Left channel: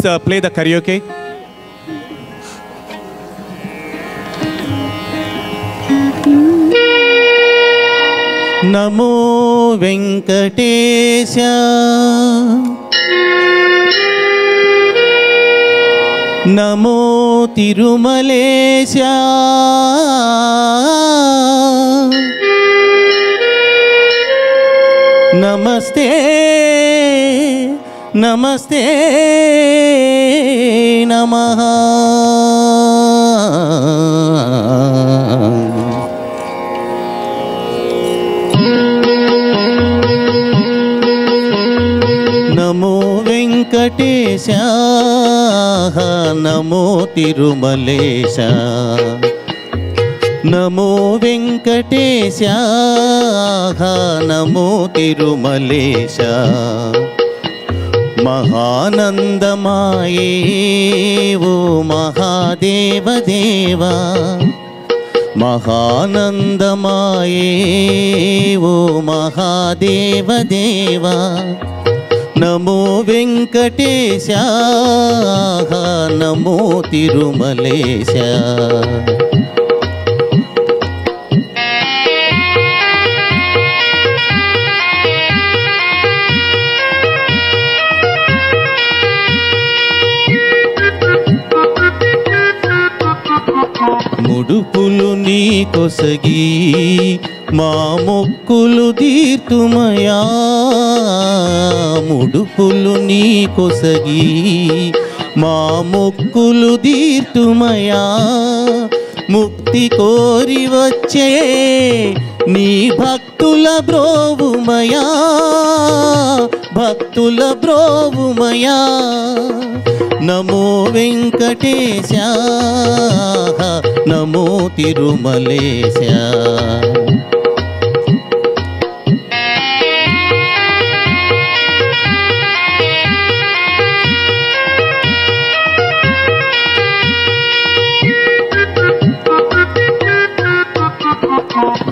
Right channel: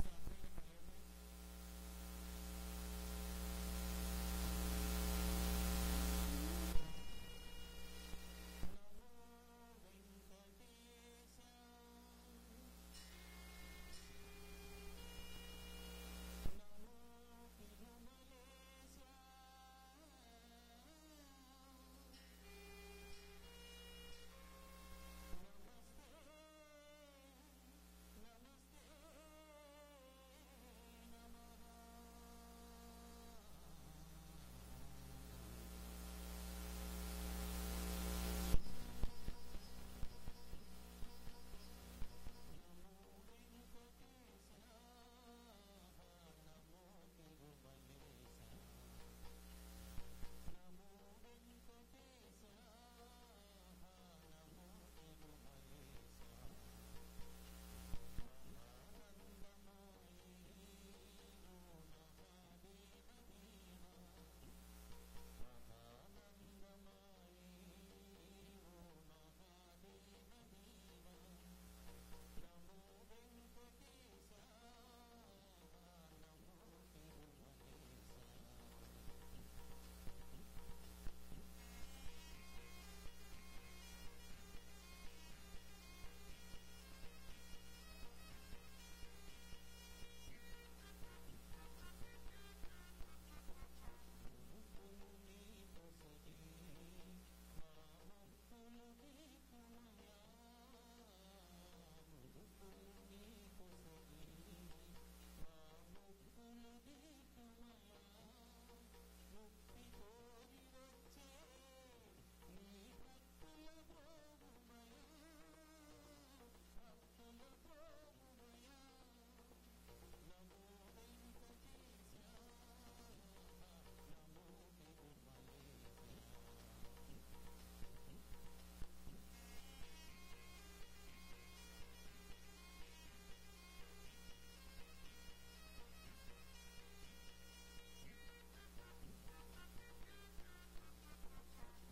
Play the karaoke. Namo Venkatesha, Namo Tirumalesha, Namaste, Namaste, Namaha. Namo Venkatesha, Namo Tirumalesha, Namo Venkatesha, Namo Tirumalesha. Mahanandamaye O Mahadeva Deva, Mahanandamaye O Mahadeva Deva. Namo Venkatesha, Namo Tirumalesha. ముడుపులు నీ కొసగి మా మొక్కులు తీర్తుమయా, ముడుపులు నీ కొసగి మా మొక్కులు తీర్తుమయా. ముక్తి కోరి వచ్చే నీ భక్తుల బ్రోవుమయా, భక్తుల బ్రోవుమయా. నమో వెంకటేశ, నమో తిరుమలేశ.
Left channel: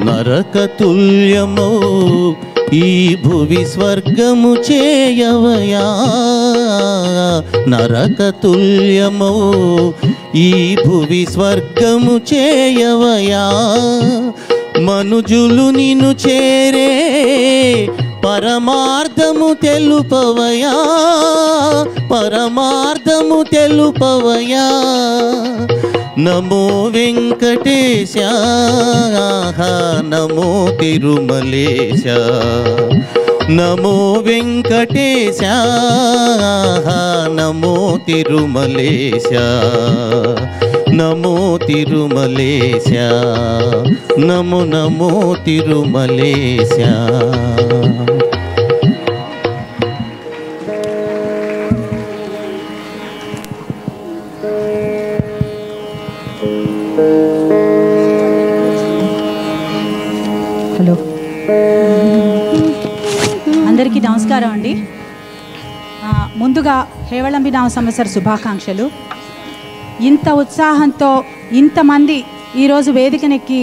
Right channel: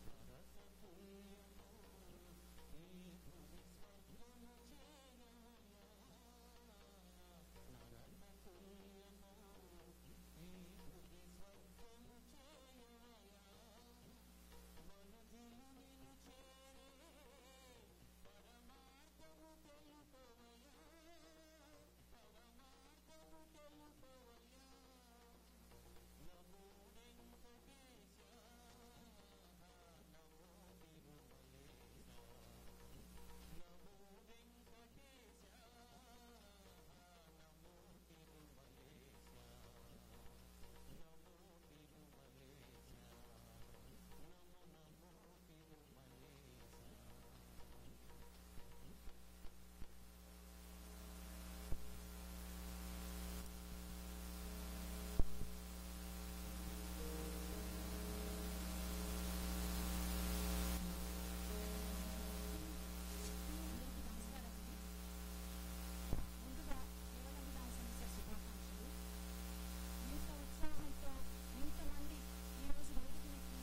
నరకతుల్యమో ఈ భువి స్వర్గము చేయవయా, నరకతుల్యమో ఈ భువి స్వర్గము చేయవయా. మనుజులు నిన్ను చేరే పరమార్థము తెలుపవయా, పరమార్థము తెలుపవయా. నమో వెంకటేశ, నమో తిరుమలేశ. నమో వెంకటేశ, నమో తిరుమలేశ. నమో తిరుమలేశ, నమో నమో తిరుమలేశ. హలో, అందరికీ నమస్కారం అండి. ముందుగా హేవళంబి నామ సంవత్సర శుభాకాంక్షలు. ఇంత ఉత్సాహంతో ఇంతమంది ఈరోజు వేదికనెక్కి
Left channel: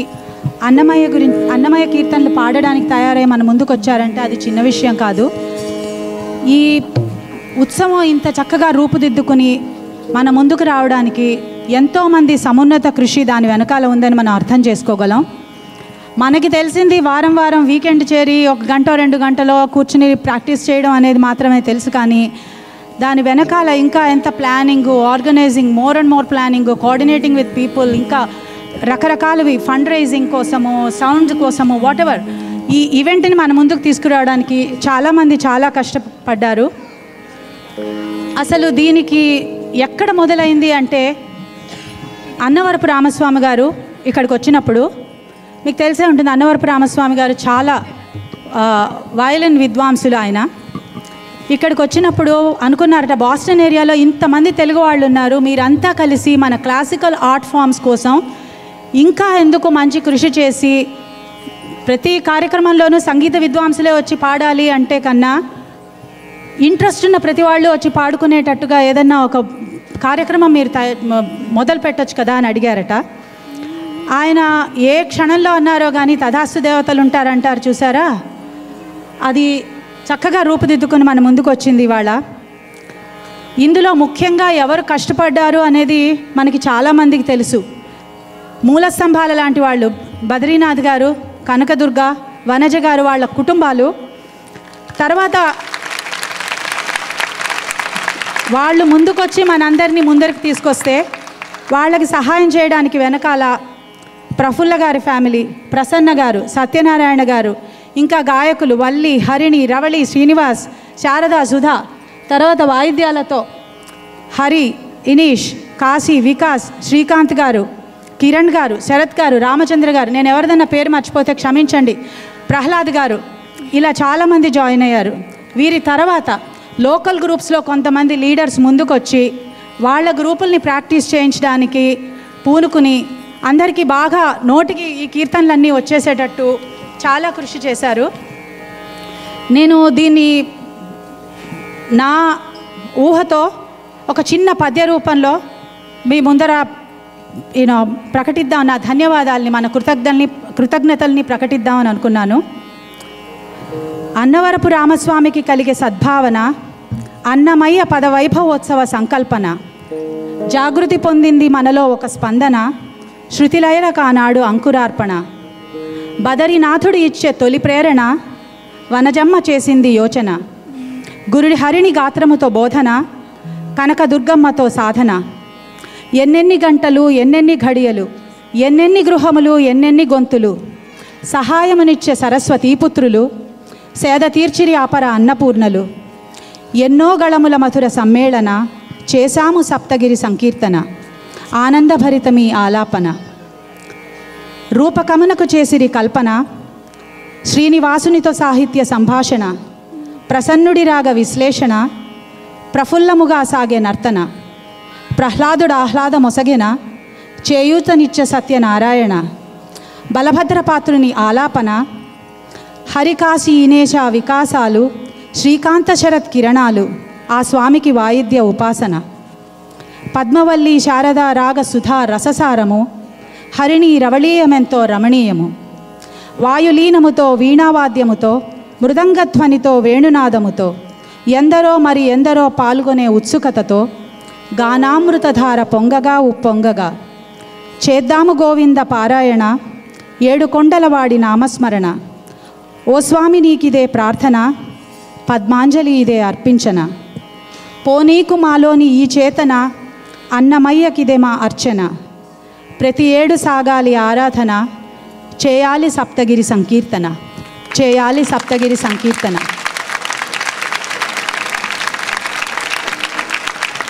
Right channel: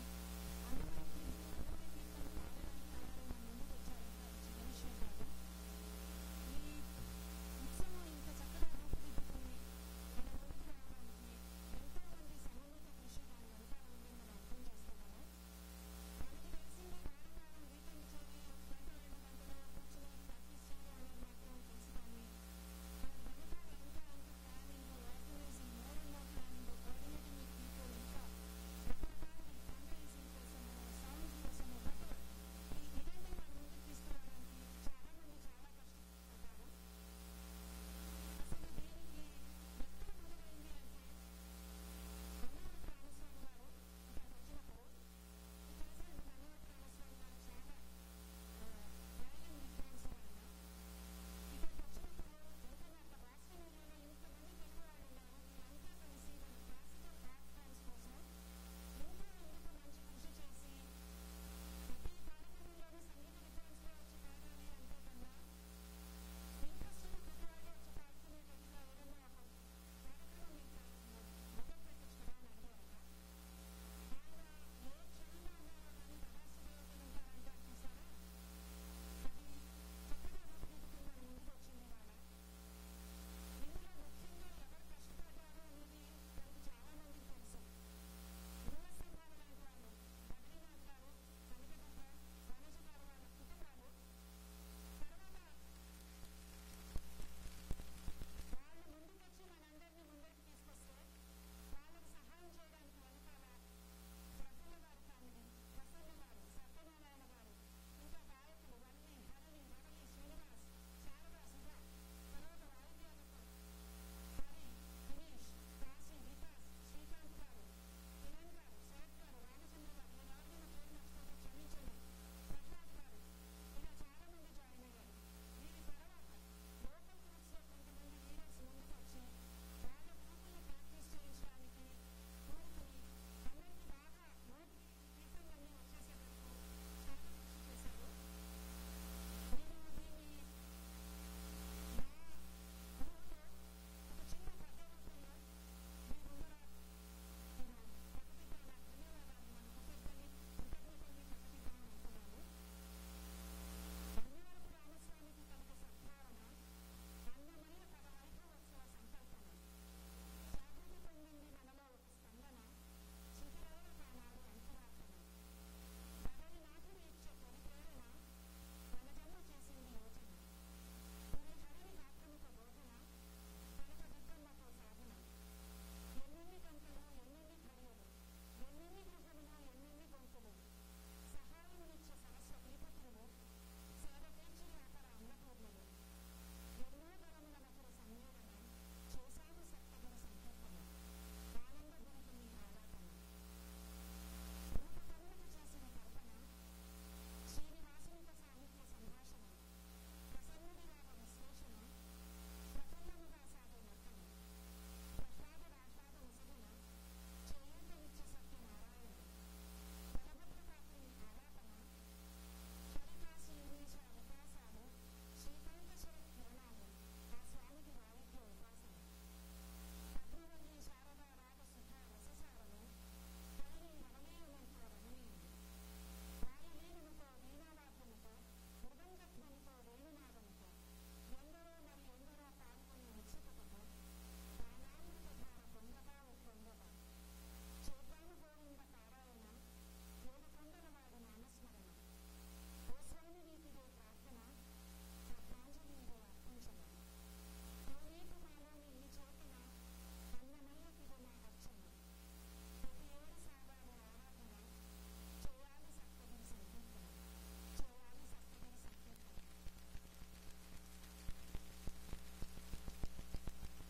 అన్నమయ్య కీర్తనలు పాడడానికి తయారై మన ముందుకు వచ్చారంటే అది చిన్న విషయం కాదు. ఈ ఉత్సవం ఇంత చక్కగా రూపుదిద్దుకుని మన ముందుకు రావడానికి ఎంతోమంది సమున్నత కృషి దాని వెనకాల ఉందని మనం అర్థం చేసుకోగలం. మనకి తెలిసింది వారం వారం వీకెండ్ చేరి 1 గంట 2 గంటలో కూర్చుని ప్రాక్టీస్ చేయడం అనేది మాత్రమే తెలుసు. కానీ దాని వెనకాల ఇంకా ఎంత planning, organizing, more and more planning, coordinating with people, ఇంకా రకరకాలవి ఫండ్ రైజింగ్ కోసము, సౌండ్ కోసము, వాట్ ఎవర్ ఈ ఈవెంట్ని మన ముందుకు తీసుకురావడానికి చాలామంది చాలా కష్టపడ్డారు. అసలు దీనికి ఎక్కడ మొదలైంది అంటే అన్నవరపు రామస్వామి గారు ఇక్కడికి వచ్చినప్పుడు, మీకు తెలిసే ఉంటుంది అన్నవరపు రామస్వామి గారు చాలా వయలిన్ విద్వాంసులు. ఆయన ఇక్కడికి వచ్చినప్పుడు అనుకున్నారట, బాస్టన్ ఏరియాలో ఇంతమంది తెలుగు వాళ్ళు ఉన్నారు, మీరంతా కలిసి మన క్లాసికల్ ఆర్ట్ ఫామ్స్ కోసం ఇంకా ఎందుకు మంచి కృషి చేసి ప్రతి కార్యక్రమంలోనూ సంగీత విద్వాంసులే వచ్చి పాడాలి అంటే కన్నా ఇంట్రెస్ట్ ఉన్న ప్రతి వాళ్ళు వచ్చి పాడుకునేటట్టుగా ఏదన్నా ఒక కార్యక్రమం మీరు మొదలు పెట్టచ్చు కదా అని అడిగారట. ఆయన ఏ క్షణంలో అన్నారో కానీ తథాస్తు దేవతలు ఉంటారంటారు చూసారా, అది చక్కగా రూపుదిద్దుకుని మన ముందుకు వచ్చింది ఇవాళ. ఇందులో ముఖ్యంగా ఎవరు కష్టపడ్డారు అనేది మనకి చాలామందికి తెలుసు. మూల స్తంభాల లాంటి వాళ్ళు బద్రీనాథ్ గారు, కనకదుర్గ, వనజ గారు, వాళ్ళ కుటుంబాలు. తర్వాత వాళ్ళు ముందుకొచ్చి మనందరినీ ముందరికి తీసుకొస్తే వాళ్ళకి సహాయం చేయడానికి వెనకాల ప్రఫుల్ల గారి ఫ్యామిలీ, ప్రసన్న గారు, సత్యనారాయణ గారు, ఇంకా గాయకులు వల్లి, హరిణి, రవళి, శ్రీనివాస్, శారద, సుధా, తర్వాత వాయిద్యాలతో హరి, ఇనీష్, కాశీ, వికాస్, శ్రీకాంత్ గారు, కిరణ్ గారు, శరత్ గారు, రామచంద్ర గారు, నేను ఎవరిదన్నా పేరు మర్చిపోతే క్షమించండి, ప్రహ్లాద్ గారు, ఇలా చాలామంది జాయిన్ అయ్యారు. వీరి తర్వాత లోకల్ గ్రూప్స్లో కొంతమంది లీడర్స్ ముందుకొచ్చి వాళ్ళ గ్రూపుల్ని ప్రాక్టీస్ చేయించడానికి పూనుకుని అందరికీ బాగా నోటికి ఈ కీర్తనలన్నీ వచ్చేసేటట్టు చాలా కృషి చేశారు. నేను దీన్ని నా ఊహతో ఒక చిన్న పద్య రూపంలో మీ ముందర ప్రకటిద్దాం, నా ధన్యవాదాలని, మన కృతజ్ఞతల్ని ప్రకటిద్దామని అనుకున్నాను. అన్నవరపు రామస్వామికి కలిగే సద్భావన, అన్నమయ్య పదవైభవోత్సవ సంకల్పన, జాగృతి పొందింది మనలో ఒక స్పందన, శృతిలయల కానాడు అంకురార్పణ, బదరీనాథుడు ఇచ్చే తొలి ప్రేరణ, వనజమ్మ చేసింది యోచన, గురుడి హరిణి గాత్రముతో బోధన, కనకదుర్గమ్మతో సాధన, ఎన్నెన్ని గంటలు, ఎన్నెన్ని ఘడియలు, ఎన్నెన్ని గృహములు, ఎన్నెన్ని గొంతులు, సహాయమునిచ్చే సరస్వతీపుత్రులు, సేద తీర్చిరి ఆపర అన్నపూర్ణలు, ఎన్నో గళముల మధుర సమ్మేళన, చేశాము సప్తగిరి సంకీర్తన, ఆనందభరితమీ ఆలాపన, రూపకమునకు చేసిరి కల్పన, శ్రీనివాసునితో సాహిత్య సంభాషణ, ప్రసన్నుడి రాగ విశ్లేషణ, ప్రఫుల్లముగా సాగే నర్తన, ప్రహ్లాదుడు ఆహ్లాద మొసగిన, చేయూతనిచ్చ సత్యనారాయణ, బలభద్రపాత్రుని ఆలాపన, హరికాశీ ఇనేశ వికాసాలు, శ్రీకాంత శరత్ కిరణాలు, ఆ స్వామికి వాయిద్య ఉపాసన, పద్మవల్లి శారద రాగ సుధా రససారము, హరిణి రవళీయమెంతో రమణీయము, వాయులీనముతో వీణావాద్యముతో, మృదంగధ్వనితో వేణునాదముతో, ఎందరో మరి ఎందరో పాల్గొనే ఉత్సుకతతో, గానామృతధార పొంగగా ఉప్పొంగగా, చేద్దాము గోవింద పారాయణ, ఏడు కొండలవాడి నామస్మరణ, ఓ స్వామి నీకిదే ప్రార్థన, పద్మాంజలి ఇదే అర్పించన, పోనీకు మాలోని ఈ చేతన, అన్నమయ్యకిదే మా అర్చన, ప్రతి ఏడు సాగాలి ఆరాధన, చేయాలి సప్తగిరి సంకీర్తన, చేయాలి సప్తగిరి సంకీర్తన.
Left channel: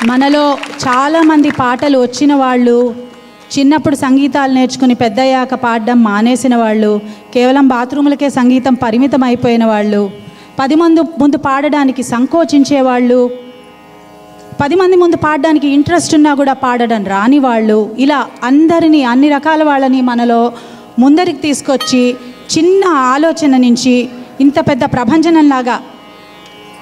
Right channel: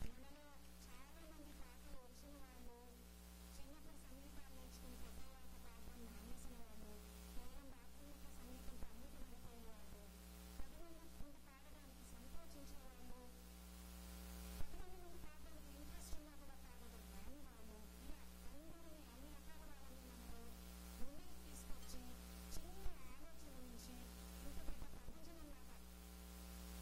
మనలో చాలామంది పాటలు వచ్చిన వాళ్ళు, చిన్నప్పుడు సంగీతాలు నేర్చుకుని పెద్దయ్యాక పాడడం మానేసిన వాళ్ళు, కేవలం బాత్రూములకే సంగీతం పరిమితం అయిపోయిన వాళ్ళు, 10 మంది ముందు పాడడానికి సంకోచించేవాళ్ళు, 10 మంది ముందు పాడడానికి ఇంట్రెస్ట్ ఉన్నా కూడా పాడడం రాని వాళ్ళు, ఇలా అందరినీ, అన్ని రకాల వాళ్ళని మనలో ముందరికి తీసుకొచ్చి చిన్న ఆలోచన నుంచి ఇంత పెద్ద ప్రభంజనంలాగా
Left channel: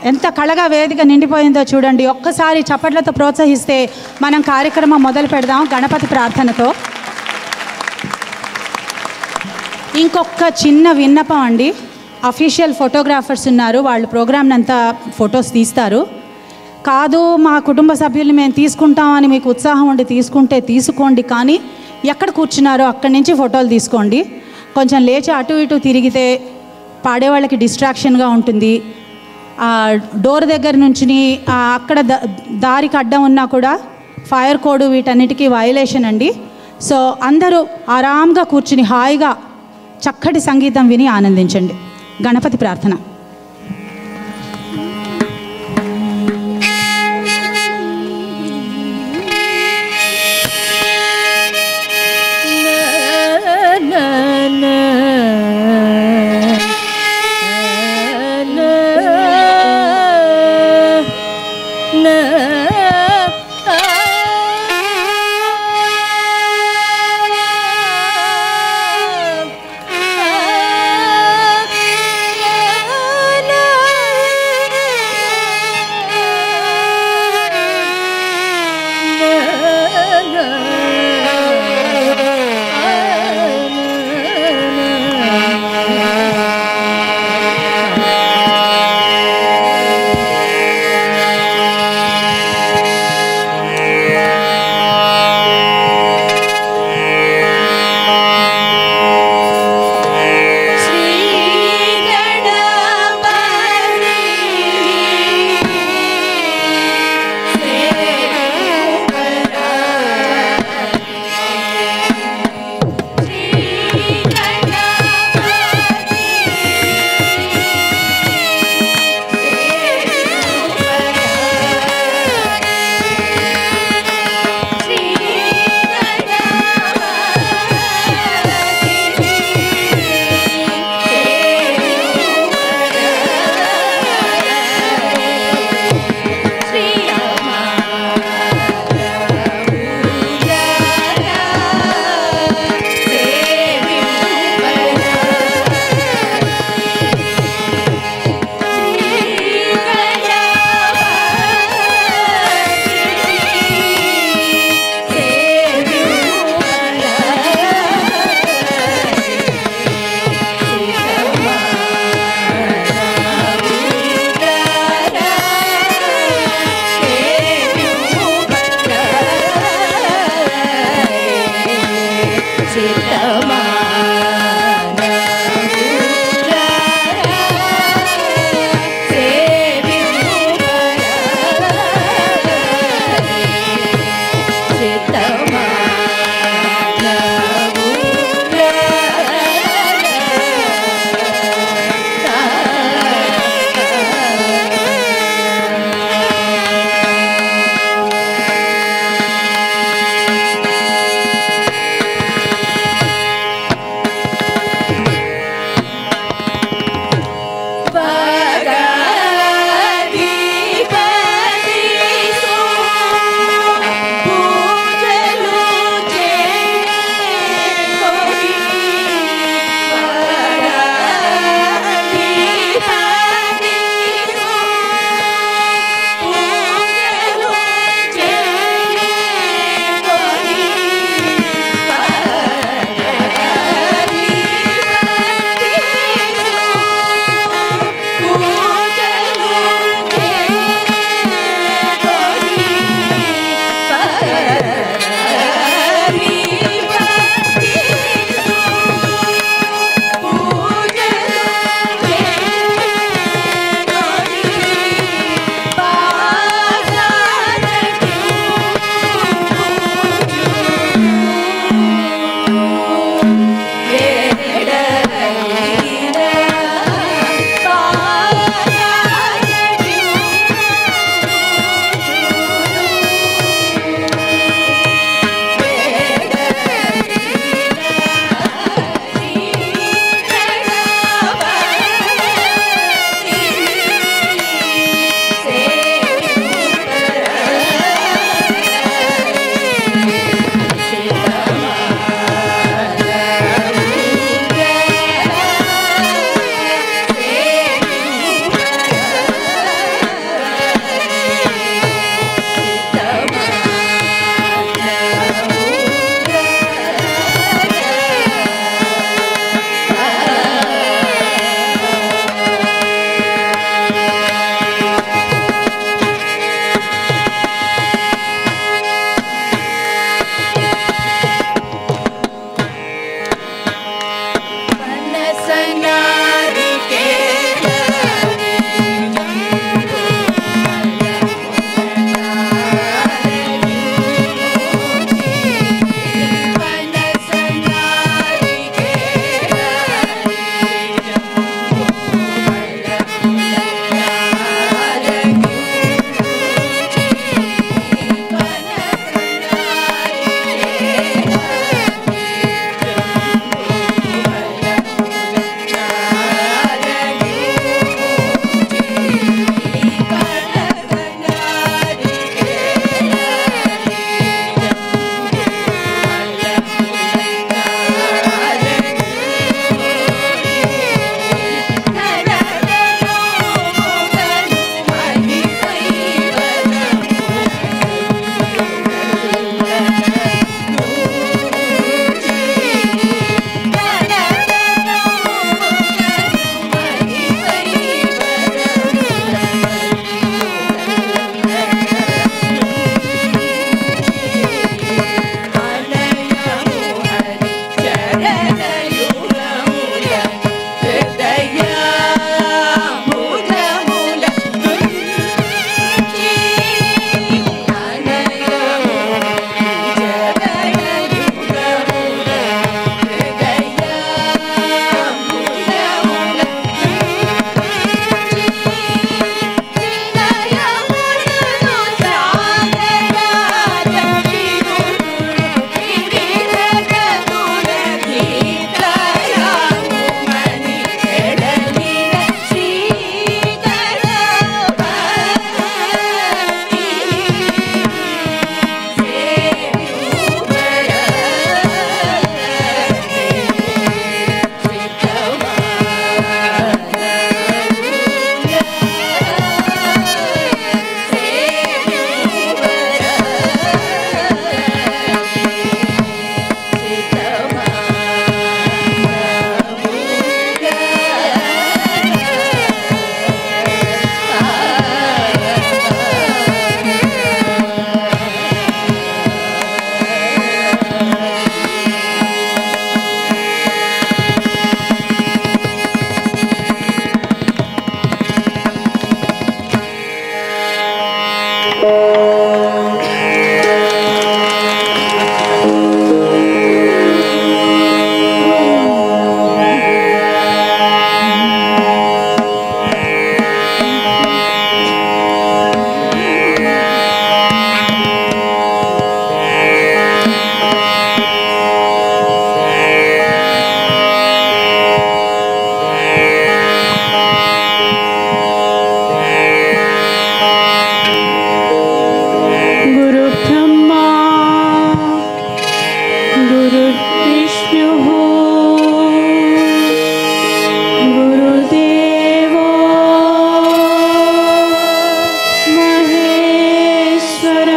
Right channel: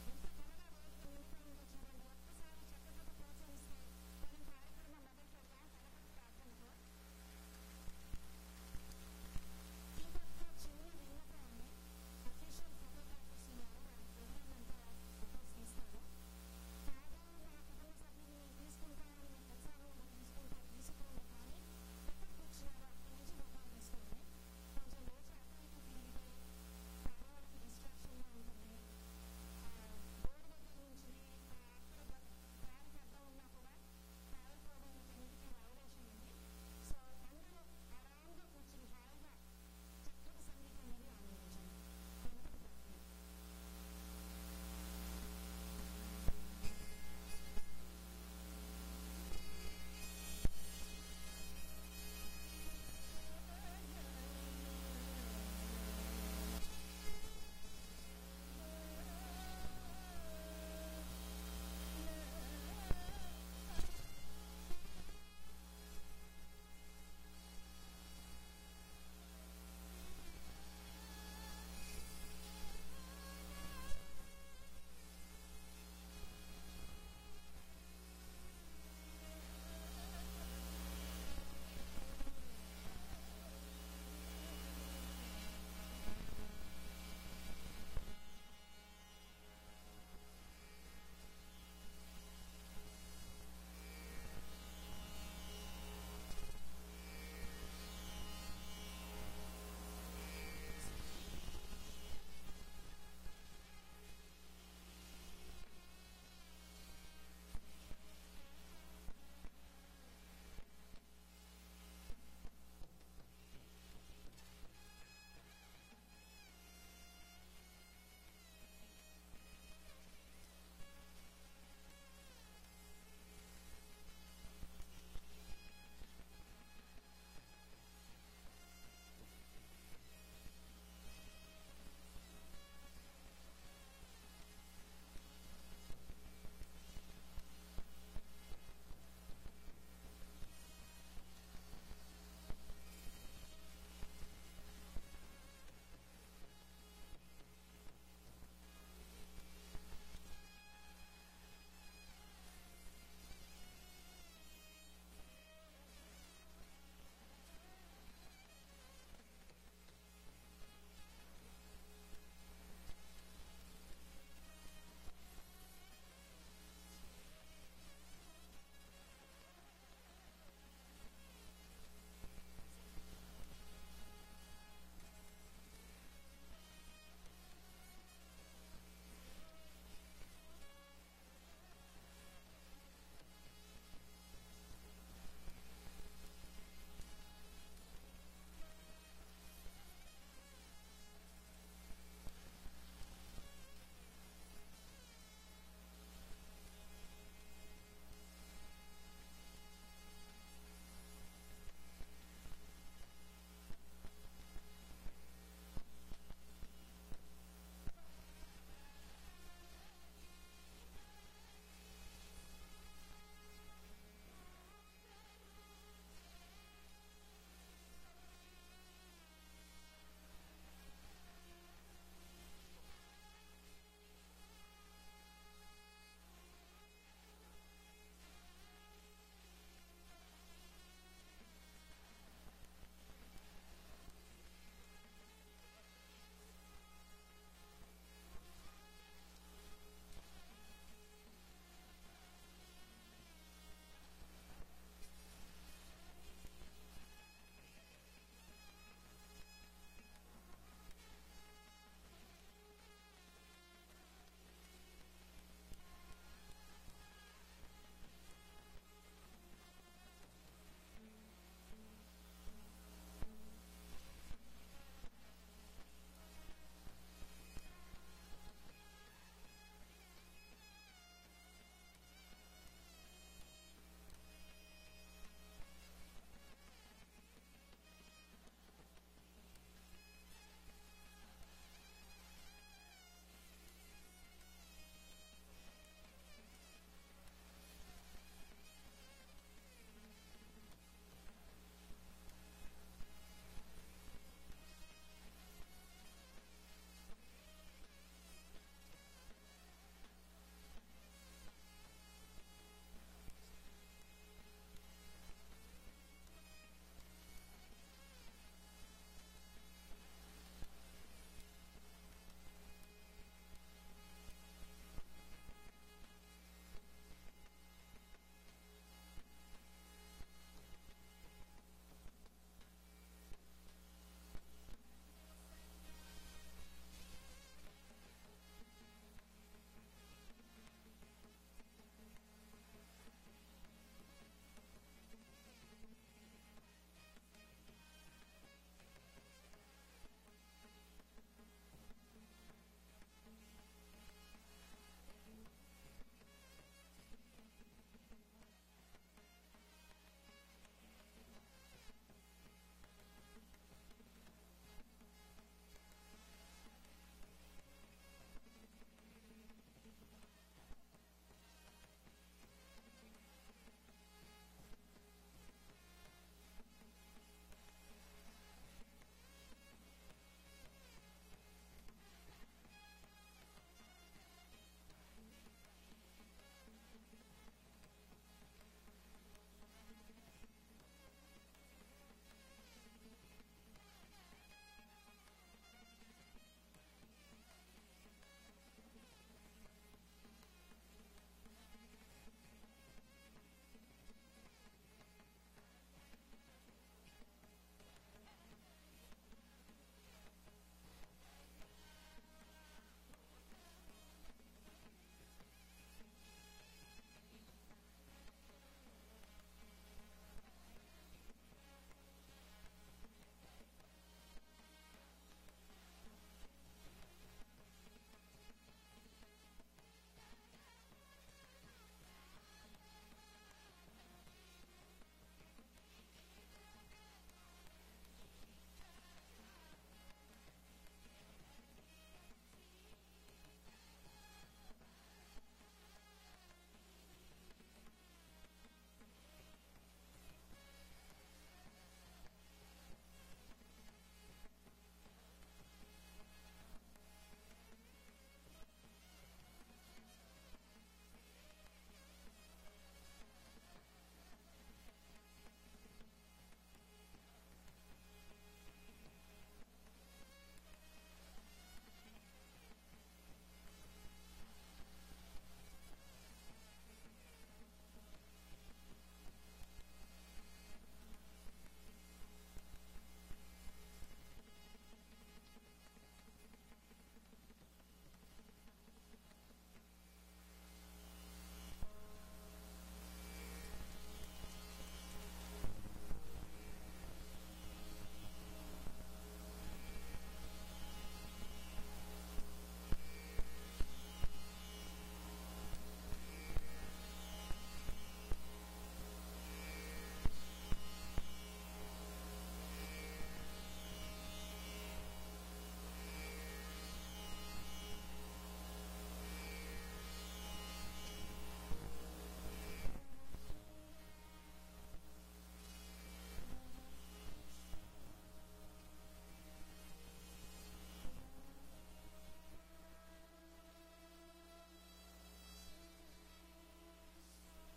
ఎంత కళగా వేదిక నిండిపోయిందో చూడండి. ఒక్కసారి చప్పట్లతో ప్రోత్సహిస్తే మనం కార్యక్రమం మొదలు పెడదాం గణపతి ప్రార్థనతో. ఇంకొక చిన్న విన్నపం అండి, అఫీషియల్ ఫోటోగ్రాఫర్స్ ఉన్నారు, వాళ్ళు ప్రోగ్రామ్ని అంతా ఫొటోస్ తీస్తారు. కాదు మా కుటుంబ సభ్యుల్ని మేము తీసుకుంటామని మీకు ఉత్సాహం ఉండి తీసుకుంటే తీసుకోండి, కానీ ఎక్కడ కూర్చున్నారో అక్కడి నుంచి ఫోటోలు తీసుకోండి. కొంచెం లేచి అటు ఇటు తిరిగితే పాడేవాళ్ళకి డిస్ట్రాక్షన్గా ఉంటుంది. డోర్ దగ్గర నుంచి అక్కడ దారికి అడ్డం ఉన్నా కూడా ఫైర్ కోడ్ వీటన్నిటికీ వయలేషన్ అండి. సో అందరూ ఆరాంగా కూర్చుని హాయిగా చక్కటి సంగీతం విని ఆనందించండి. గణపతి ప్రార్థన. Yeah.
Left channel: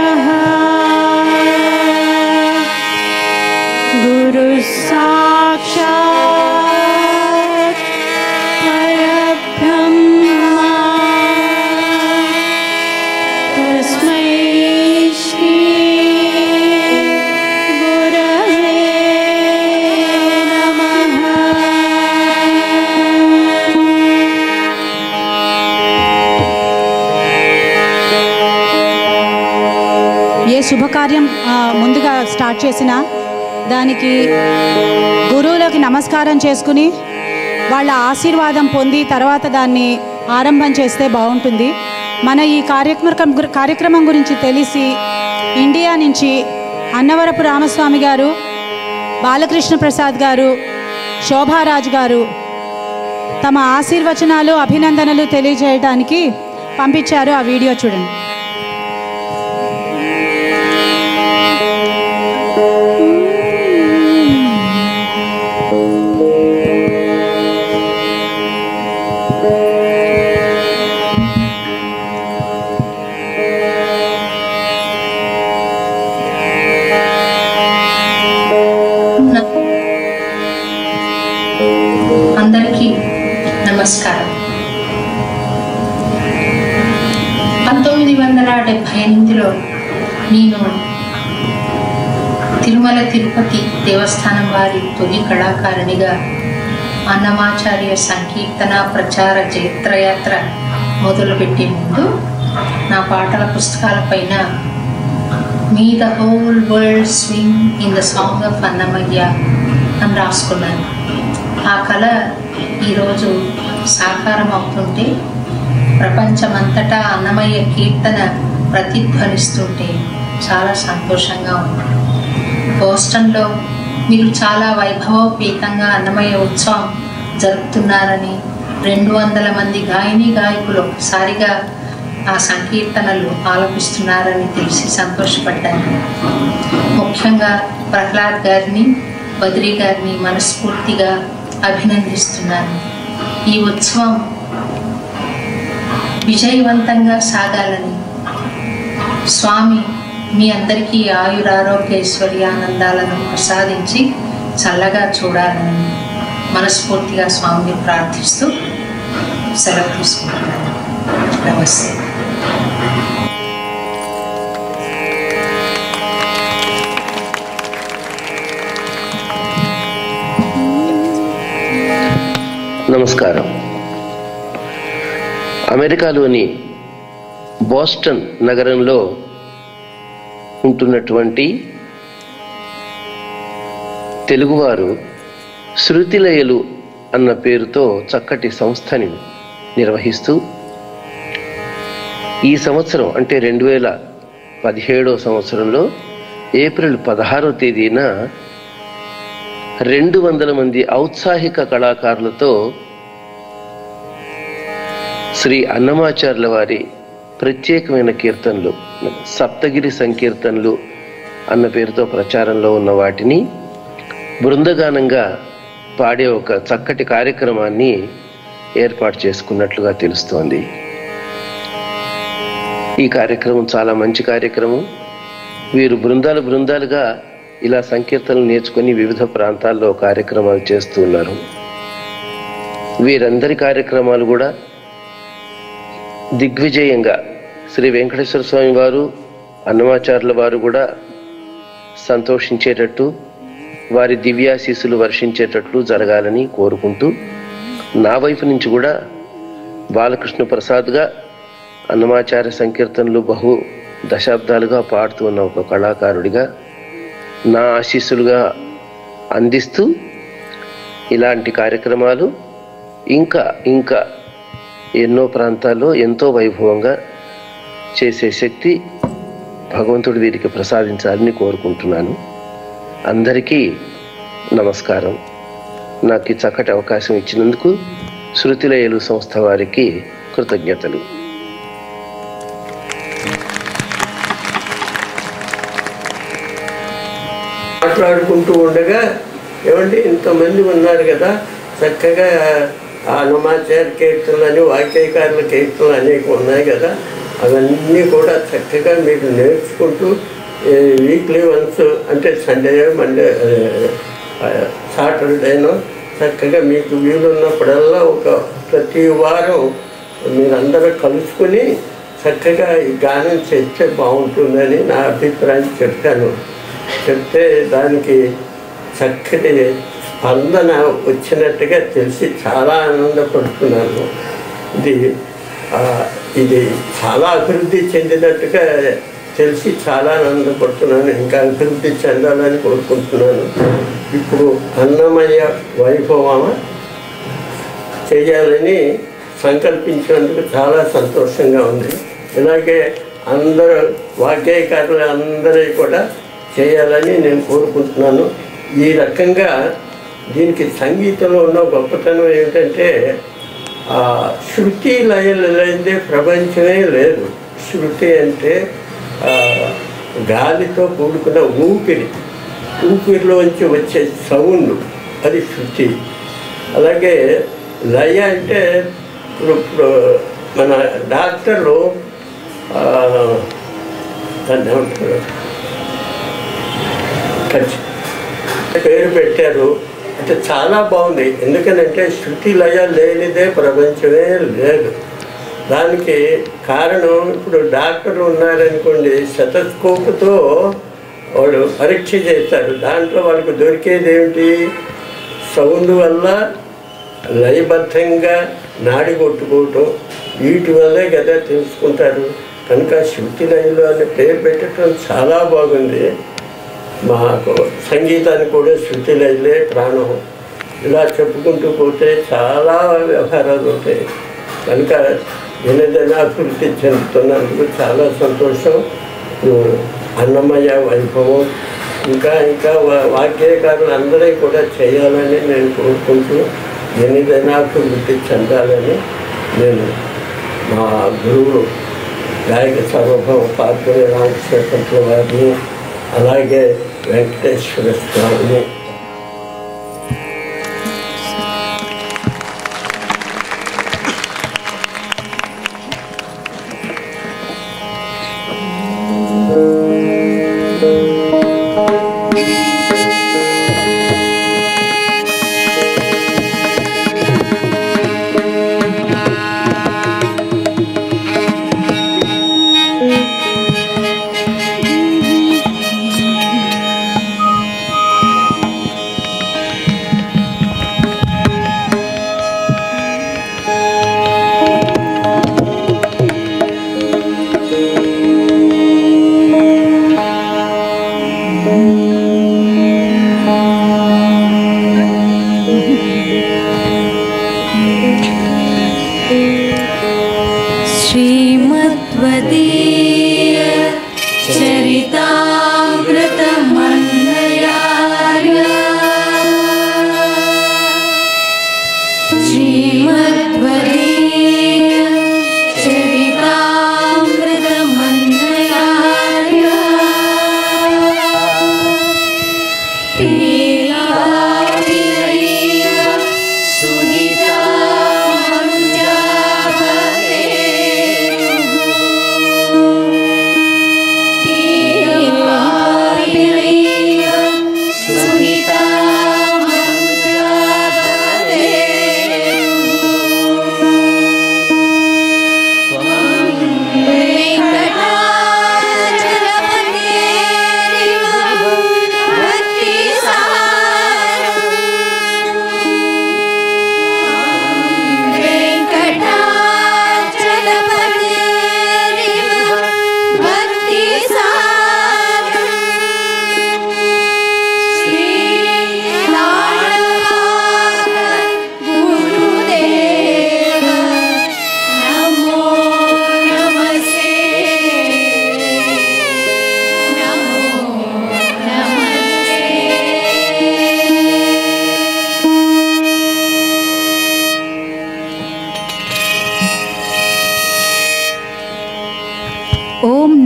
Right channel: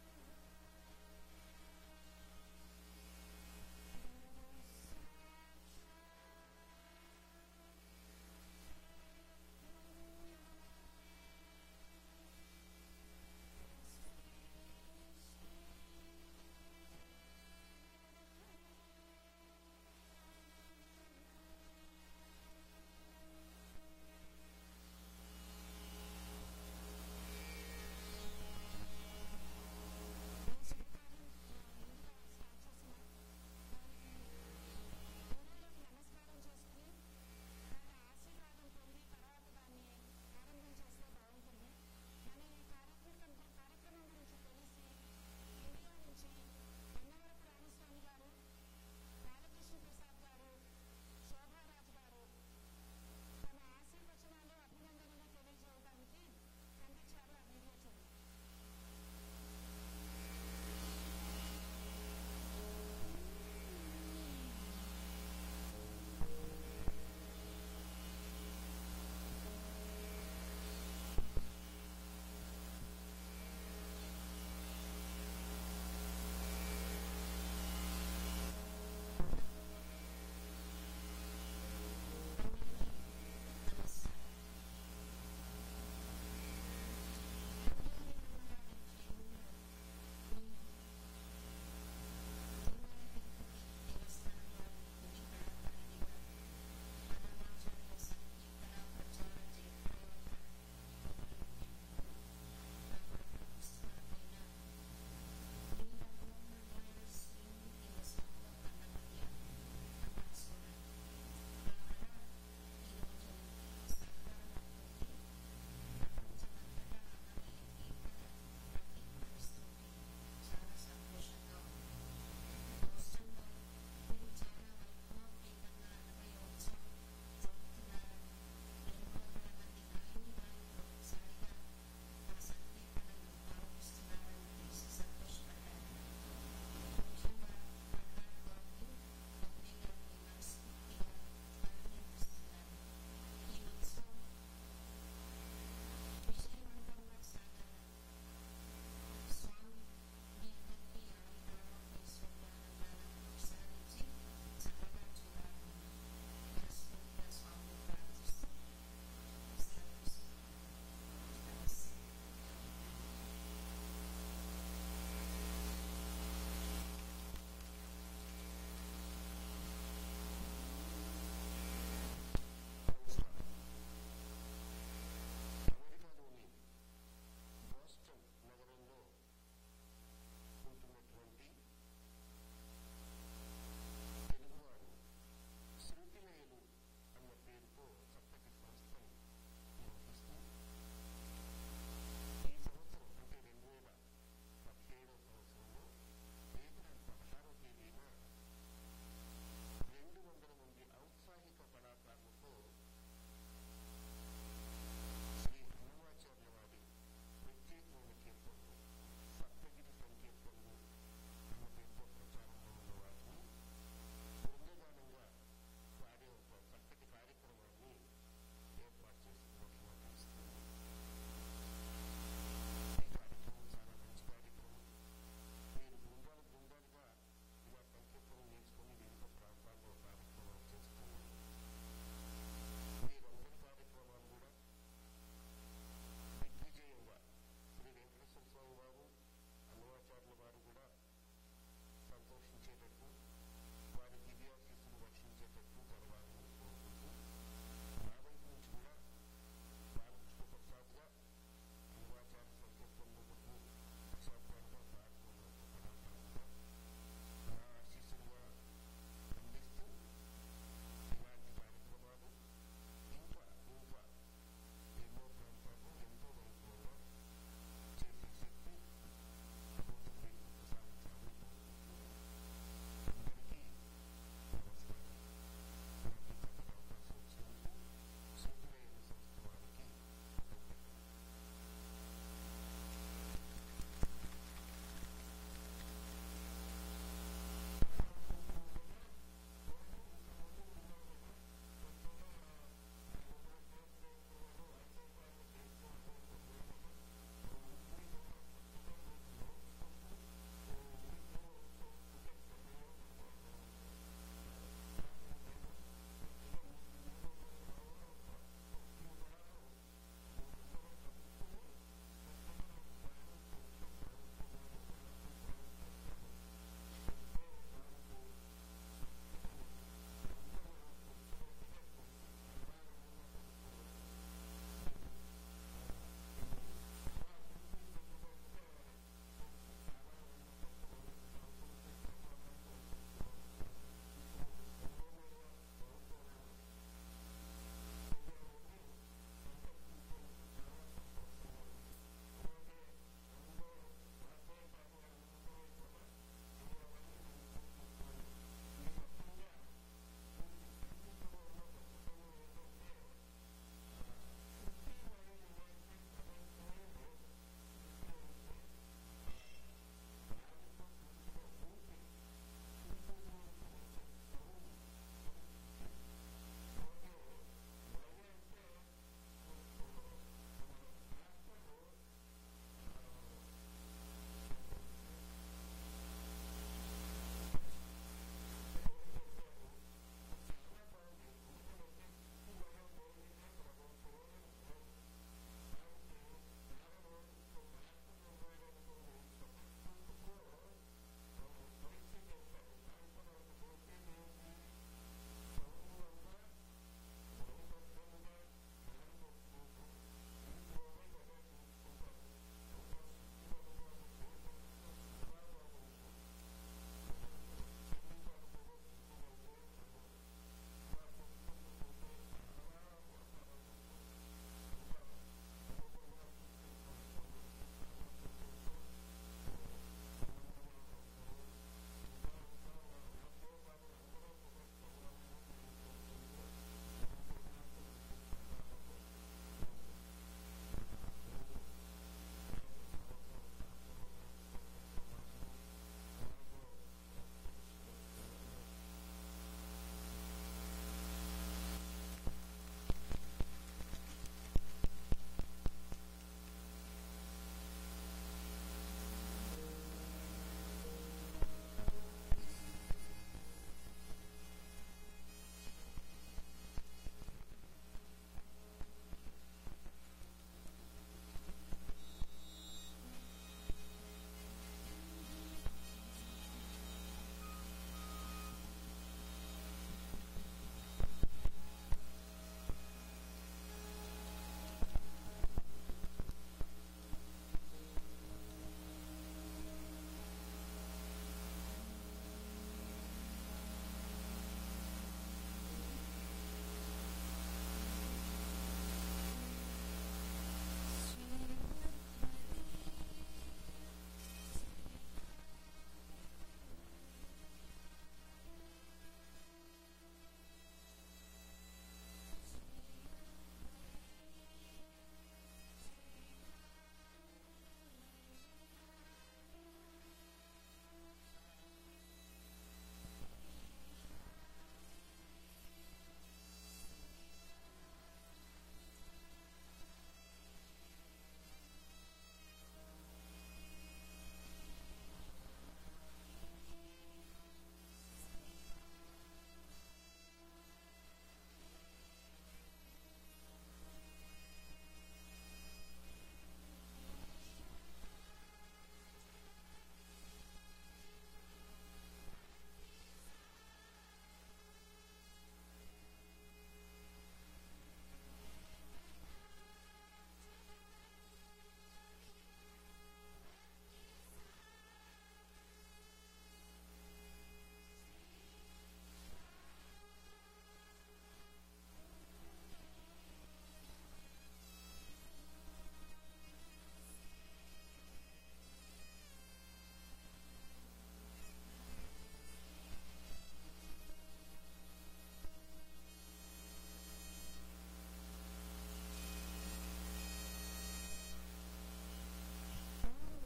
नमः। गुरु साक्षात् परब्रह्म तस्मै श्री गुरवे नमः। ఏ శుభకార్యం ముందుగా స్టార్ట్ చేసినా దానికి గురువులకి నమస్కారం చేసుకుని వాళ్ళ ఆశీర్వాదం పొంది తర్వాత దాన్ని ఆరంభం చేస్తే బాగుంటుంది. మన ఈ కార్యక్రమం గురించి తెలిసి ఇండియా నుంచి అన్నవరపు రామస్వామి గారు, బాలకృష్ణ ప్రసాద్ గారు, శోభారాజ్ గారు తమ ఆశీర్వచనాలు అభినందనలు తెలియజేయడానికి పంపించారు. ఆ వీడియో చూడండి. అందరికీ నమస్కారం. 1978లో నేను తిరుమల తిరుపతి దేవస్థానం వారి తొలి కళాకారిణిగా అన్నమాచార్య సంకీర్తన ప్రచార జైత్రయాత్ర మొదలుపెట్టే ముందు నా పాటల పుస్తకాలపైన may the whole world swing in the song of Annamayya అని రాసుకున్నాను. ఆ కళ ఈరోజు సాకారం అవుతుంటే, ప్రపంచమంతటా అన్నమయ్య కీర్తన ప్రతిధ్వనిస్తుంటే చాలా సంతోషంగా ఉంది. బోస్టన్లో మీరు చాలా వైభవోపేతంగా అన్నమయ్య ఉత్సవం జరుపుతున్నారని, 200 మంది గాయని గాయకులు ఒకసారిగా ఆ సంకీర్తనలు ఆలపిస్తున్నారని తెలిసి సంతోషపడ్డాను. ముఖ్యంగా ప్రహ్లాద్ గారిని, బద్రీ గారిని మనస్ఫూర్తిగా అభినందిస్తున్నాను. ఈ ఉత్సవం విజయవంతంగా సాగాలని స్వామి మీ అందరికీ ఆయురారోగ్యైశ్వర్యానందాలను ప్రసాదించి చల్లగా చూడాలని మనస్ఫూర్తిగా స్వామిని ప్రార్థిస్తూ సెలవు తీసుకుంటున్నాను. నమస్తే. నమస్కారం. అమెరికాలోని బోస్టన్ నగరంలో ఉంటున్నటువంటి తెలుగువారు శృతిలయలు అన్న పేరుతో చక్కటి సంస్థని నిర్వహిస్తూ ఈ సంవత్సరం అంటే 2017వ సంవత్సరంలో ఏప్రిల్ 16వ తేదీన 200 మంది ఔత్సాహిక కళాకారులతో శ్రీ అన్నమాచార్యుల వారి ప్రత్యేకమైన కీర్తనలు, సప్తగిరి సంకీర్తనలు అన్న పేరుతో ప్రచారంలో ఉన్న వాటిని బృందగానంగా పాడే ఒక చక్కటి కార్యక్రమాన్ని ఏర్పాటు చేసుకున్నట్లుగా తెలుస్తోంది. ఈ కార్యక్రమం చాలా మంచి కార్యక్రమం. వీరు బృందాలుగా ఇలా సంకీర్తనలు నేర్చుకుని వివిధ ప్రాంతాల్లో కార్యక్రమాలు చేస్తూ ఉన్నారు. వీరందరి కార్యక్రమాలు కూడా దిగ్విజయంగా శ్రీ వెంకటేశ్వర స్వామి వారు, అన్నమాచార్యుల వారు కూడా సంతోషించేటట్టు, వారి దివ్యాశీస్సులు వర్షించేటట్లు జరగాలని కోరుకుంటూ, నా వైపు నుంచి కూడా బాలకృష్ణ ప్రసాద్గా అన్నమాచార్య సంకీర్తనలు బహు దశాబ్దాలుగా పాడుతూ ఉన్న ఒక కళాకారుడిగా నా ఆశీస్సులుగా అందిస్తూ ఇలాంటి కార్యక్రమాలు ఇంకా ఎన్నో ప్రాంతాల్లో ఎంతో వైభవంగా చేసే శక్తి భగవంతుడు వీరికి ప్రసాదించాలని కోరుకుంటున్నాను. అందరికీ నమస్కారం. నాకు ఈ చక్కటి అవకాశం ఇచ్చినందుకు శృతిలయలు సంస్థ వారికి కృతజ్ఞతలు. మాట్లాడుకుంటూ ఉండగా ఏమంటే ఇంతమంది ఉన్నారు కదా, చక్కగా అన్నమాచార్య కీర్తనలు అని, వాక్యకారుల కీర్తనలు అనేక ఉన్నాయి కదా, అవన్నీ కూడా చక్కగా మీరు నేర్చుకుంటూ వీక్లీ వన్స్ అంటే సండే మండే సాటర్డేనో చక్కగా మీకు వీలున్నప్పుడల్లా ప్రతి వారం మీరందరూ కలుసుకుని చక్కగా ఈ గానం చేస్తే బాగుంటుందని నా అభిప్రాయం చెప్తే దానికి చక్కటి స్పందన వచ్చినట్టుగా తెలిసి చాలా ఆనందపడుతున్నాను. ఇది చాలా అభివృద్ధి చెందినట్టుగా తెలిసి చాలా ఆనందపడుతున్నాను. ఇంకా అభివృద్ధి చెందాలని కోరుకుంటున్నాను. ఇప్పుడు అన్నమయ్య వైభవం చేయాలని సంకల్పించినందుకు చాలా సంతోషంగా ఉంది. ఇలాగే అందరూ వాగ్గేయకారులు అందరూ కూడా చేయాలని నేను కోరుకుంటున్నాను. ఈ రకంగా దీనికి సంగీతంలో ఉన్న గొప్పతనం ఏమిటంటే శృతి లయలు లేదే ప్రపంచమే లేదు. శృతి అంటే గాలితో కూడుకున్న ఊపిరిలోంచి వచ్చే సౌండ్, అది శృతి. అలాగే లయ అంటే ఇప్పుడు మన డాక్టర్లు దాన్ని ఏమంటారు, పేరు పెట్టారు. అంటే చాలా బాగుంది. ఎందుకనంటే శృతి లయ లేనిదే ప్రపంచమే లేదు. దానికి కారణం ఇప్పుడు డాక్టర్లు ఉన్నారనుకోండి, స్టెతస్కోప్తో వాళ్ళు పరీక్ష చేస్తారు. దాంట్లో వాళ్ళకు దొరికేది ఏమిటి? సౌండ్ వల్ల లయబద్ధంగా నాడి కొట్టుకోవటం, వీటి వల్లే కదా తెలుసుకుంటారు. కనుక శృతి లయలు అనే పేరు పెట్టడం చాలా బాగుంది. మాకు సంగీతానికి కూడా శృతి లయలే ప్రాణం. ఇలా చెప్పుకుంటూ పోతే చాలా వ్యవహారాలు ఉంటాయి. కనుక ఏదైనా అభివృద్ధి చెందుతున్నందుకు చాలా సంతోషం. అన్నమయ్య వైభవం ఇంకా వాగ్గేయకారులు అందరూ కూడా చేయాలని నేను కోరుకుంటూ ఏదైనా అభివృద్ధి చెందాలని నేను మా గురువు గాయక సార్వభౌమ పార్వతి రామకృష్ణ వారిని, అలాగే వెంకటేశ్వర స్వామిని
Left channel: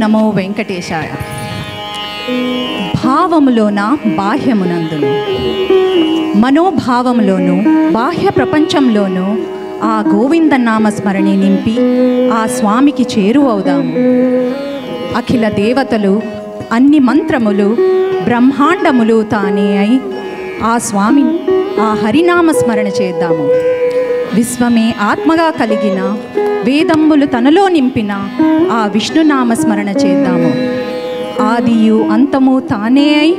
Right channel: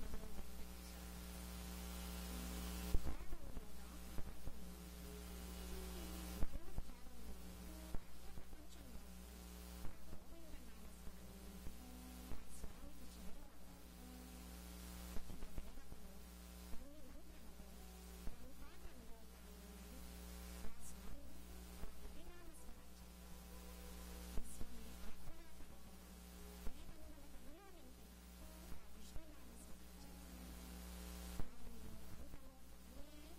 నమో వెంకటేశాయ. భావములోన బాహ్యమునందును, మనోభావములోను బాహ్య ప్రపంచంలోను ఆ గోవింద నామస్మరణి నింపి ఆ స్వామికి చేరువవుదాము. అఖిల దేవతలు, అన్ని మంత్రములు, బ్రహ్మాండములు తానే అయి ఆ స్వామి ఆ హరినామస్మరణ చేద్దాము. విశ్వమే ఆత్మగా కలిగిన, వేదమ్ములు తనలో నింపిన ఆ విష్ణునామస్మరణ చేద్దాము. ఆదియు అంతము తానే అయి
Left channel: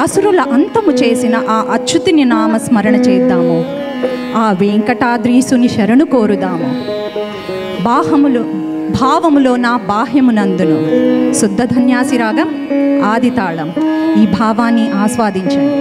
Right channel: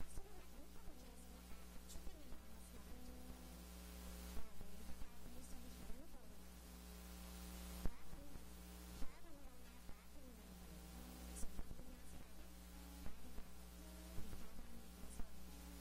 అసురుల అంతము చేసిన ఆ అచ్యుతుని నామస్మరణ చేద్దాము. ఆ వెంకటాద్రీసుని శరణు కోరుదాము. భావములో నా బాహ్యమునందును శుద్ధ ధన్యాసి రాగం ఆది తాళం. ఈ భావాన్ని ఆస్వాదించండి.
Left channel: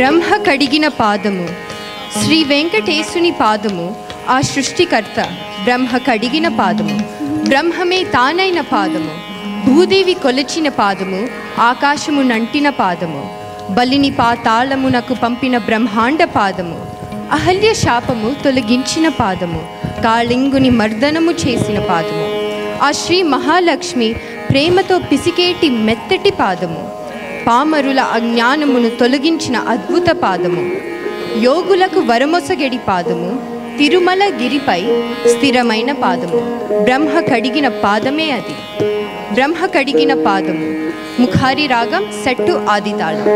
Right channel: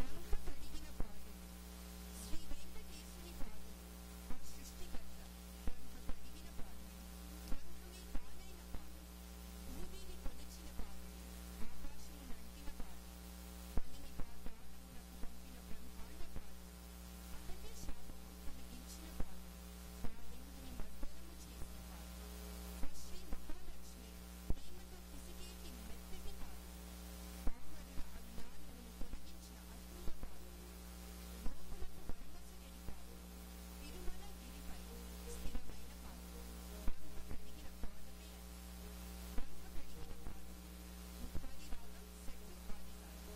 బ్రహ్మ కడిగిన పాదము. శ్రీ వెంకటేశుని పాదము ఆ సృష్టికర్త. బ్రహ్మ కడిగిన పాదము, బ్రహ్మమే తానైన పాదము. భూదేవి కొలచిన పాదము, ఆకాశము నంటిన పాదము. బలిని పాతాళమునకు పంపిన బ్రహ్మాండ పాదము. అహల్య శాపము తొలగించిన పాదము, కాళింగుని మర్దనము చేసిన పాదము. ఆ శ్రీ మహాలక్ష్మి ప్రేమతో పిసికేటి మెత్తటి పాదము. పామరుల అజ్ఞానమును తొలగించిన అద్భుత పాదము. యోగులకు వరమొసగడి పాదము. తిరుమల గిరిపై స్థిరమైన పాదము. బ్రహ్మ కడిగిన పాదమే అది. బ్రహ్మ కడిగిన పాదము. ముఖారి రాగం సెట్టు ఆదితాళం.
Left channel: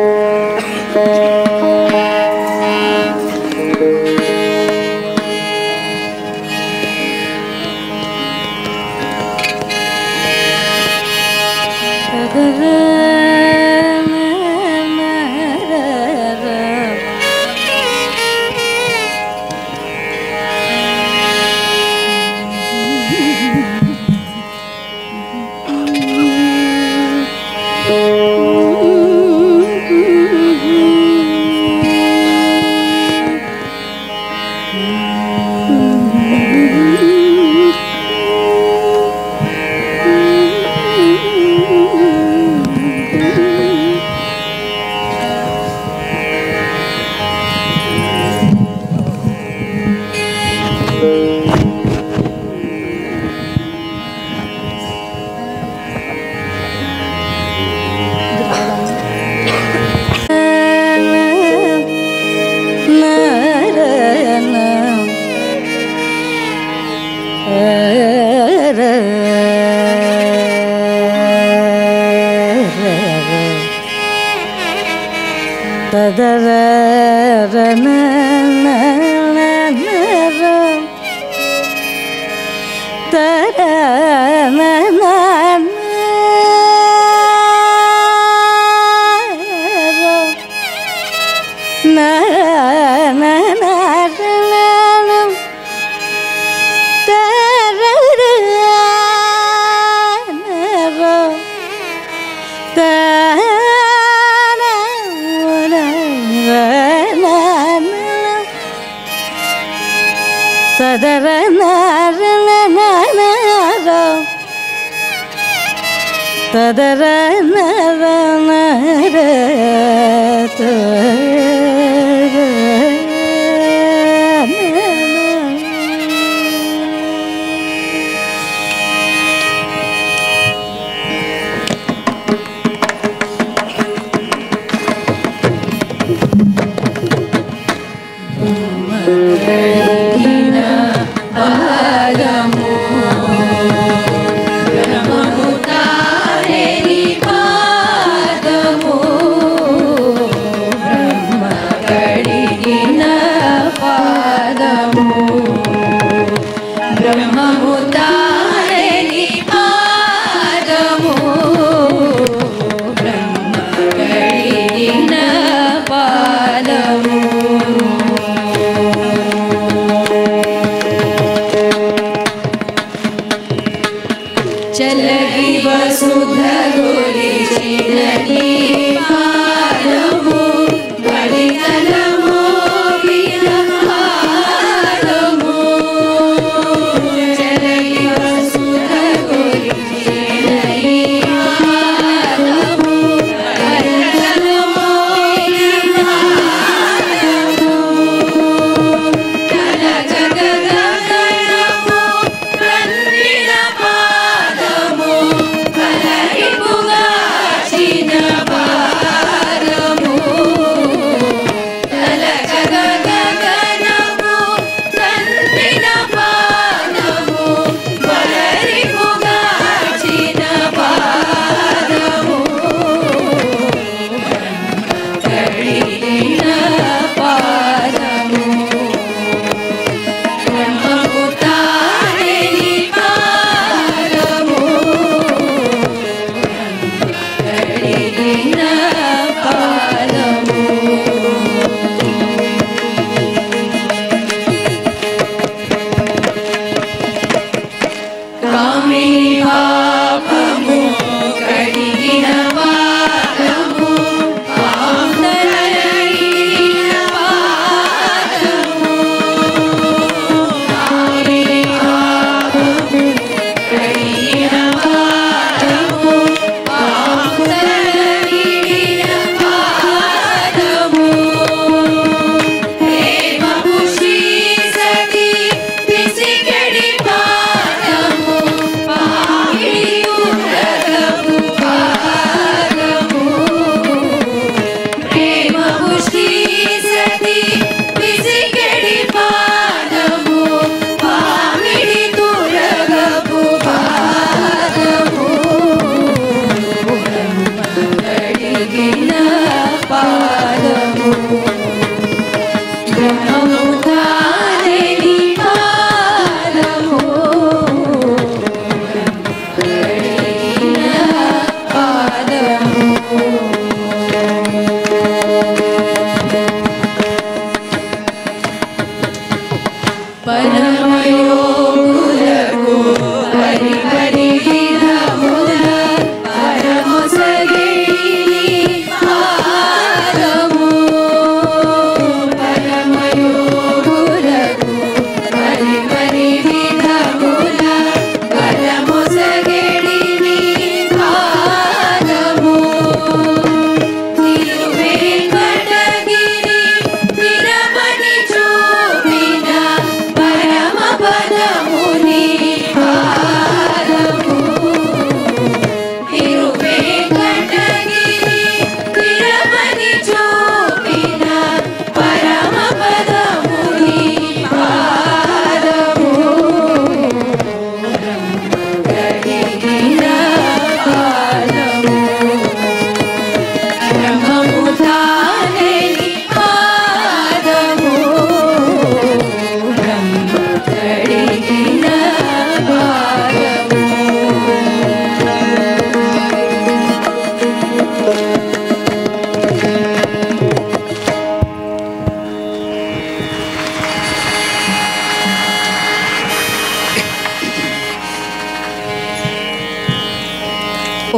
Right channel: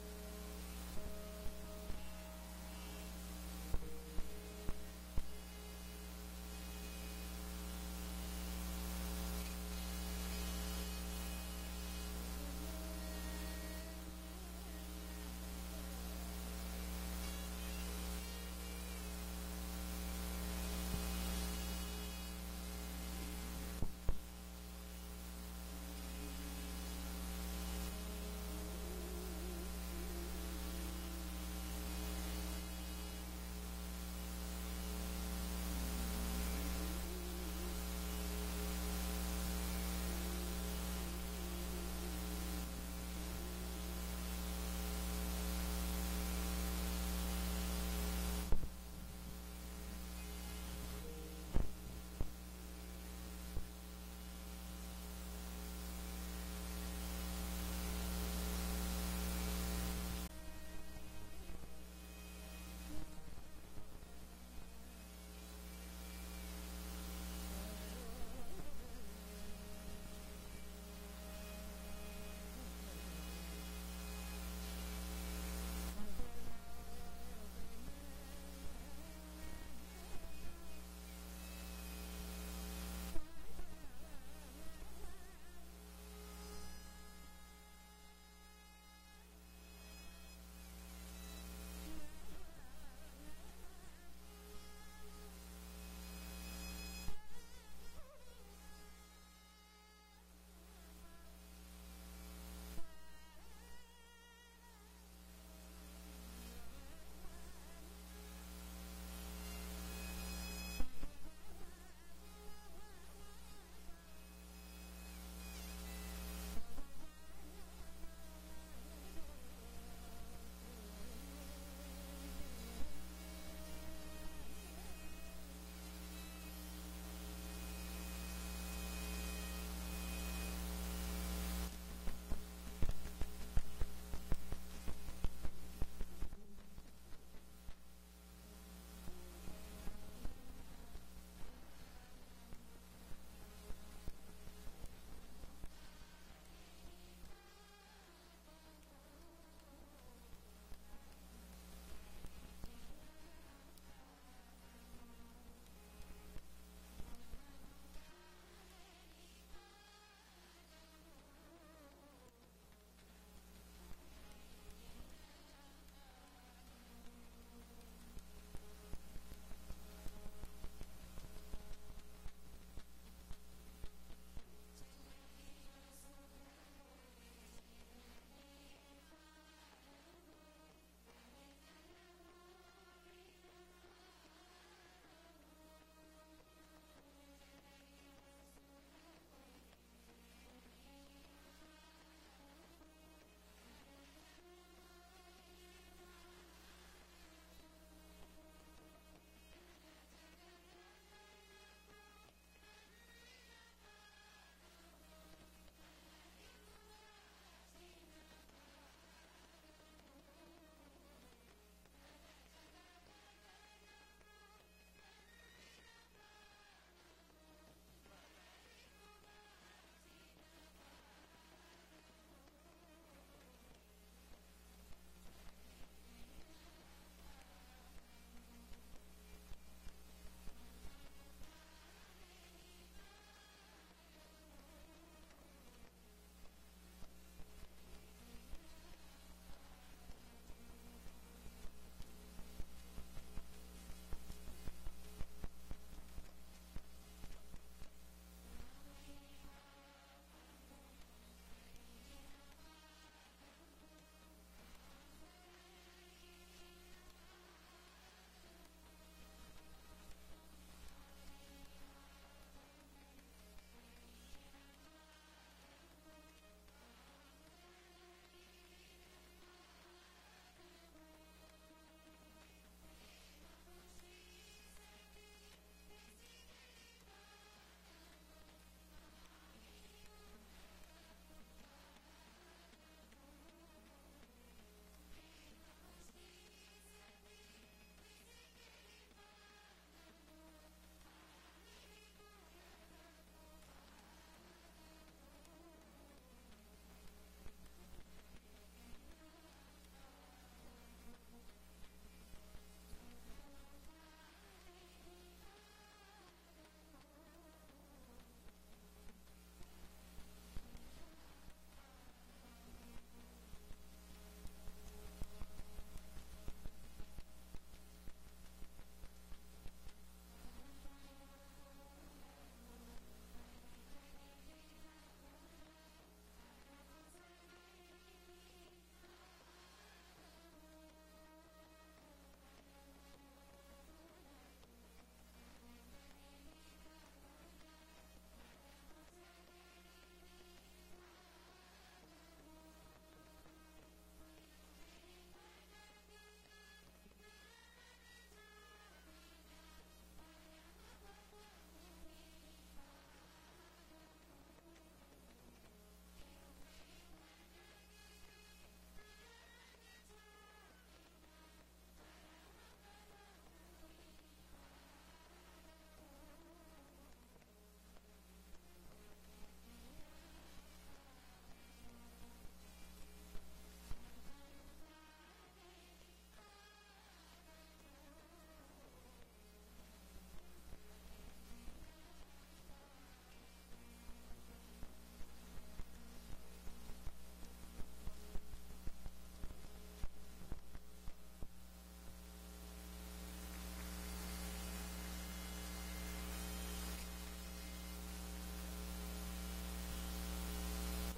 Bye.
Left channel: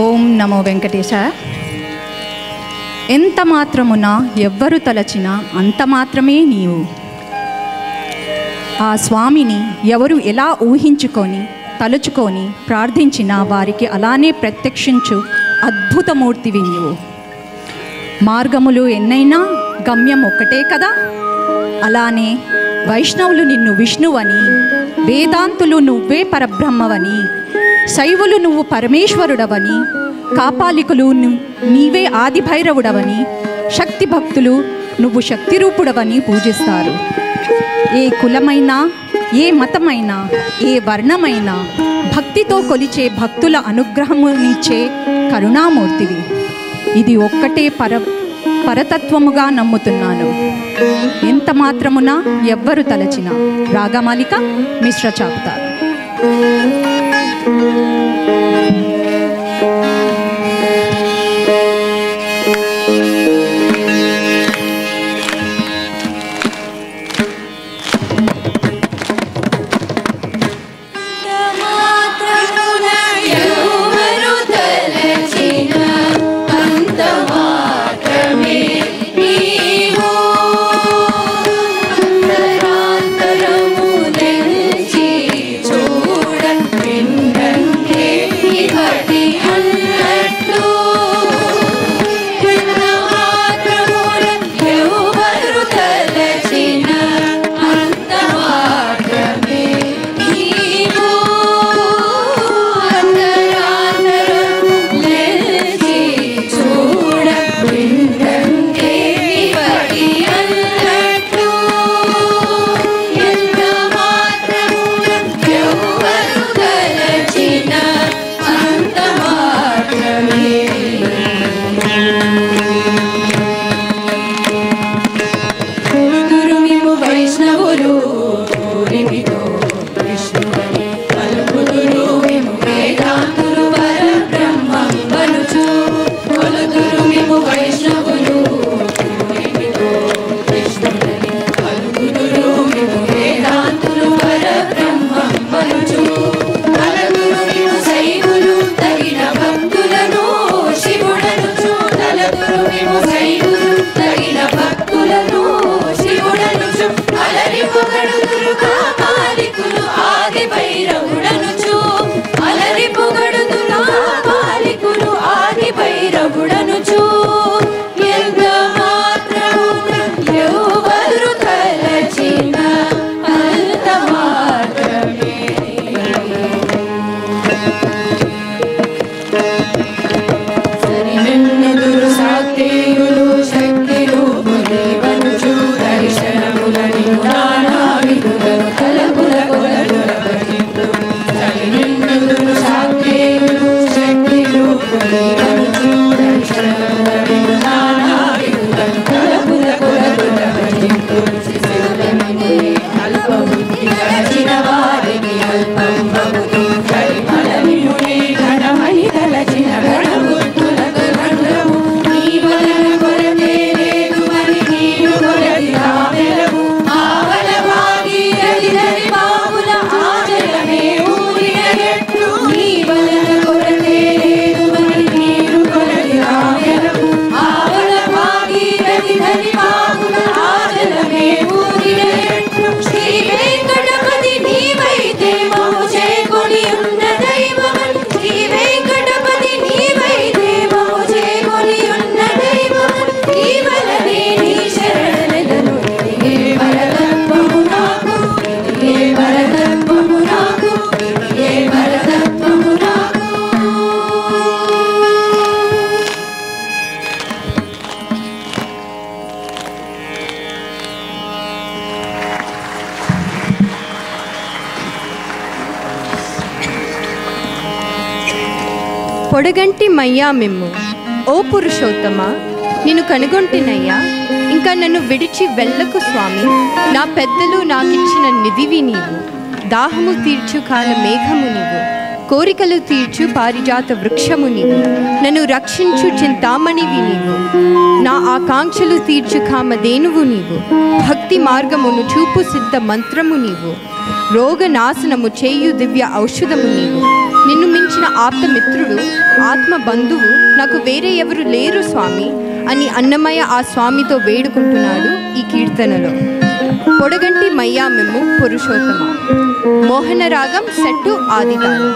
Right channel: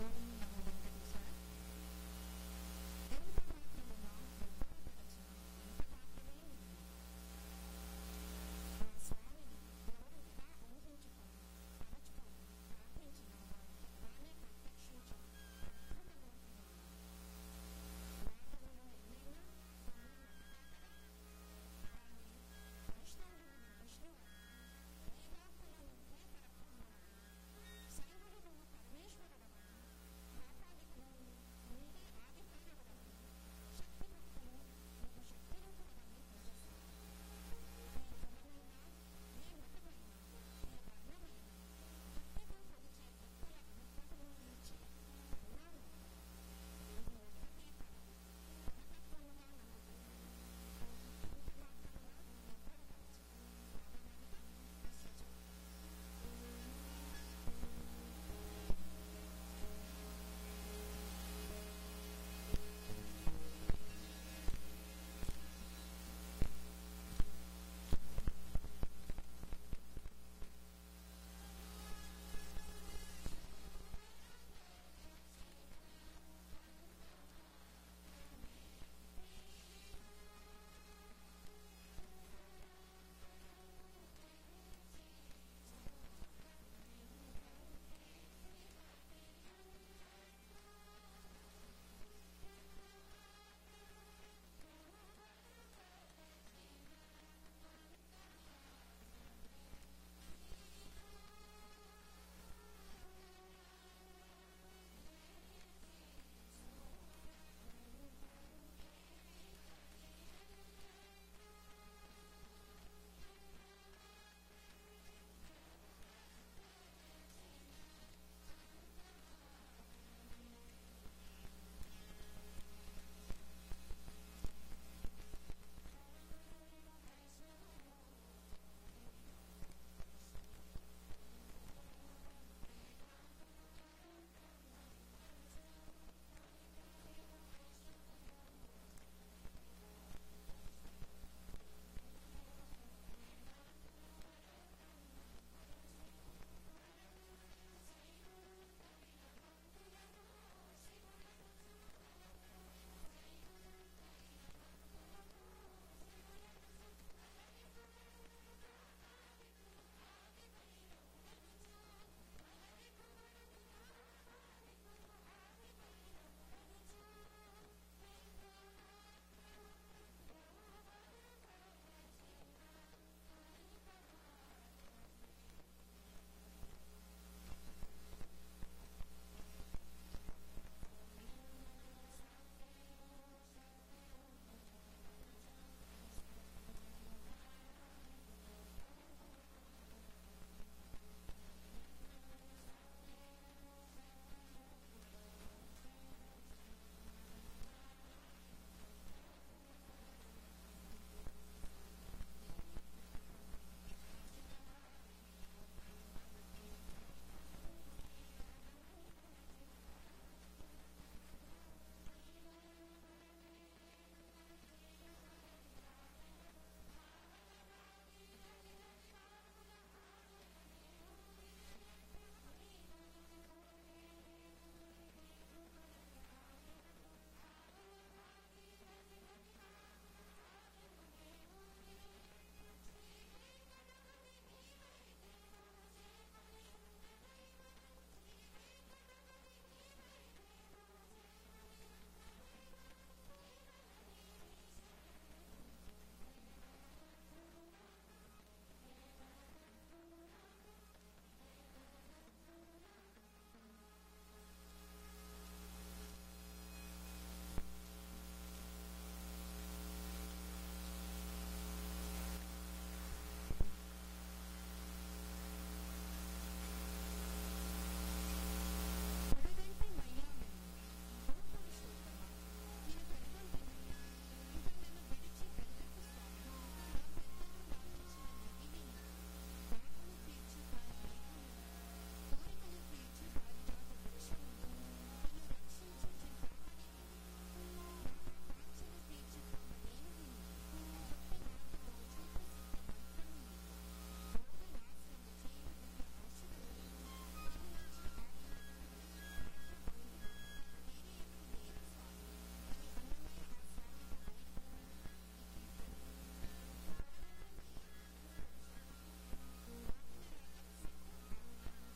ఓం నమో వెంకటేశ. ఎంత మాత్రమున ఎవ్వరు తలచినా అంత మాత్రమే నీవు. ఆ స్వామిని ఎవరు ఎలా ఊహించుకొని తలుచుకొని ప్రార్థించినా వారికి అలానే ప్రత్యక్షించు అద్భుతమూర్తివి నీవు. మార్గములు ఎన్నైనా గమ్యం ఒక్కటే కదా. అలానే వైష్ణవులు నిన్ను విష్ణువని, వేదాంతులు నువ్వే పరబ్రహ్మవని, శైవులు నువ్వు పరమేశ్వరుడవని, కాపాలికులు నీవే ఆదిభైరవుడవని, శక్తి భక్తులు నువ్వు శక్తిరూపుడవని పూజిస్తారు. ఏ కులమైనా, ఏ మతమైనా, ఏ వర్ణమైనా భక్తితో కొలిచే భక్తుల అనుగ్రహమునిచ్చే కరుణామూర్తివి. ఇది ఒక్కటే పరతత్వముగా నమ్ముతున్నాను. ఎంత మాత్రమున ఎవ్వరు తలచిన. రాగమాలిక మిశ్ర చాప్తారు. పొడగంటి మయ్యా మిమ్ము ఓ పురుషోత్తమ, నిన్ను కనుగొంటినయ్యా, ఇంకా నన్ను విడిచి వెళ్ళకు స్వామి. నా పెద్దలు నాకిచ్చిన నిధివి నీవు, దాహము తీర్చు కాల మేఘము నీవు, కోరికలు తీర్చు పారిజాత వృక్షము నీవు, నన్ను రక్షించు చింతామణివి నీవు, నా ఆకాంక్షలు తీర్చు కామధేనువు నీవు, భక్తి మార్గమును చూపు సిద్ధ మంత్రము నీవు, రోగ నాశనము చేయు దివ్య ఔషధము నీవు, నిన్ను మించిన మించిన ఆప్తమిత్రుడు, ఆత్మ బంధువు నాకు వేరే ఎవరు లేరు స్వామి అని అన్నమయ్య ఆ స్వామితో వేడుకుంటున్నాడు ఈ కీర్తనలో. పొడగంటి మయ్యా మెమ్ము పురుషోత్తమ. మోహన రాగం set ఆదితాళం.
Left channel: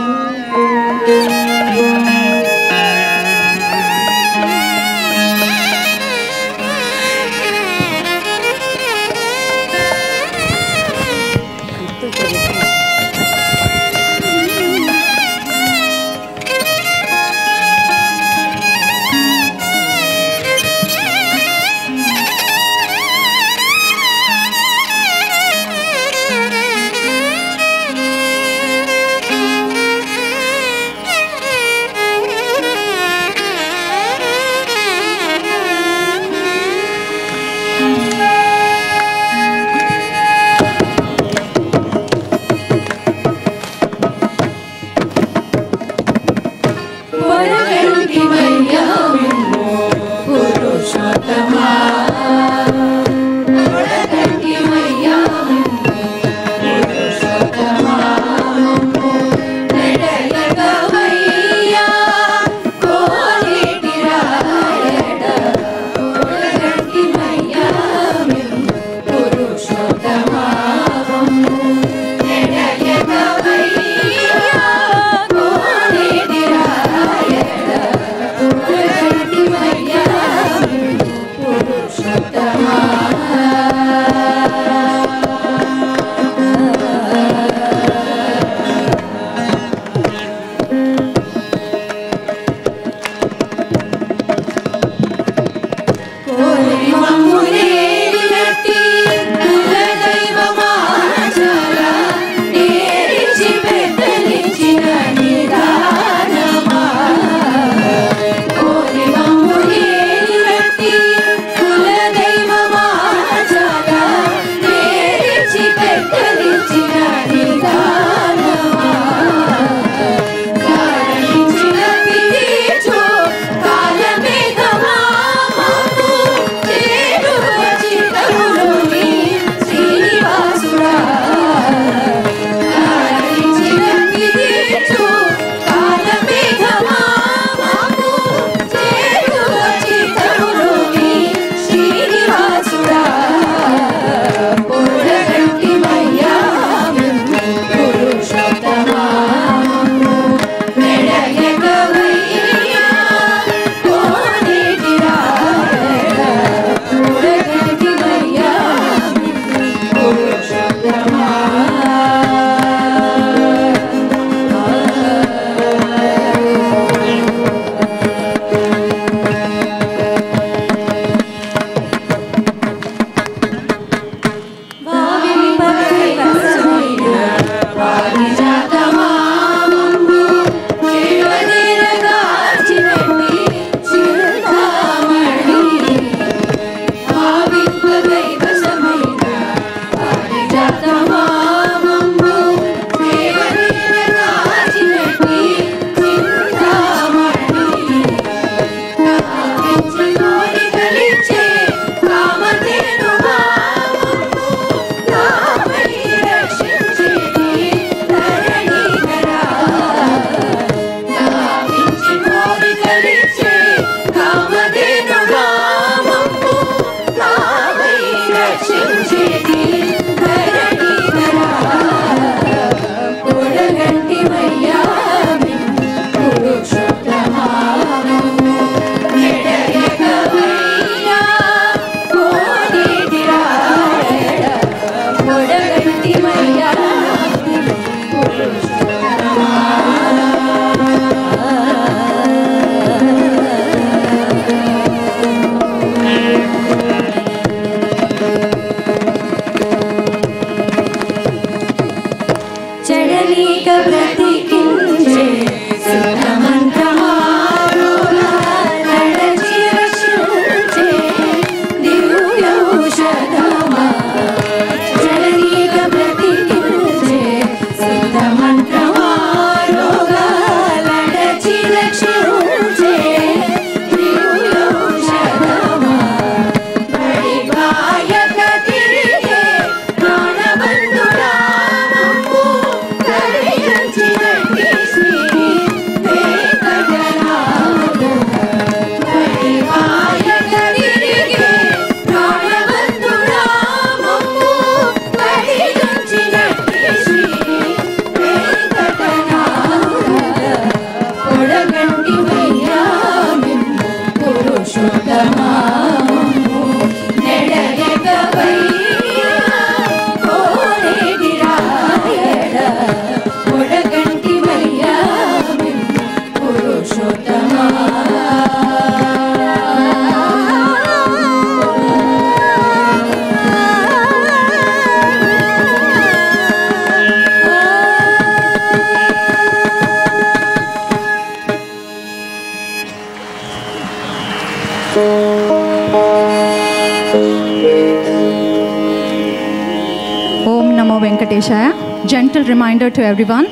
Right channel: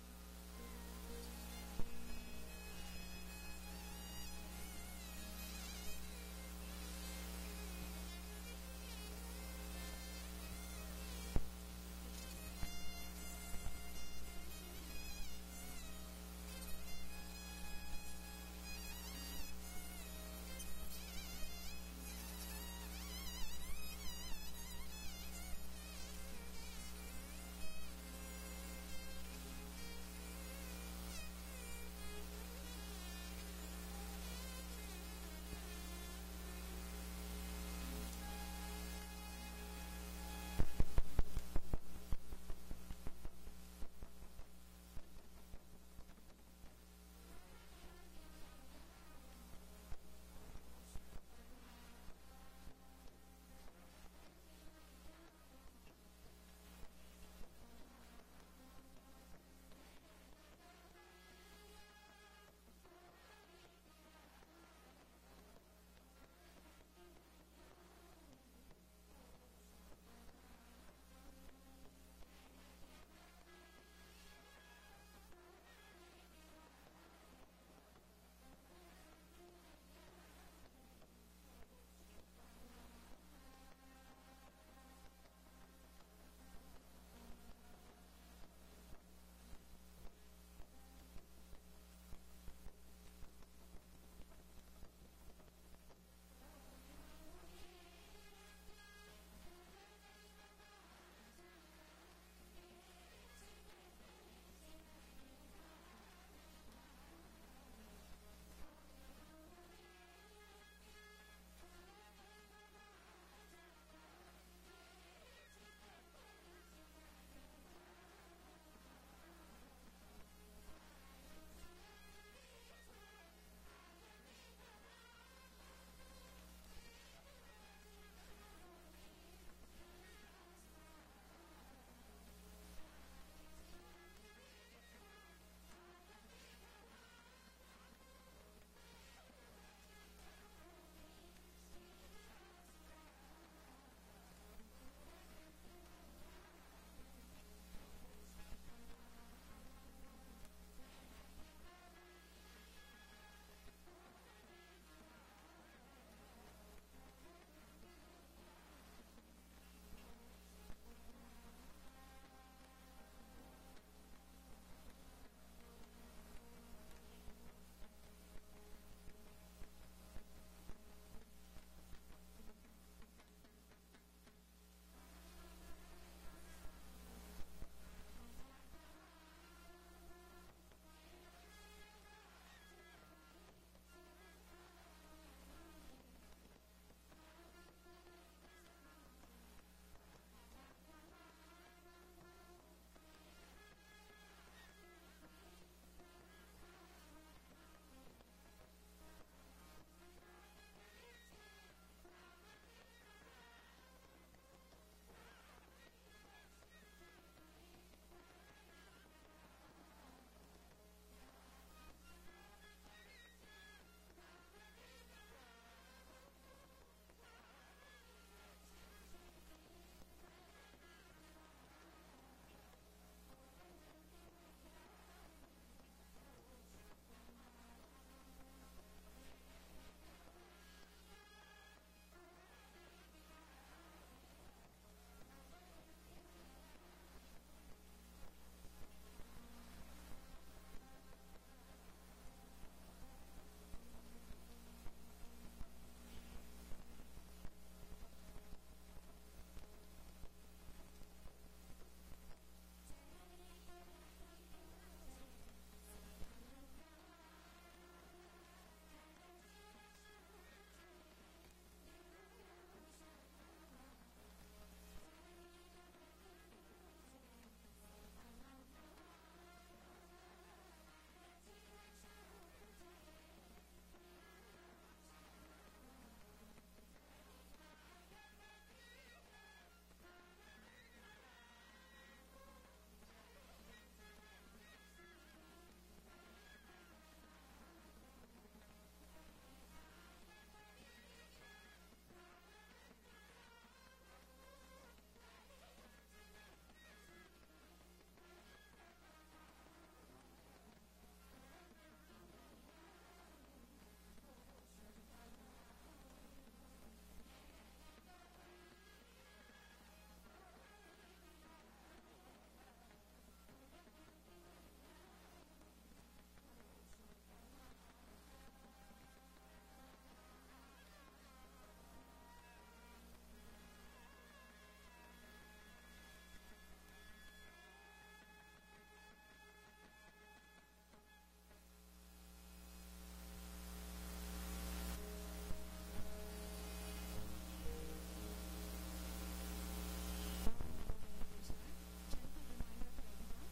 Om Namo Venkateshaya. Gentle reminder to everyone.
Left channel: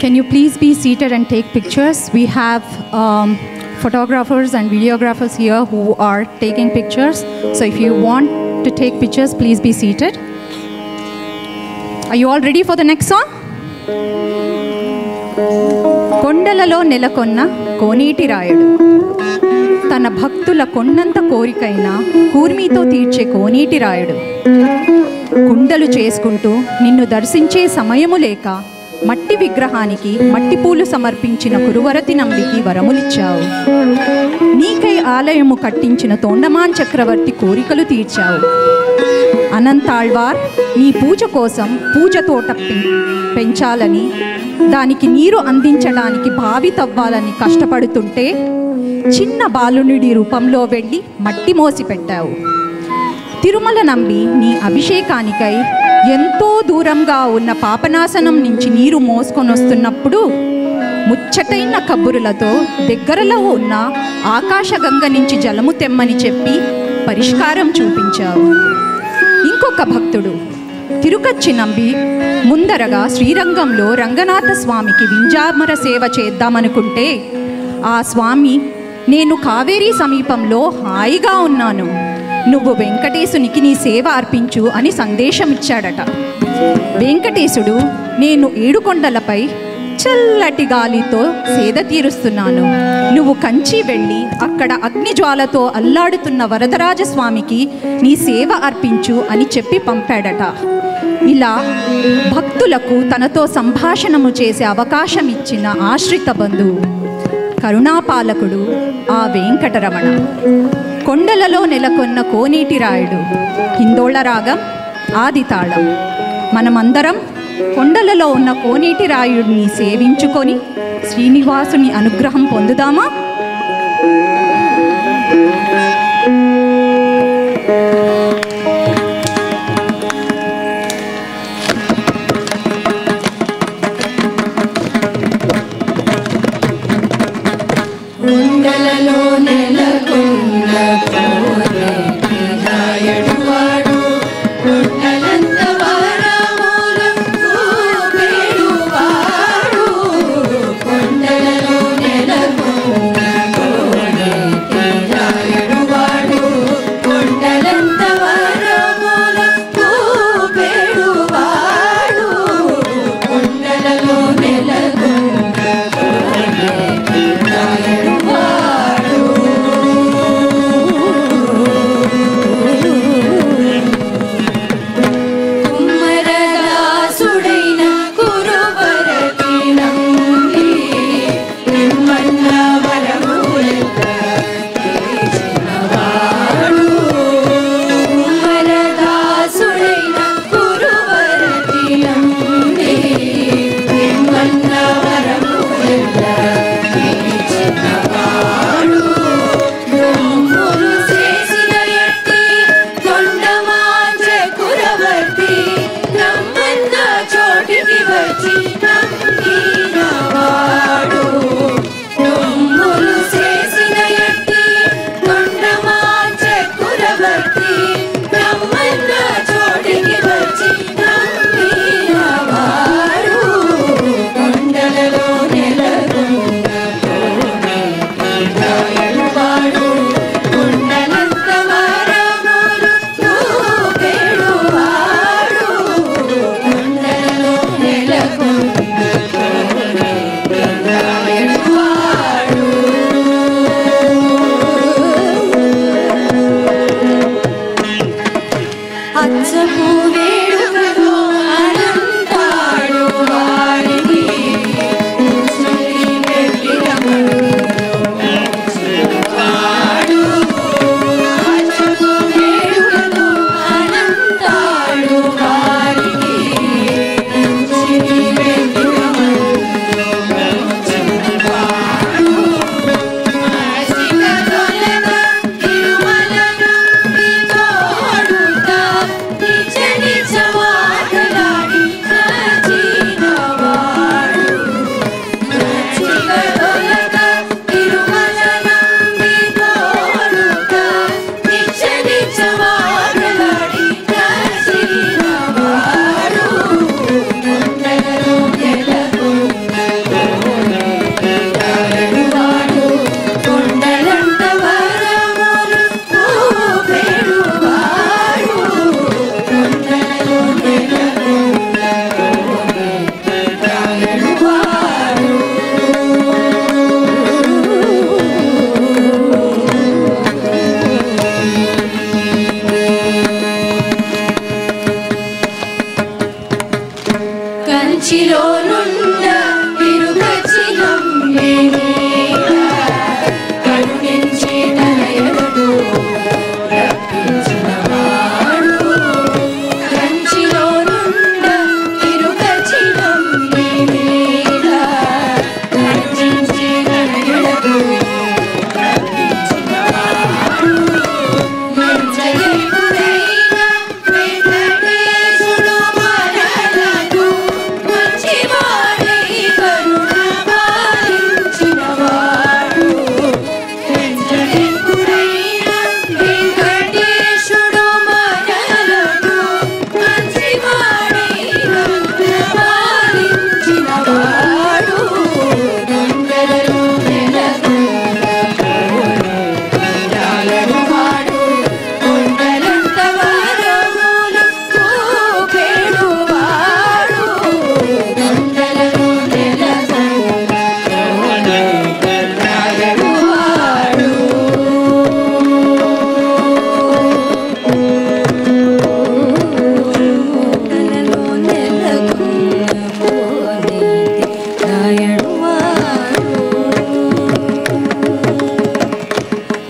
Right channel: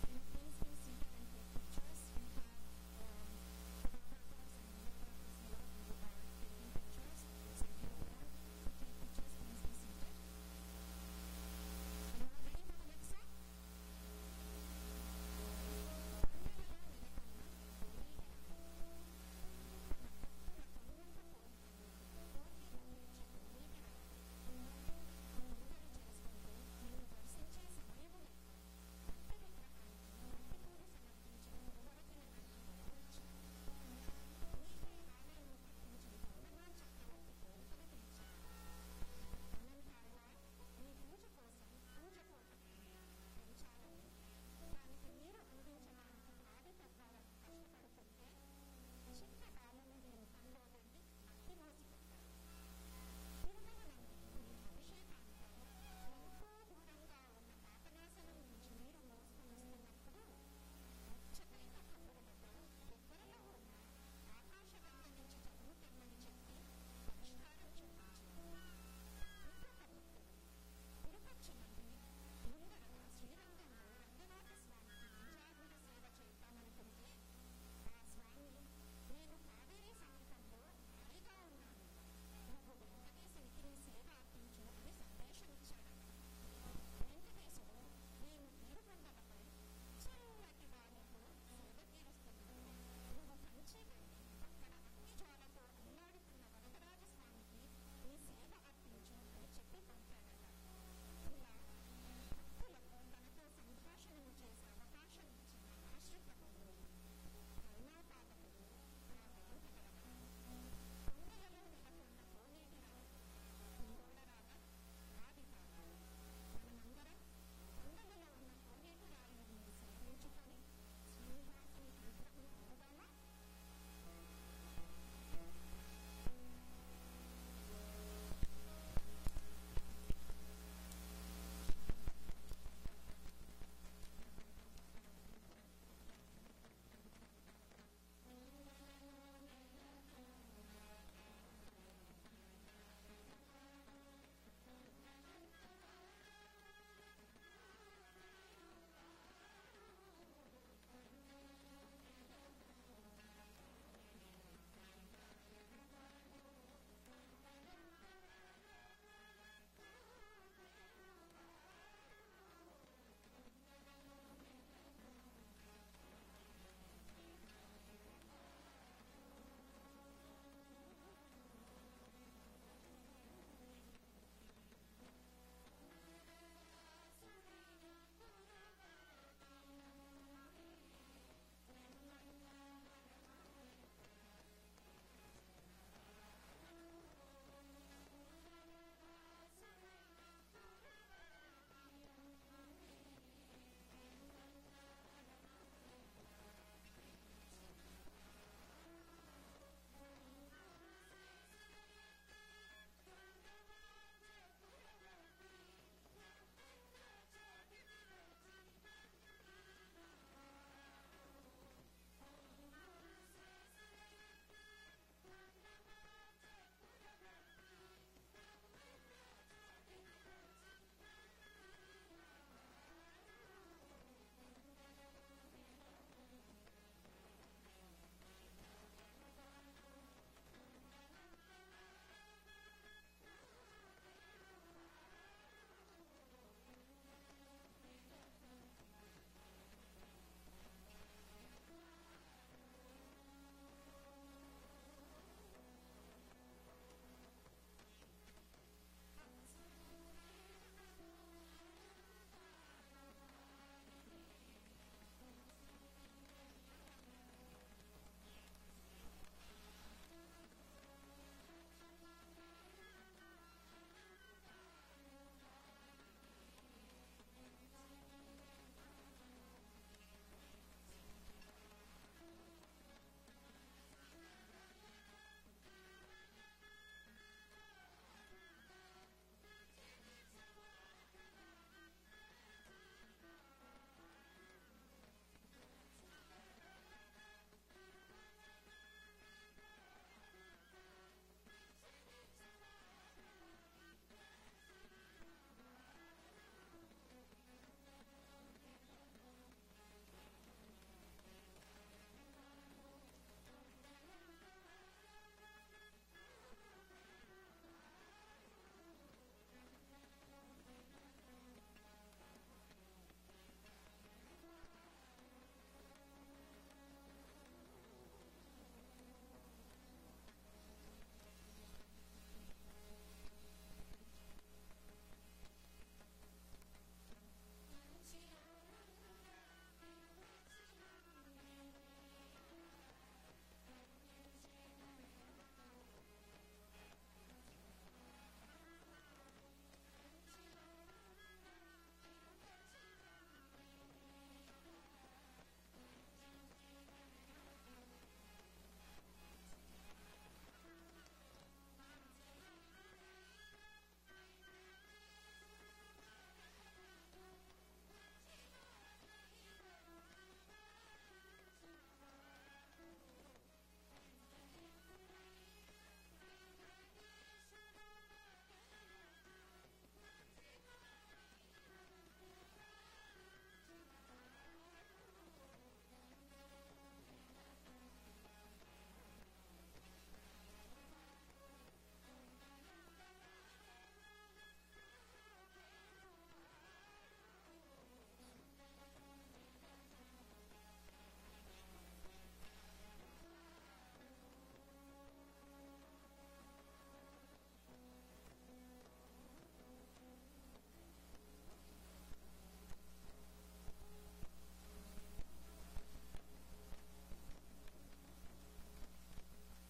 Can you please be seated and take pictures? We have photographers and videographers here who are taking pictures. So if you want to take pictures, please be seated. Are you all ready for the next song? కొండలలో నెలకొన్న కోనేటి రాయుడు తన భక్తుల కొండంత కోరికైన కూర్మితో తీర్చే కోనేటి రాయుడు కుండలు చేసుకుంటూ నిన్ను దర్శించే సమయము లేక మట్టి విగ్రహానికి మట్టి పూలు సమర్పించిన కురువరతి నంబికి వరములిచ్చావు. నీకై ఆలయము కట్టించిన తోండమాన్ చక్రవర్తి కోరికలు తీర్చావు. అనంతాళ్వార్ నీ పూజ కోసం పూజ తోట పెంచాలని దానికి నీరు అందించడానికి బావి తవ్వాలని కష్టపడుతుంటే చిన్న బాలునుడి రూపంలో వెళ్ళి మట్టి మోసి పెట్టావు. తిరుమల నంబి నీ అభిషేకానికై ఎంతో దూరంగా ఉన్న పాపనాశనం నుంచి నీరు మోసుకొని వస్తున్నప్పుడు ముచ్చటైన కబురులతో దగ్గరలో ఉన్న ఆకాశగంగ నుంచి జలము తెమ్మని చెప్పి పరిష్కారం చూపించావు. ఇంకొక భక్తుడు తిరుకచ్చి నంబి ముందరగా శ్రీరంగంలో రంగనాథ స్వామికి వింజామర సేవ చేద్దామనుకుంటే ఆ స్వామి నేను కావేరీ సమీపంలో హాయిగా ఉన్నాను, నువ్వు వెంకటేశునికి నీ సేవ అర్పించు అని సందేశం ఇచ్చాడట. వెంకటేశుడు నేను ఏడుకొండలపై చల్లటి గాలితో సేద తీరుస్తున్నాను, నువ్వు కంచి వెళ్ళి అక్కడ అగ్నిజ్వాలతో అల్లాడుతున్న వరదరాజస్వామికి నీ సేవ అర్పించు అని చెప్పి పంపాడట. ఇలా భక్తులకు తనతో సంభాషణము చేసే అవకాశం ఇచ్చిన ఆశ్రిత బంధువు కరుణాపాలకుడు ఆ వెంకటరమణ. కొండలలో నెలకొన్న కోనేటి రాయుడు హిందోళ రాగం ఆది తాళం. మనమందరం కొండలలో ఉన్న కోనేటి రాయుడిని సేవించుకొని శ్రీనివాసుని అనుగ్రహం పొందుదామా? కొండలలో నెలకొన్న కోనేటి రాయుడు వాడు కొండలంత వరములకు పేరువాడు. కొండలలో నెలకొన్న కోనేటి రాయుడు వాడు కొండలంత వరములకు పేరువాడు. కొండలలో నెలకొన్న కోనేటి రాయుడు వాడు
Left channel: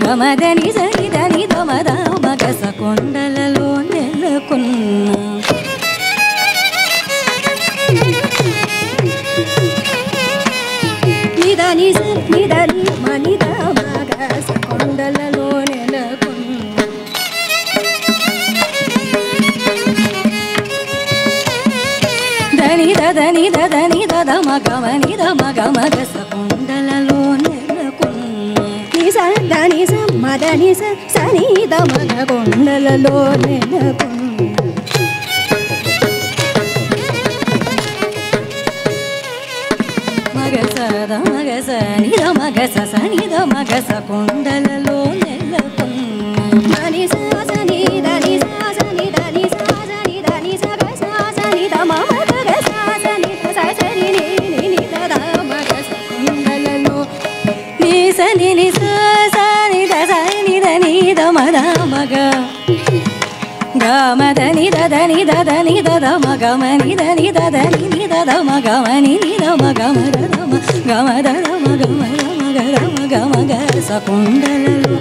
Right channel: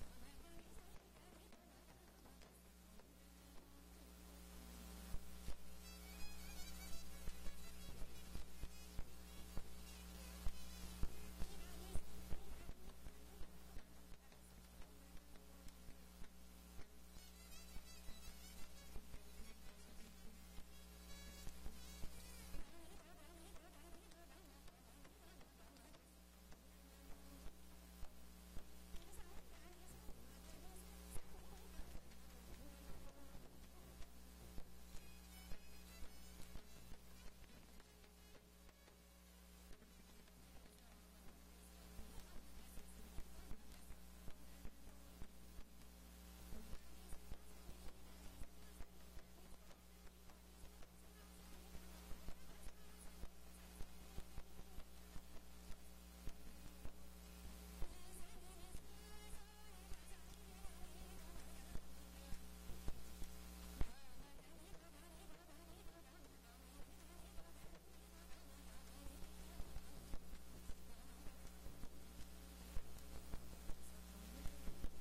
గమదని సరిదని దమద మగస కొండలలో నెలకొన్న నిదని నిదని మనిద మగస కొండలలో నెలకొన్న దని దని దని దద మగమని దమగ మగస కొండలలో నెలకొన్న దని మదని సని దమగ కొండలలో నెలకొన్న మగస నిద మగస సని దమగస కొండలలో నెలకొన్న మని సని దని సని దని సని దని సగస సని దమ మగస సని సని ని దద మగస కొండలలో ని సని ని సని దని దని దమ మగ గమదని దని దని దద మగమని దని దని ని దద మగమని ని దమ గమ గమ దద మగమ గమ గమ గస కొండలలో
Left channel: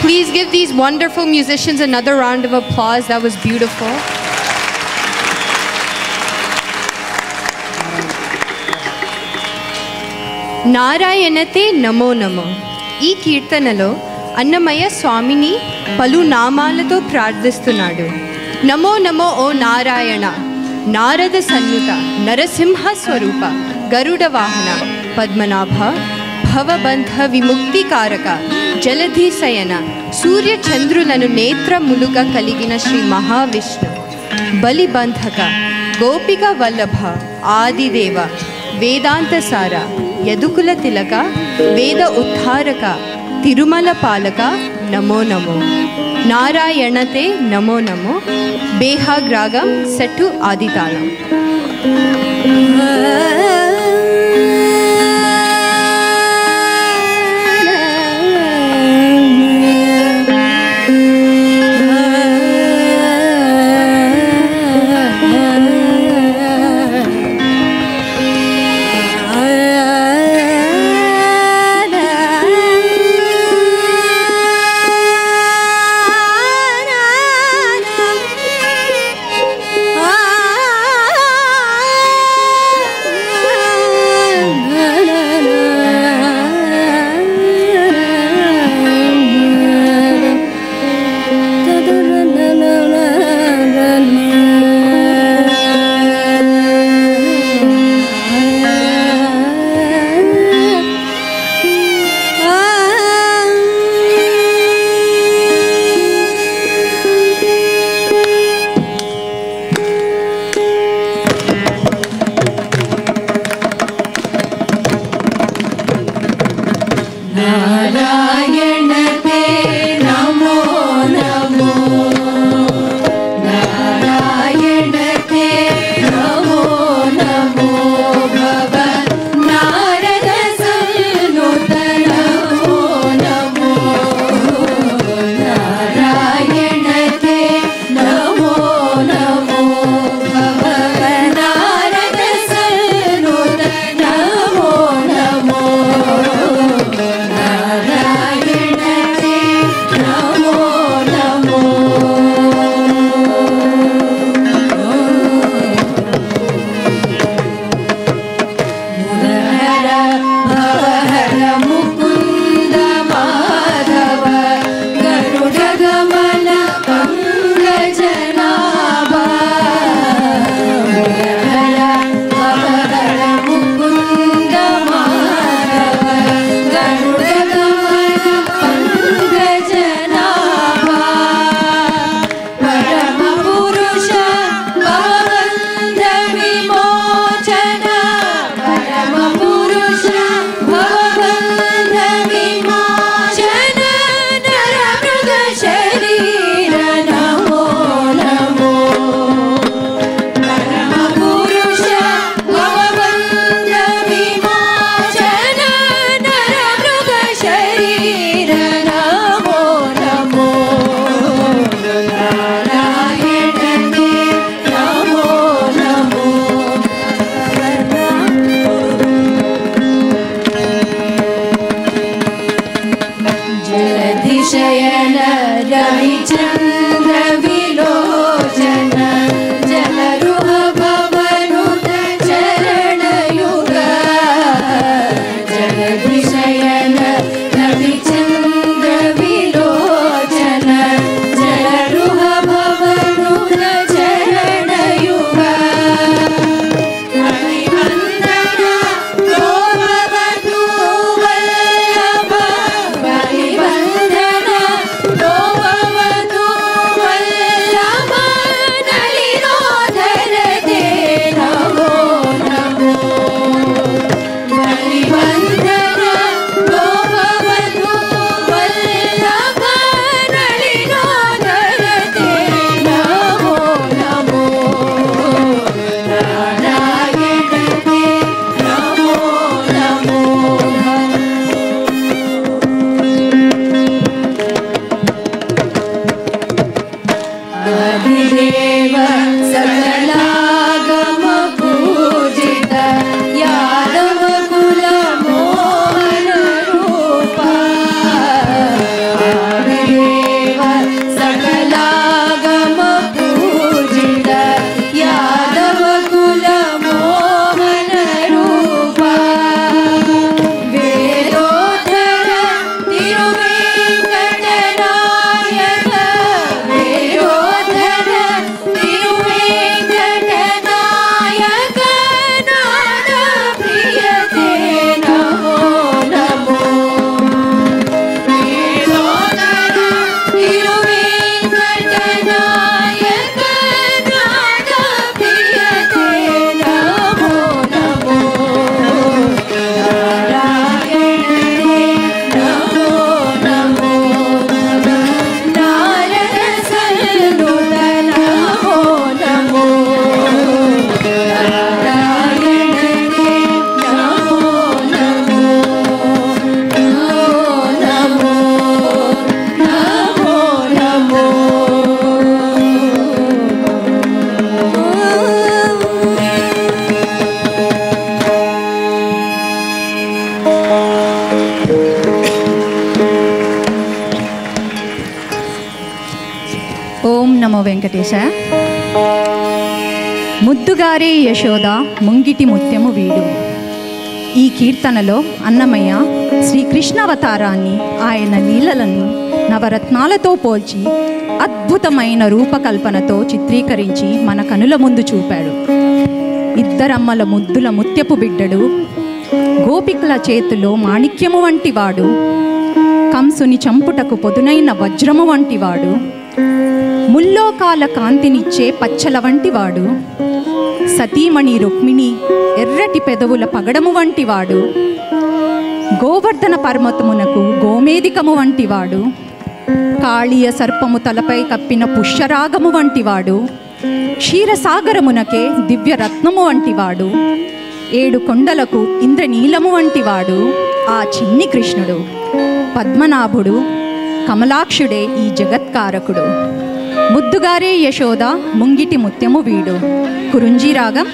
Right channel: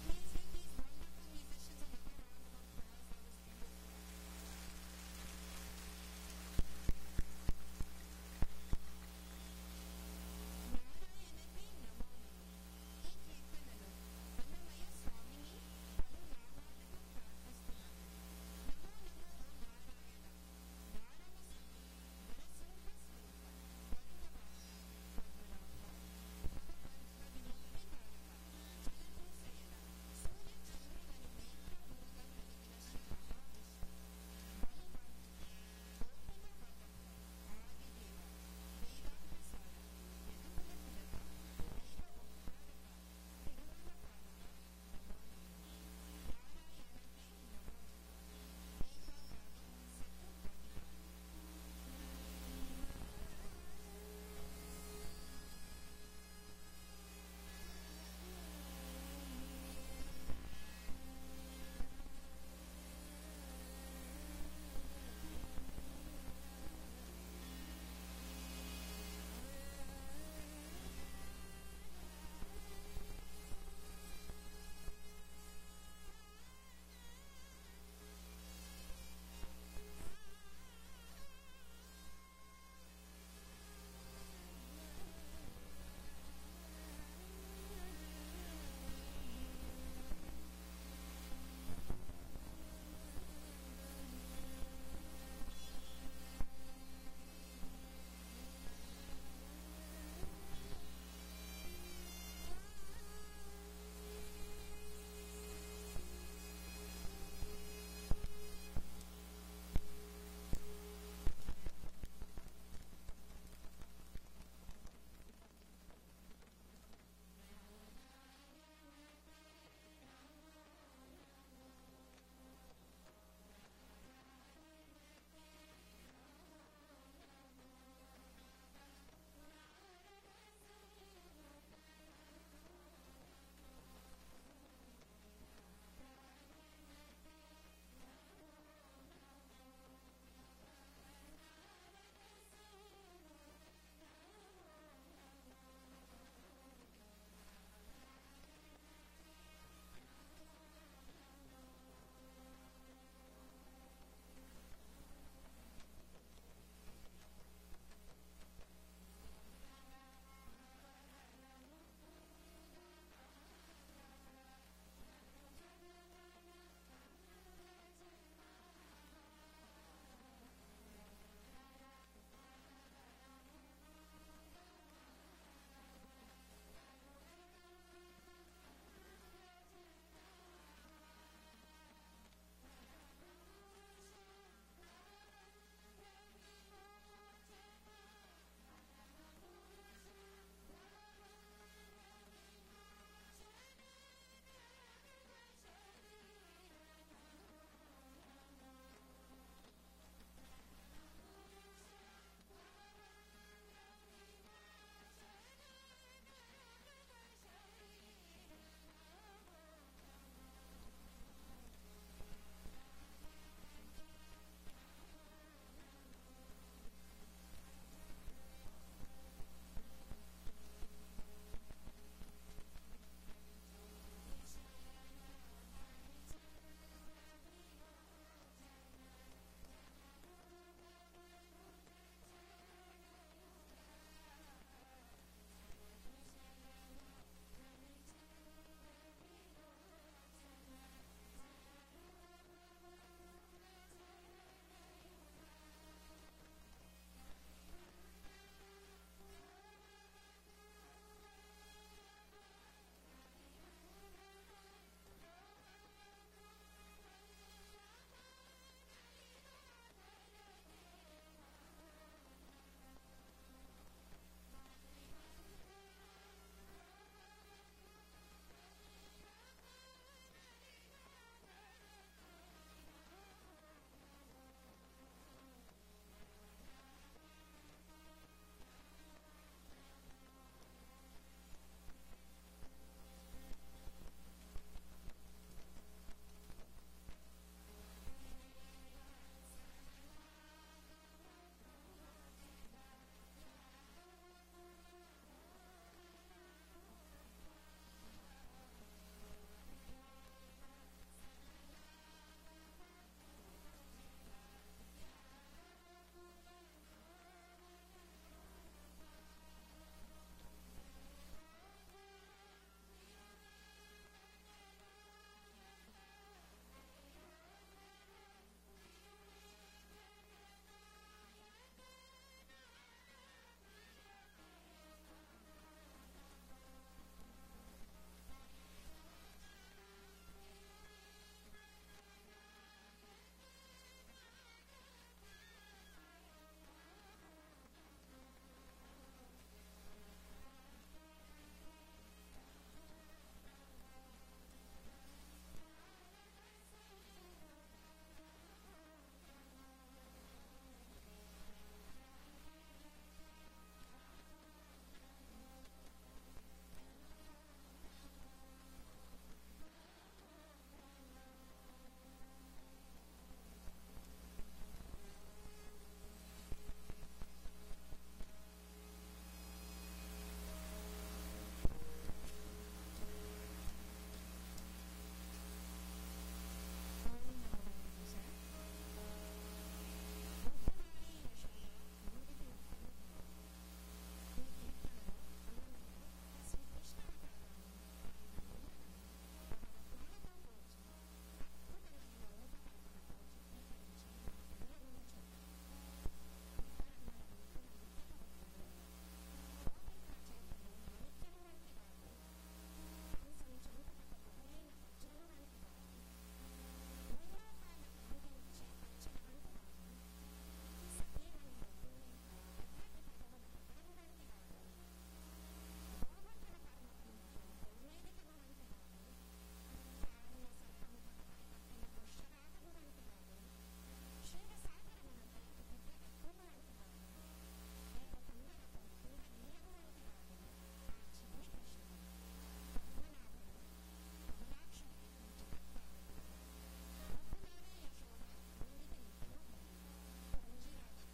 Please give these wonderful musicians another round of applause. That was beautiful. నారాయణతే నమో నమో. ఈ కీర్తనలో అన్నమయ్య స్వామిని పలు నామాలతో ప్రార్థిస్తున్నాడు. నమో నమో ఓ నారాయణ, నారద సన్నుత నరసింహ స్వరూప గరుడ వాహన పద్మనాభ భవబంధ విముక్తికారక జలధిశయన సూర్య చంద్రులను నేత్రములుగా కలిగిన శ్రీ మహావిష్ణు బలిబంధక గోపిక వల్లభ ఆదిదేవ వేదాంత సార యదుకుల తిలక వేద ఉద్ధారక తిరుమల పాలక నమో నమో నారాయణతే నమో నమో బేహాగ్రాగం సెట్టు ఆదితాళం. ఆ వెంకటేశాయ. ముద్దుగారే యశోద ముంగిటి ముత్యము వీడు. ఈ కీర్తనలో అన్నమయ్య శ్రీకృష్ణావతారాన్ని, ఆయన లీలలను నవరత్నాలతో పోల్చి అద్భుతమైన రూపకల్పనతో చిత్రీకరించి మన కనుల ముందు చూపాడు. ఇద్దరమ్మల ముద్దుల ముత్యపు బిడ్డడు, గోపికల చేతిలో మాణిక్యము వంటివాడు, కంసుని చంపుటకు పొదునైన వజ్రము వంటివాడు, ముల్లోకాల కాంతినిచ్చే పచ్చల వంటివాడు, సతీమణి రుక్మిణి ఎర్రటి పెదవుల పగడము వంటివాడు, గోవర్ధన పర్వతమునకు గోమేదికము వంటివాడు, కాళీయ సర్పము తలపై కప్పిన పుష్యరాగము వంటివాడు, క్షీరసాగరమునకే దివ్యరత్నము వంటివాడు, 7 కొండలకు ఇంద్రనీలము వంటివాడు ఆ చిన్ని కృష్ణుడు. పద్మనాభుడు కమలాక్షుడే ఈ జగత్కారకుడు. ముద్దుగారే యశోద ముంగిటి ముత్యము వీడు. కురుంజీ రాగం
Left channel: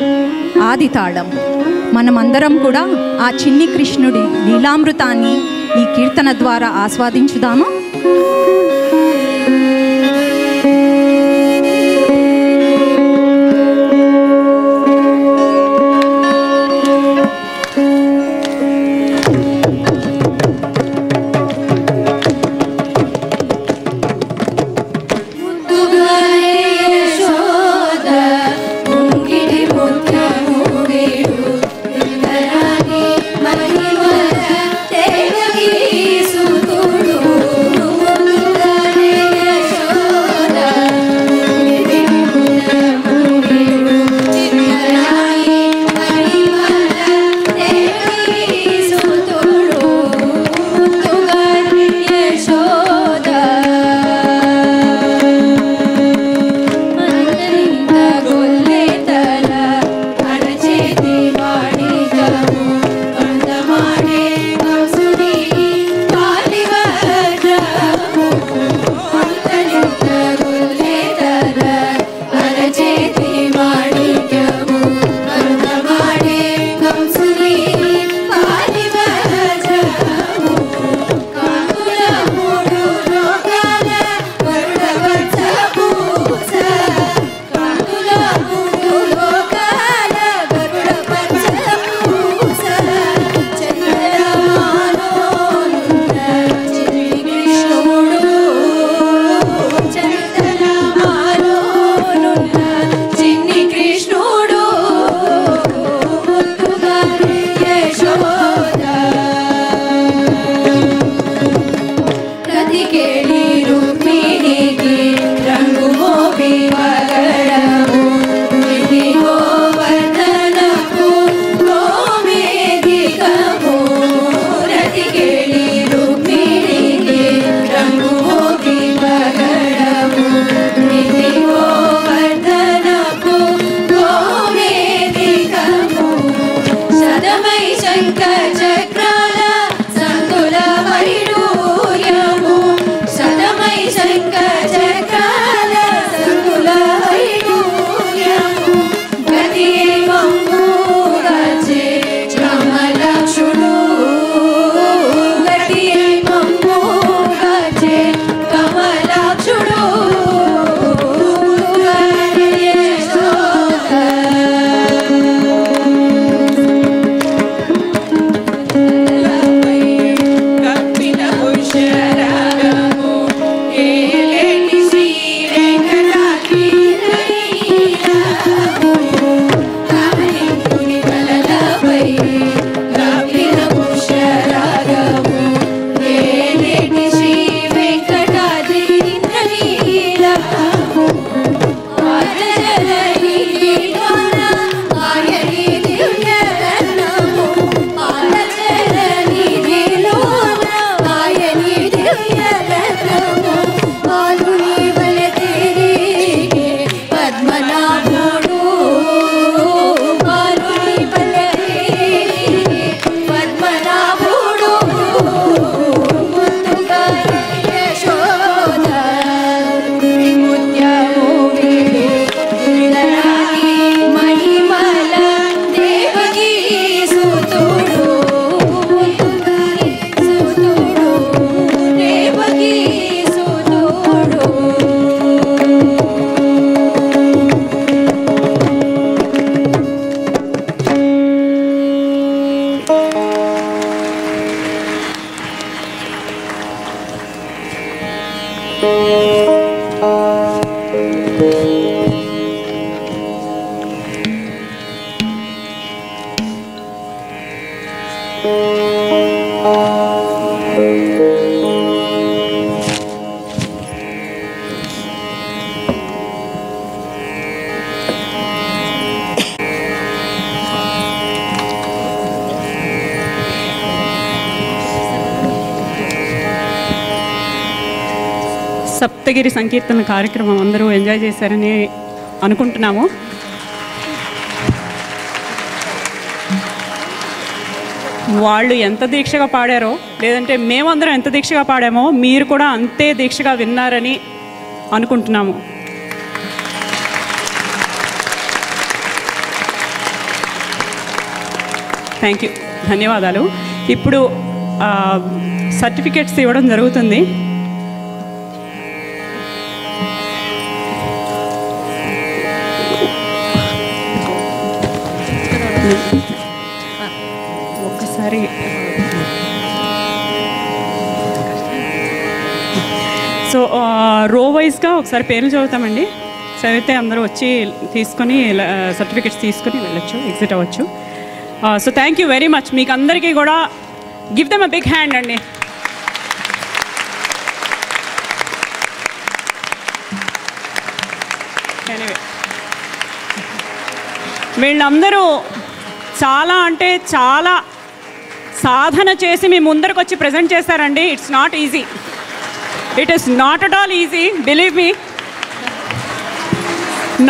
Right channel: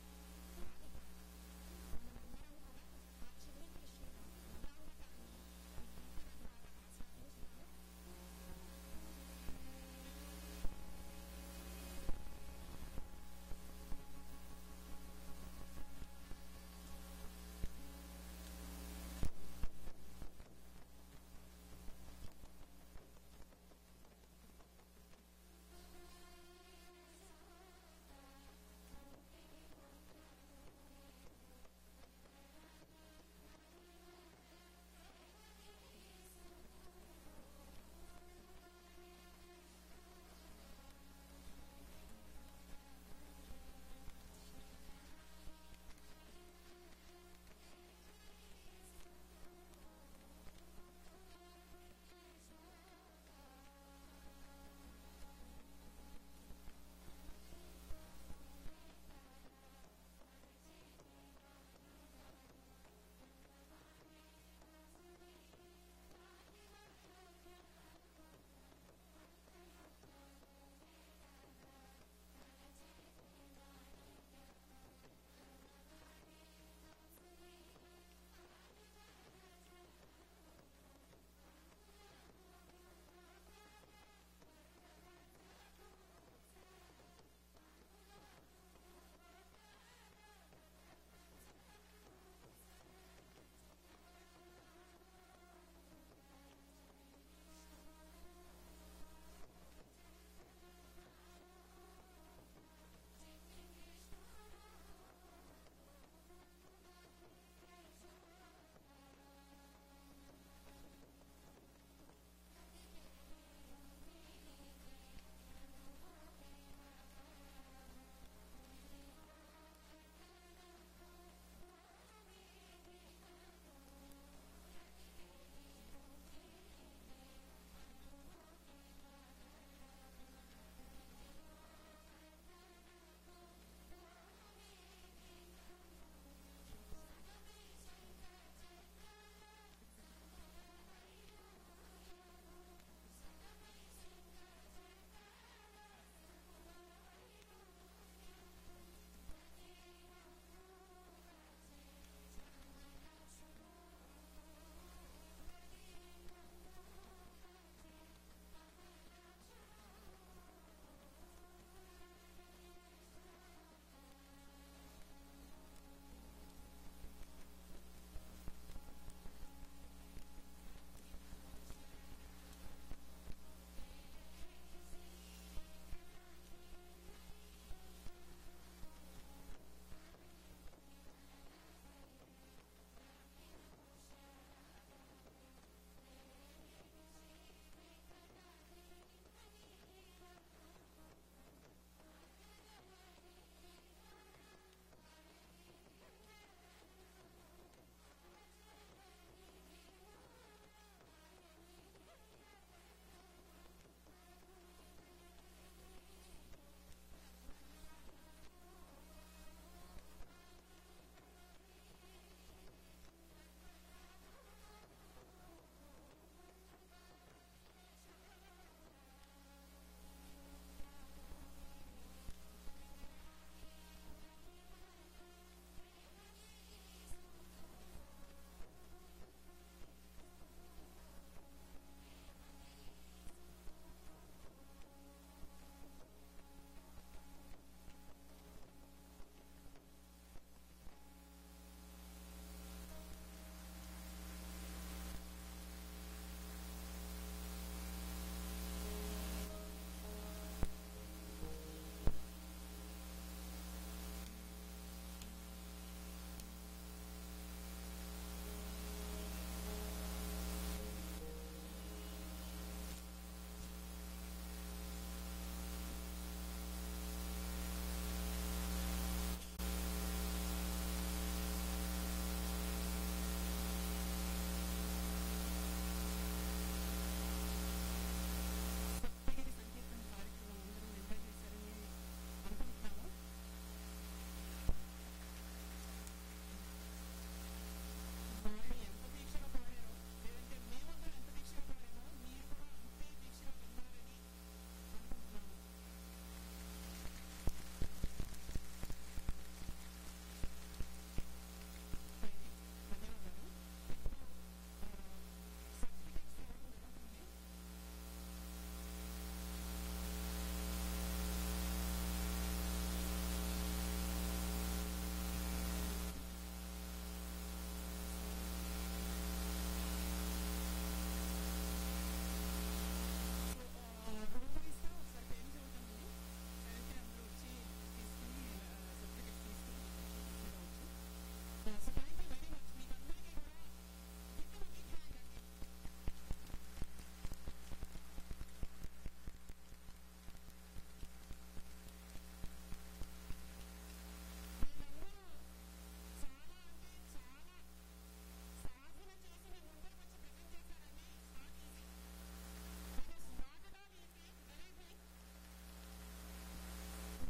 ఆది తాళం. మనమందరం కూడా ఆ చిన్ని కృష్ణుడి లీలామృతాన్ని ఈ కీర్తన ద్వారా ఆస్వాదించుదాము. మహిమ దేవకీ సుతుడు సప్తగిరి సంకీర్తన కార్యక్రమం అందరూ ఎంజాయ్ చేశారని అనుకుంటున్నాము. వాళ్ళు ఎంత దీక్షగా పాడారో, లేదంటే మేమందరం ఎంత దీక్షగా పాడామో మీరు కూడా అంతే దీక్షగా విన్నారని అనుకుంటున్నాము. థ్యాంక్ యూ, ధన్యవాదాలు. ఇప్పుడు సర్టిఫికెట్స్ ఇవ్వడం జరుగుతుంది. ఒక్కసారి సో రో వైజ్గా ఒకసారి పేర్లు చదువుతామండి. చదివితే అందరూ వచ్చి తీసుకొని సర్టిఫికెట్స్ తీసుకొని వెళ్ళొచ్చు, ఎగ్జిట్ అవ్వచ్చు. So thank you very much. మీకు అందరికీ కూడా give them a big hand అండి. ఎనీవే, వీళ్ళందరూ చాలా అంటే చాలా సాధన చేసి మీ ముందరకు వచ్చి ప్రజెంట్ చేశారండి. It's not easy, it is not at all easy, believe me,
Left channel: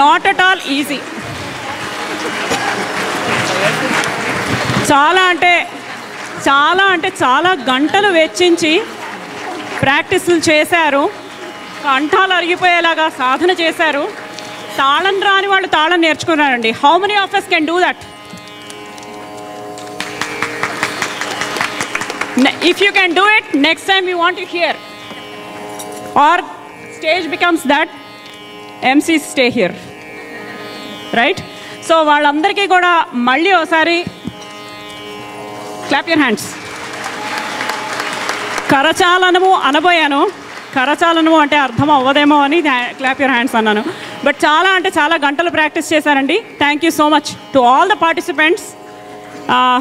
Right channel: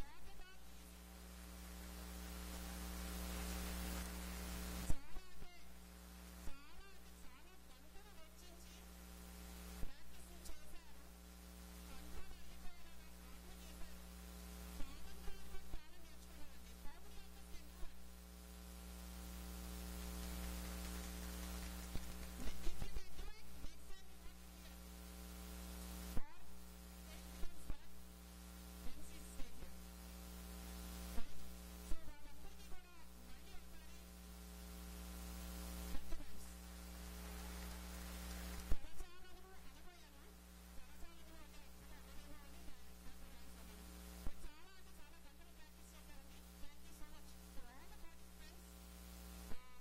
not at all easy. చాలా గంటలు వెచ్చించి ప్రాక్టీసులు చేశారు, కంఠాలు అరిగిపోయేలాగా సాధన చేశారు. తాళం రాని వాళ్ళు తాళం నేర్చుకున్నారండి. How many of us can do that? If you can do it, next time we want to hear. Or stage becomes that MCs stay here, right? So వాళ్ళందరికీ కూడా మళ్ళీ ఒకసారి క్లాప్ యూర్ హ్యాండ్స్. కరచాలనము అనబోయాను, కరచాలనము అంటే అర్థం అవ్వదేమో అని క్లాప్ యూర్ హ్యాండ్స్ అన్నాను. బట్ చాలా అంటే చాలా గంటలు ప్రాక్టీస్ చేశారండి. Thank you so much to all the participants.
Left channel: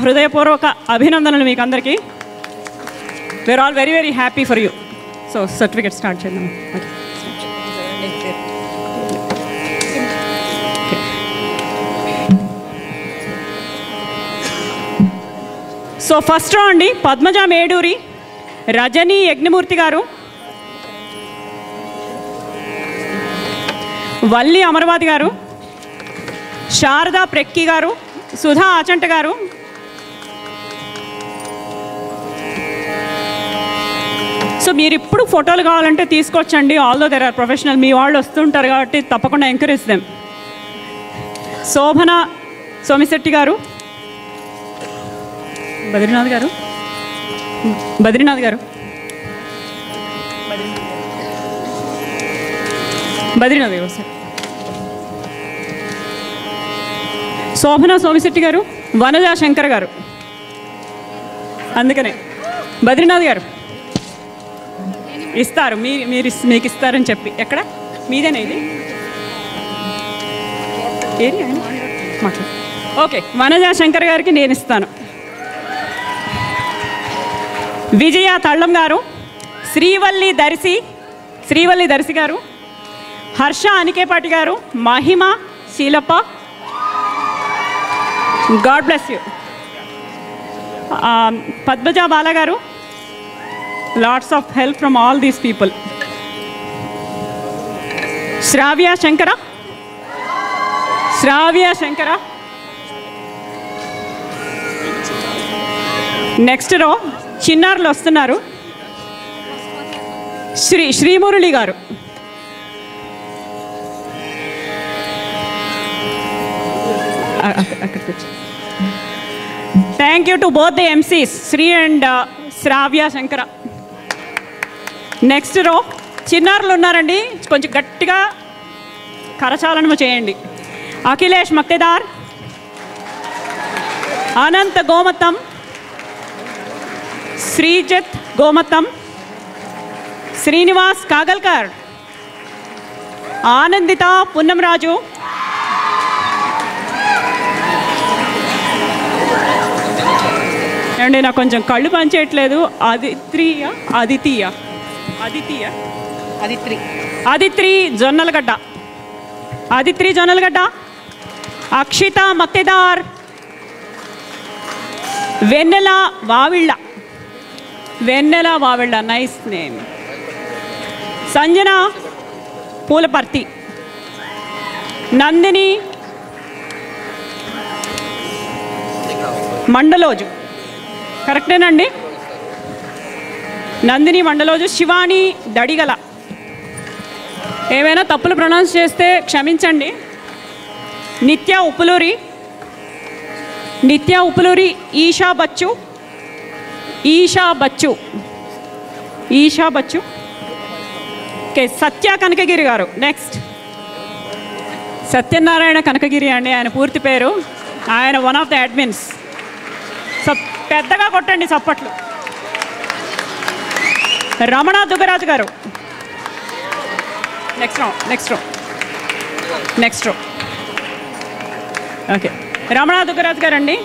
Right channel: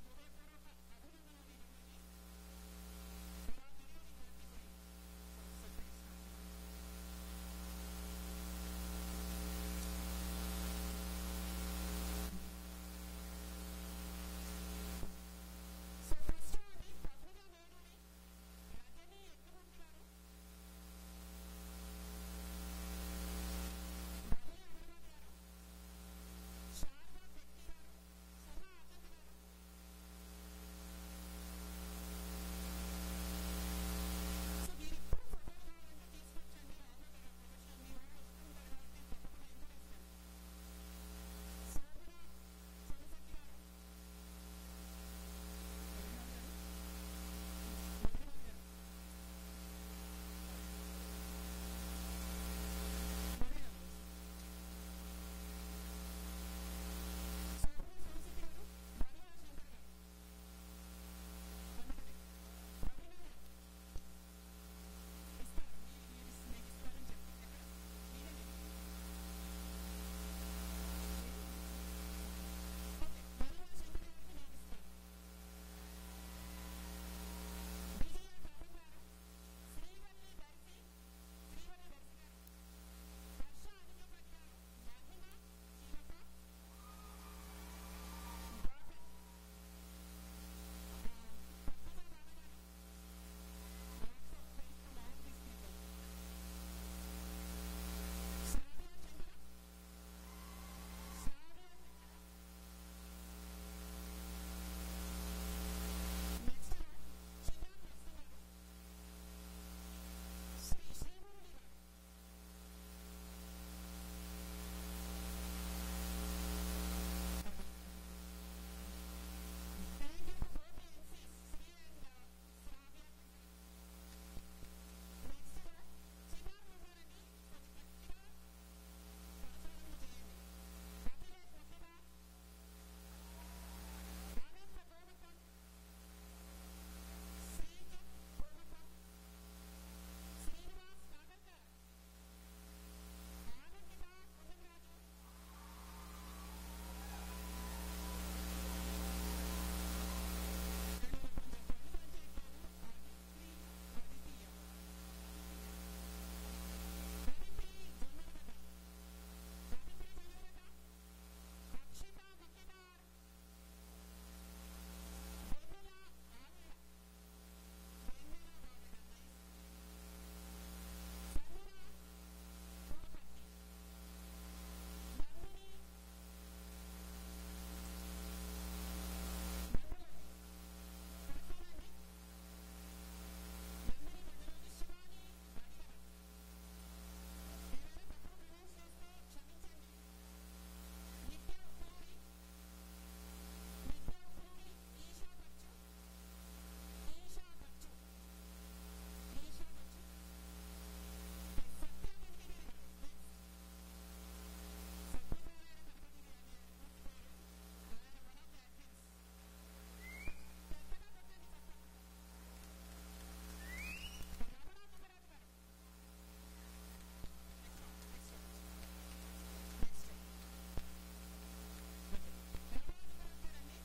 హృదయపూర్వక అభినందనలు మీకు అందరికీ. We are all very very happy for you. So certificate start చేద్దాం. సో ఫస్ట్ రా అండి, పద్మజ మేడూరి, రజనీ యజ్ఞమూర్తి గారు, వల్లి అమర్వాది గారు, శారదా ప్రెక్కి గారు, సుధా ఆచంట గారు, సో మీరు ఇప్పుడు ఫోటోలు కావాలంటే తీసుకొచ్చండి. ఆల్దో దెర్ ఆర్ ప్రొఫెషనల్, మీ వాళ్ళు వస్తుంటారు కాబట్టి తప్పకుండా ఎంకరేజ్ దెమ్. శోభన సోమిశెట్టి గారు, బద్రీనాథ్ గారు, బద్రీనాథ్ గారు, బద్రీనాథ్ గారు సార్, శోభన సోమిశెట్టి గారు, వనజా శంకర్ గారు, అందుకనే బద్రీనాథ్ గారు ఇస్తారు, మీకు ఇస్తారని చెప్పి. ఎక్కడ మీదేనా ఇది? ఏది ఆయన మాట్లాడు. ఓకే, వనజా శంకర్ గారికి నేను ఇస్తాను. విజయ తళ్ళం గారు, శ్రీవల్లి దర్శి గారు, హర్ష అనికేపాటి గారు, Mahima Sheelappa, god bless you. Padmaja Bala గారు, lots of help from all these people. Shravya Shankara. Next row చిన్నారులు వస్తున్నారు. శ్రీమురళి గారు, thank you to both the MCs, Sri and Shravya Shankara. Next row చిన్నారులు ఉన్నారండి, కొంచెం గట్టిగా కరచాలనము చేయండి. అఖిలేష్ మక్తేదార్, అనంత గోమతం, శ్రీజిత్ గోమతం, శ్రీనివాస్ కాగల్కర్, ఆనందిత పున్నంరాజు, ఏమండి నాకు కొంచెం కళ్ళు పనిచేయట్లేదు. అదిత్రి జొన్నలగడ్డ, అక్షిత మక్తేదార్, వెన్నెల వావిళ్ళ, నైస్ నేమ్. సంజన పూలపర్తి, నందిని మండలోజు, కరెక్టేనండి? నందిని మండలోజు. శివాని దడిగల. ఏమైనా తప్పులు ప్రొనౌన్స్ చేస్తే క్షమించండి. నిత్య ఉప్పులూరి, ఈషా బచ్చు, ఓకే. సత్య కనకగిరి గారు. నెక్స్ట్ సత్యనారాయణ కనకగిరి అండి ఆయన పూర్తి పేరు. ఆయన వన్ ఆఫ్ ద అడ్మిన్స్. పెద్దగా కొట్టండి చప్పట్లు. రమణ దుగ్గరాజు గారు. నెక్స్ట్ రో ఓకే. రమణ దుగ్గరాజు గారు అండి.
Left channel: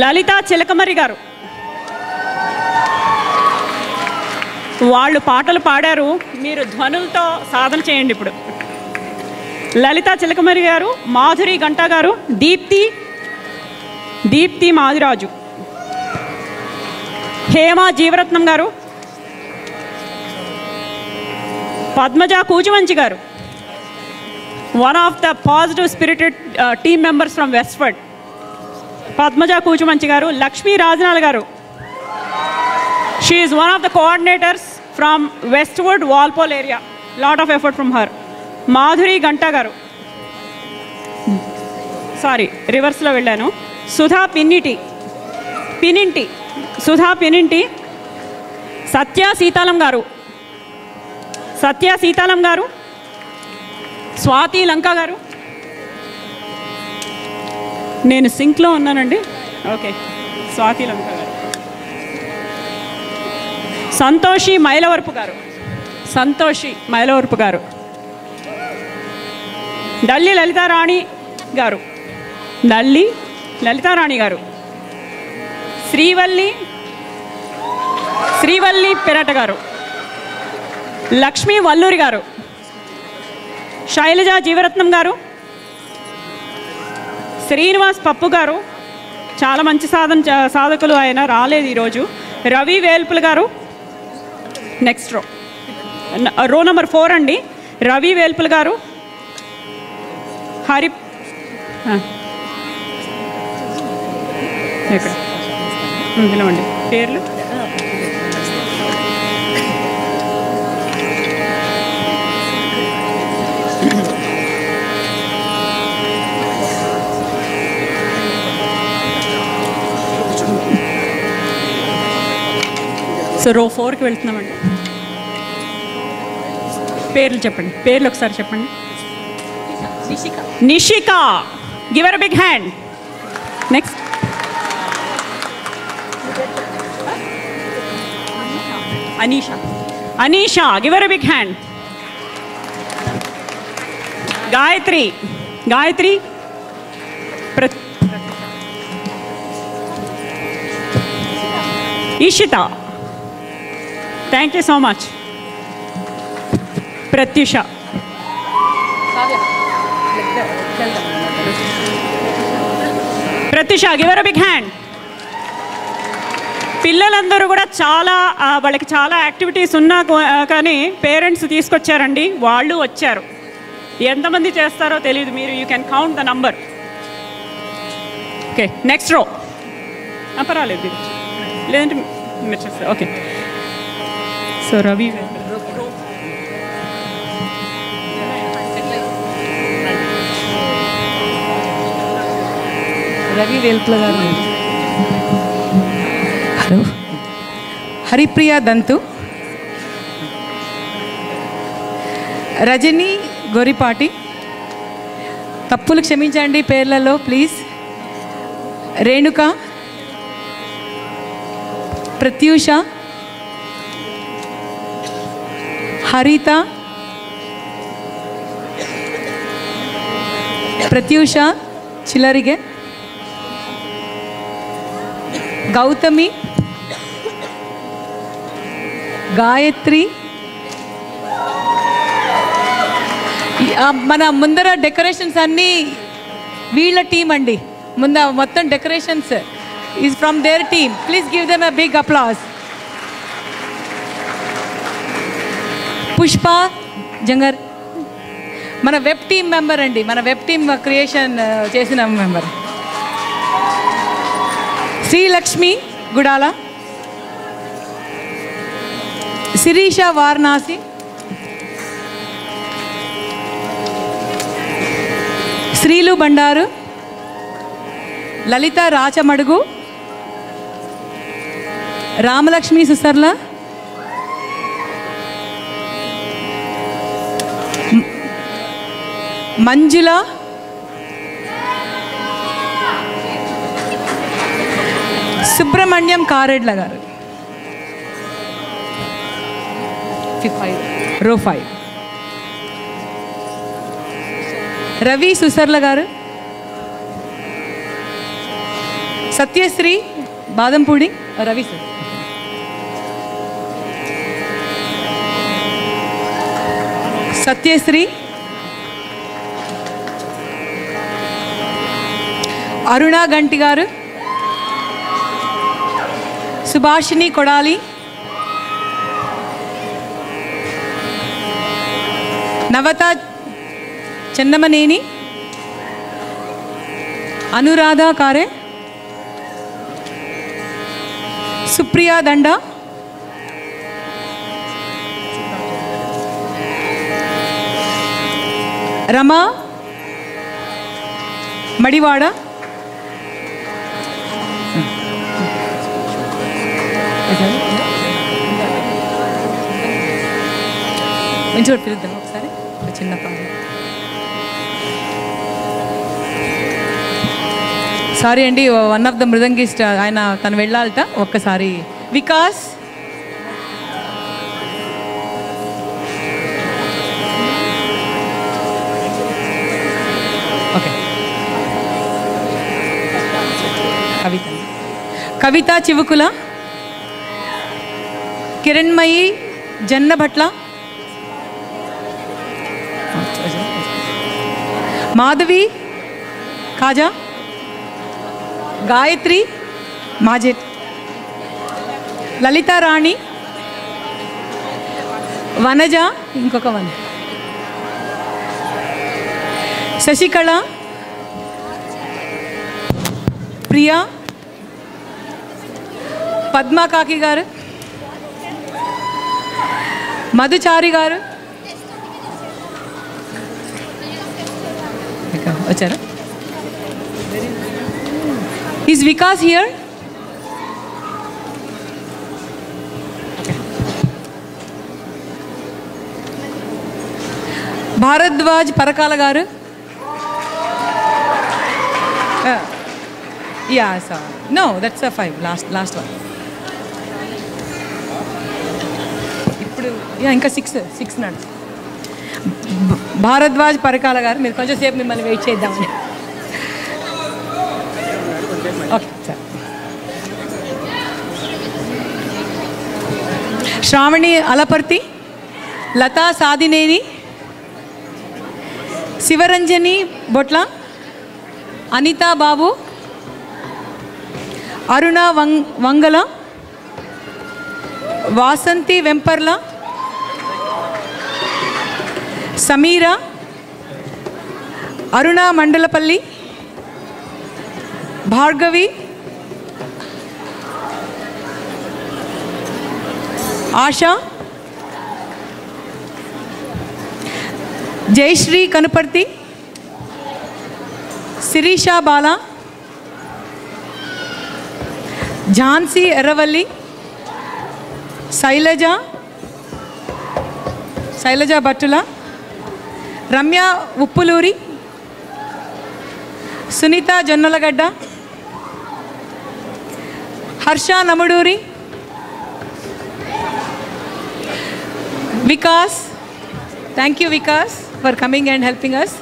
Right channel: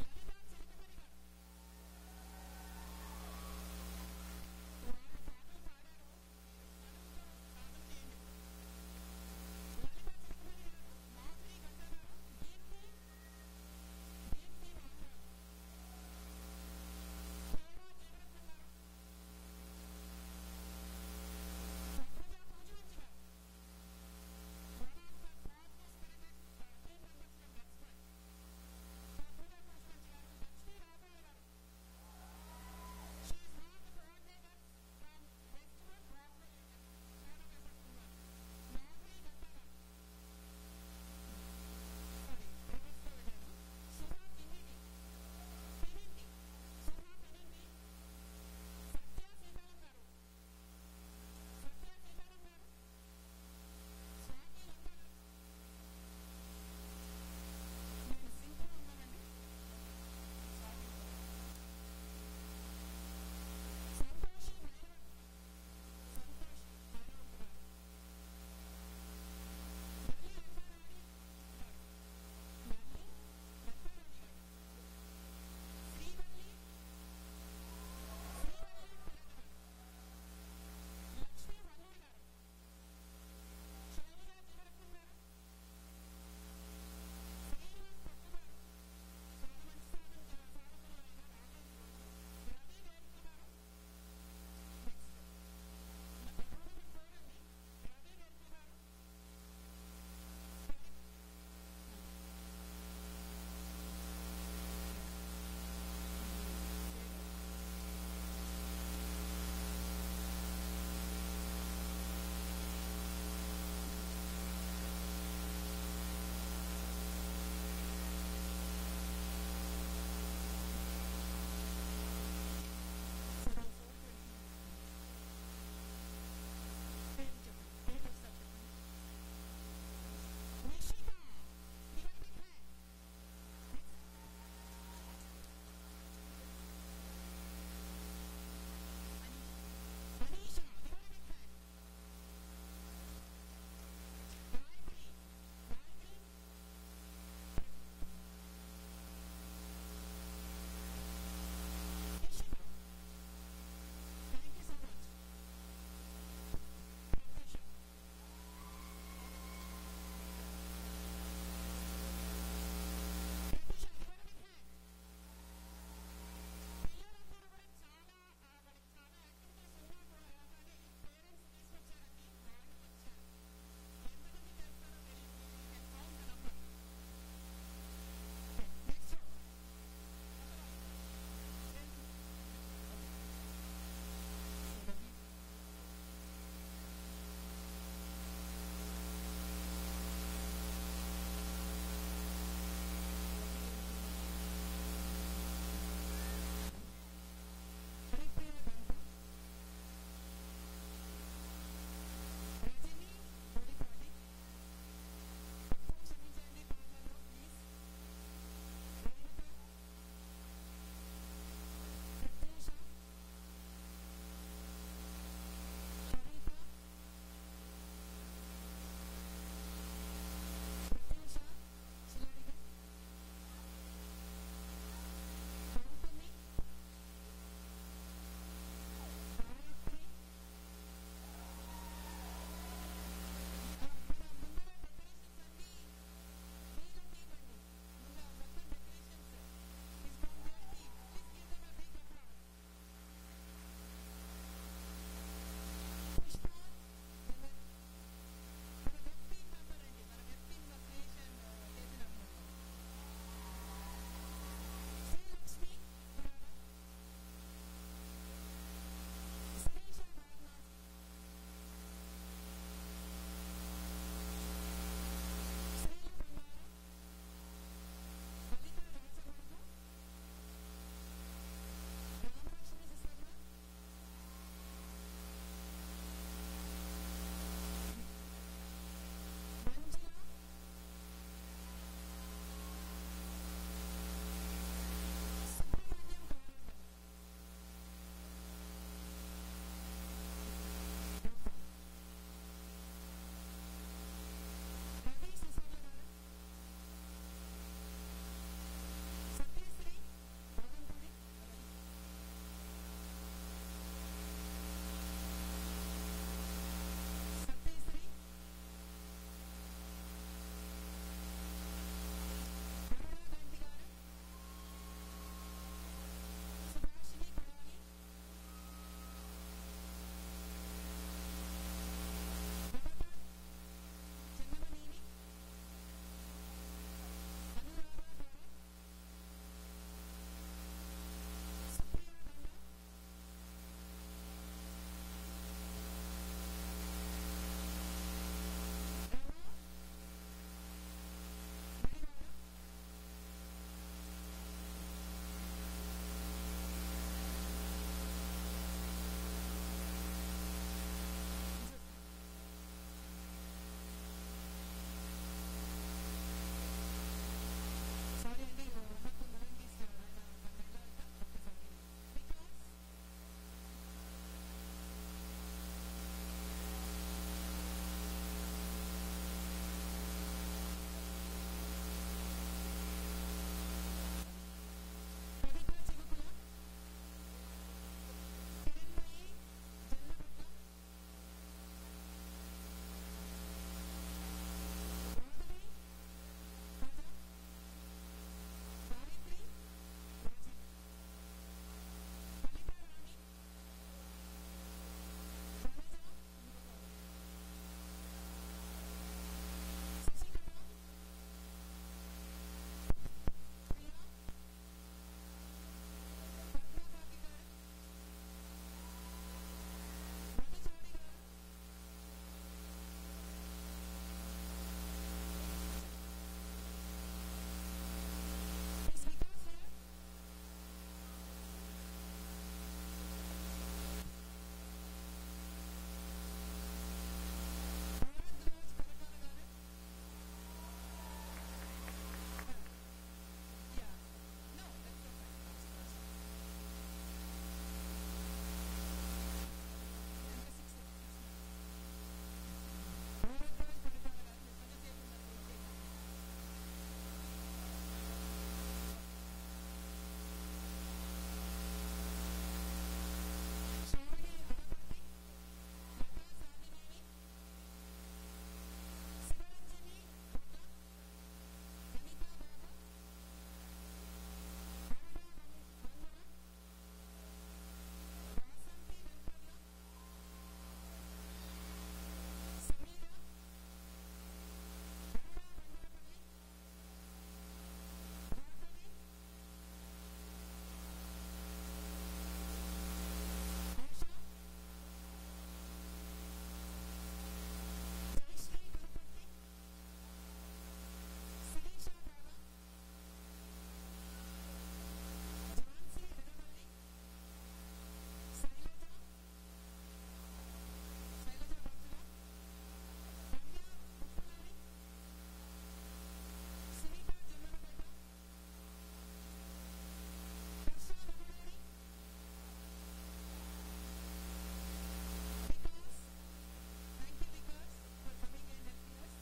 లలిత చిలకమరి గారు. వాళ్ళు పాటలు పాడారు, మీరు ధ్వనులతో సాధన చేయండి ఇప్పుడు. లలిత చిలకమరి గారు. మాధురి గంటా గారు. దీప్తి మాదిరాజు. హేమ జీవరత్నం గారు. Padmaja Kuchumanchi garu, one of the positive spirited team members from Westford. Padmaja Kuchumanchi garu. Lakshmi Rajanal garu. She is one of the coordinators from Westwood Walpole area. Lot of effort from her. Madhuri Ganta garu. Sorry, రివర్స్లో వెళ్ళాను. సుధా పిన్నింటి. సత్య సీతాలం గారు. స్వాతి లంక గారు. నేను సింక్లో ఉన్నానండి. ఓకే. స్వాతి లంక గారు. సంతోషి మైలవరపు గారు. డల్లి లలితారాణి గారు. శ్రీవల్లి పెరట గారు. లక్ష్మీ వల్లూరి గారు. శైలజ జీవరత్నం గారు. శ్రీనివాస్ పప్పు గారు. చాలా మంచి సాధకులు ఆయన, రాలేదు ఈరోజు. రవి వేల్పుల గారు. నెక్స్ట్ రో నెంబర్ 4 అండి. రవి వేల్పుల గారు. పిలవండి పేర్లు. సో రో 4కి వెళ్తున్నామండి. పేర్లు చెప్పండి. పేర్లు ఒకసారి చెప్పండి. Nishika. Give her a big hand. Next Anisha. Give her a big hand. Gayatri. Eshita. Thank you so much. Pratyusha. Give her a big hand. పిల్లలందరూ కూడా వాళ్ళకి చాలా యాక్టివిటీస్ ఉన్నా కానీ పేరెంట్స్ తీసుకొచ్చారండి. వాళ్ళు వచ్చారు. ఎంతమంది చేస్తారో తెలియదు. మీరు you can count the number. Okay. Next రో. పర్వాలేదు, లేదంటే మీరు చేస్తారు. ఓకే. సో రవి వేల్పుల గారు. హలో. హరిప్రియ దంతు. రజని గోరిపాటి. తప్పులు క్షమించండి పేర్లలో ప్లీజ్. రేణుక. ప్రత్యూష. హరిత. ప్రత్యూష చిల్లరిగే. గౌతమి. గాయత్రి. మన ముందర డెకరేషన్స్ అన్నీ వీళ్ళ టీం అండి. మొత్తం decorations is from their team. Please give them a big applause. Pushpa Jangar మన వెబ్ టీమ్ మెంబర్ అండి, మన వెబ్ టీమ్ క్రియేషన్ చేసిన మెంబర్. శ్రీలక్ష్మి గుడాల, శిరీష వారణాసి, శ్రీలు బండారు, లలిత రాచమడుగు, రామలక్ష్మి సుసర్ల, మంజుల, సుబ్రహ్మణ్యం కారెడ్ల గారు, రో 5, రవి సుసర్ల గారు, సత్యశ్రీ బాదంపూడి, రవి సార్, సత్యశ్రీ, అరుణ గంటి గారు, సుభాషిణి కొడాలి, నవత చందమనేని, అనురాధ కారే, సుప్రియా దండ, రమా మడివాడ, మంచి చోటు పిలుద్దాం ఒకసారి, ఒక చిన్న పాట. సారీ అండి, వన్ ఆఫ్ ద మృదంగిస్ట్ ఆయన తను వెళ్ళాలట, ఒక్కసారి. వికాస్, ఓకే, కవిత చివుకుల, కిరణ్మయి జన్నభట్ల, మాధవి కాజా, గాయత్రి మాజెట్, లలితా రాణి, వనజ, ఇంకొక వన, శశికళ, ప్రియా, పద్మా కాకి గారు, మధుచారి గారు వచ్చారా? Is Vikas here? Bharadwaj Parakala garu, ya sir, no that's a 5, last one. ఇప్పుడు ఇంకా 6 నాడు. భారద్వాజ్ పరకాల గారు, మీరు కొంచెం సేపు మిమ్మల్ని వెయిట్ చేద్దామని. Okay sir. Shravani Alaparthi, Latha Sadineni, Sivaranjani Botla, Anitha Babu, Aruna Vangala, Vasanthi Vemparla, Sameera, Aruna Mandalapalli, Bhargavi, Asha, Jayasri Kanuparthi, Sirisha Bala, Jhansi Erravalli, Sailaja Bhattula, Ramya Uppuluri, Sunitha Jonnalagadda, Harsha Namuduri, Vikas. Thank you Vikas for coming and helping us.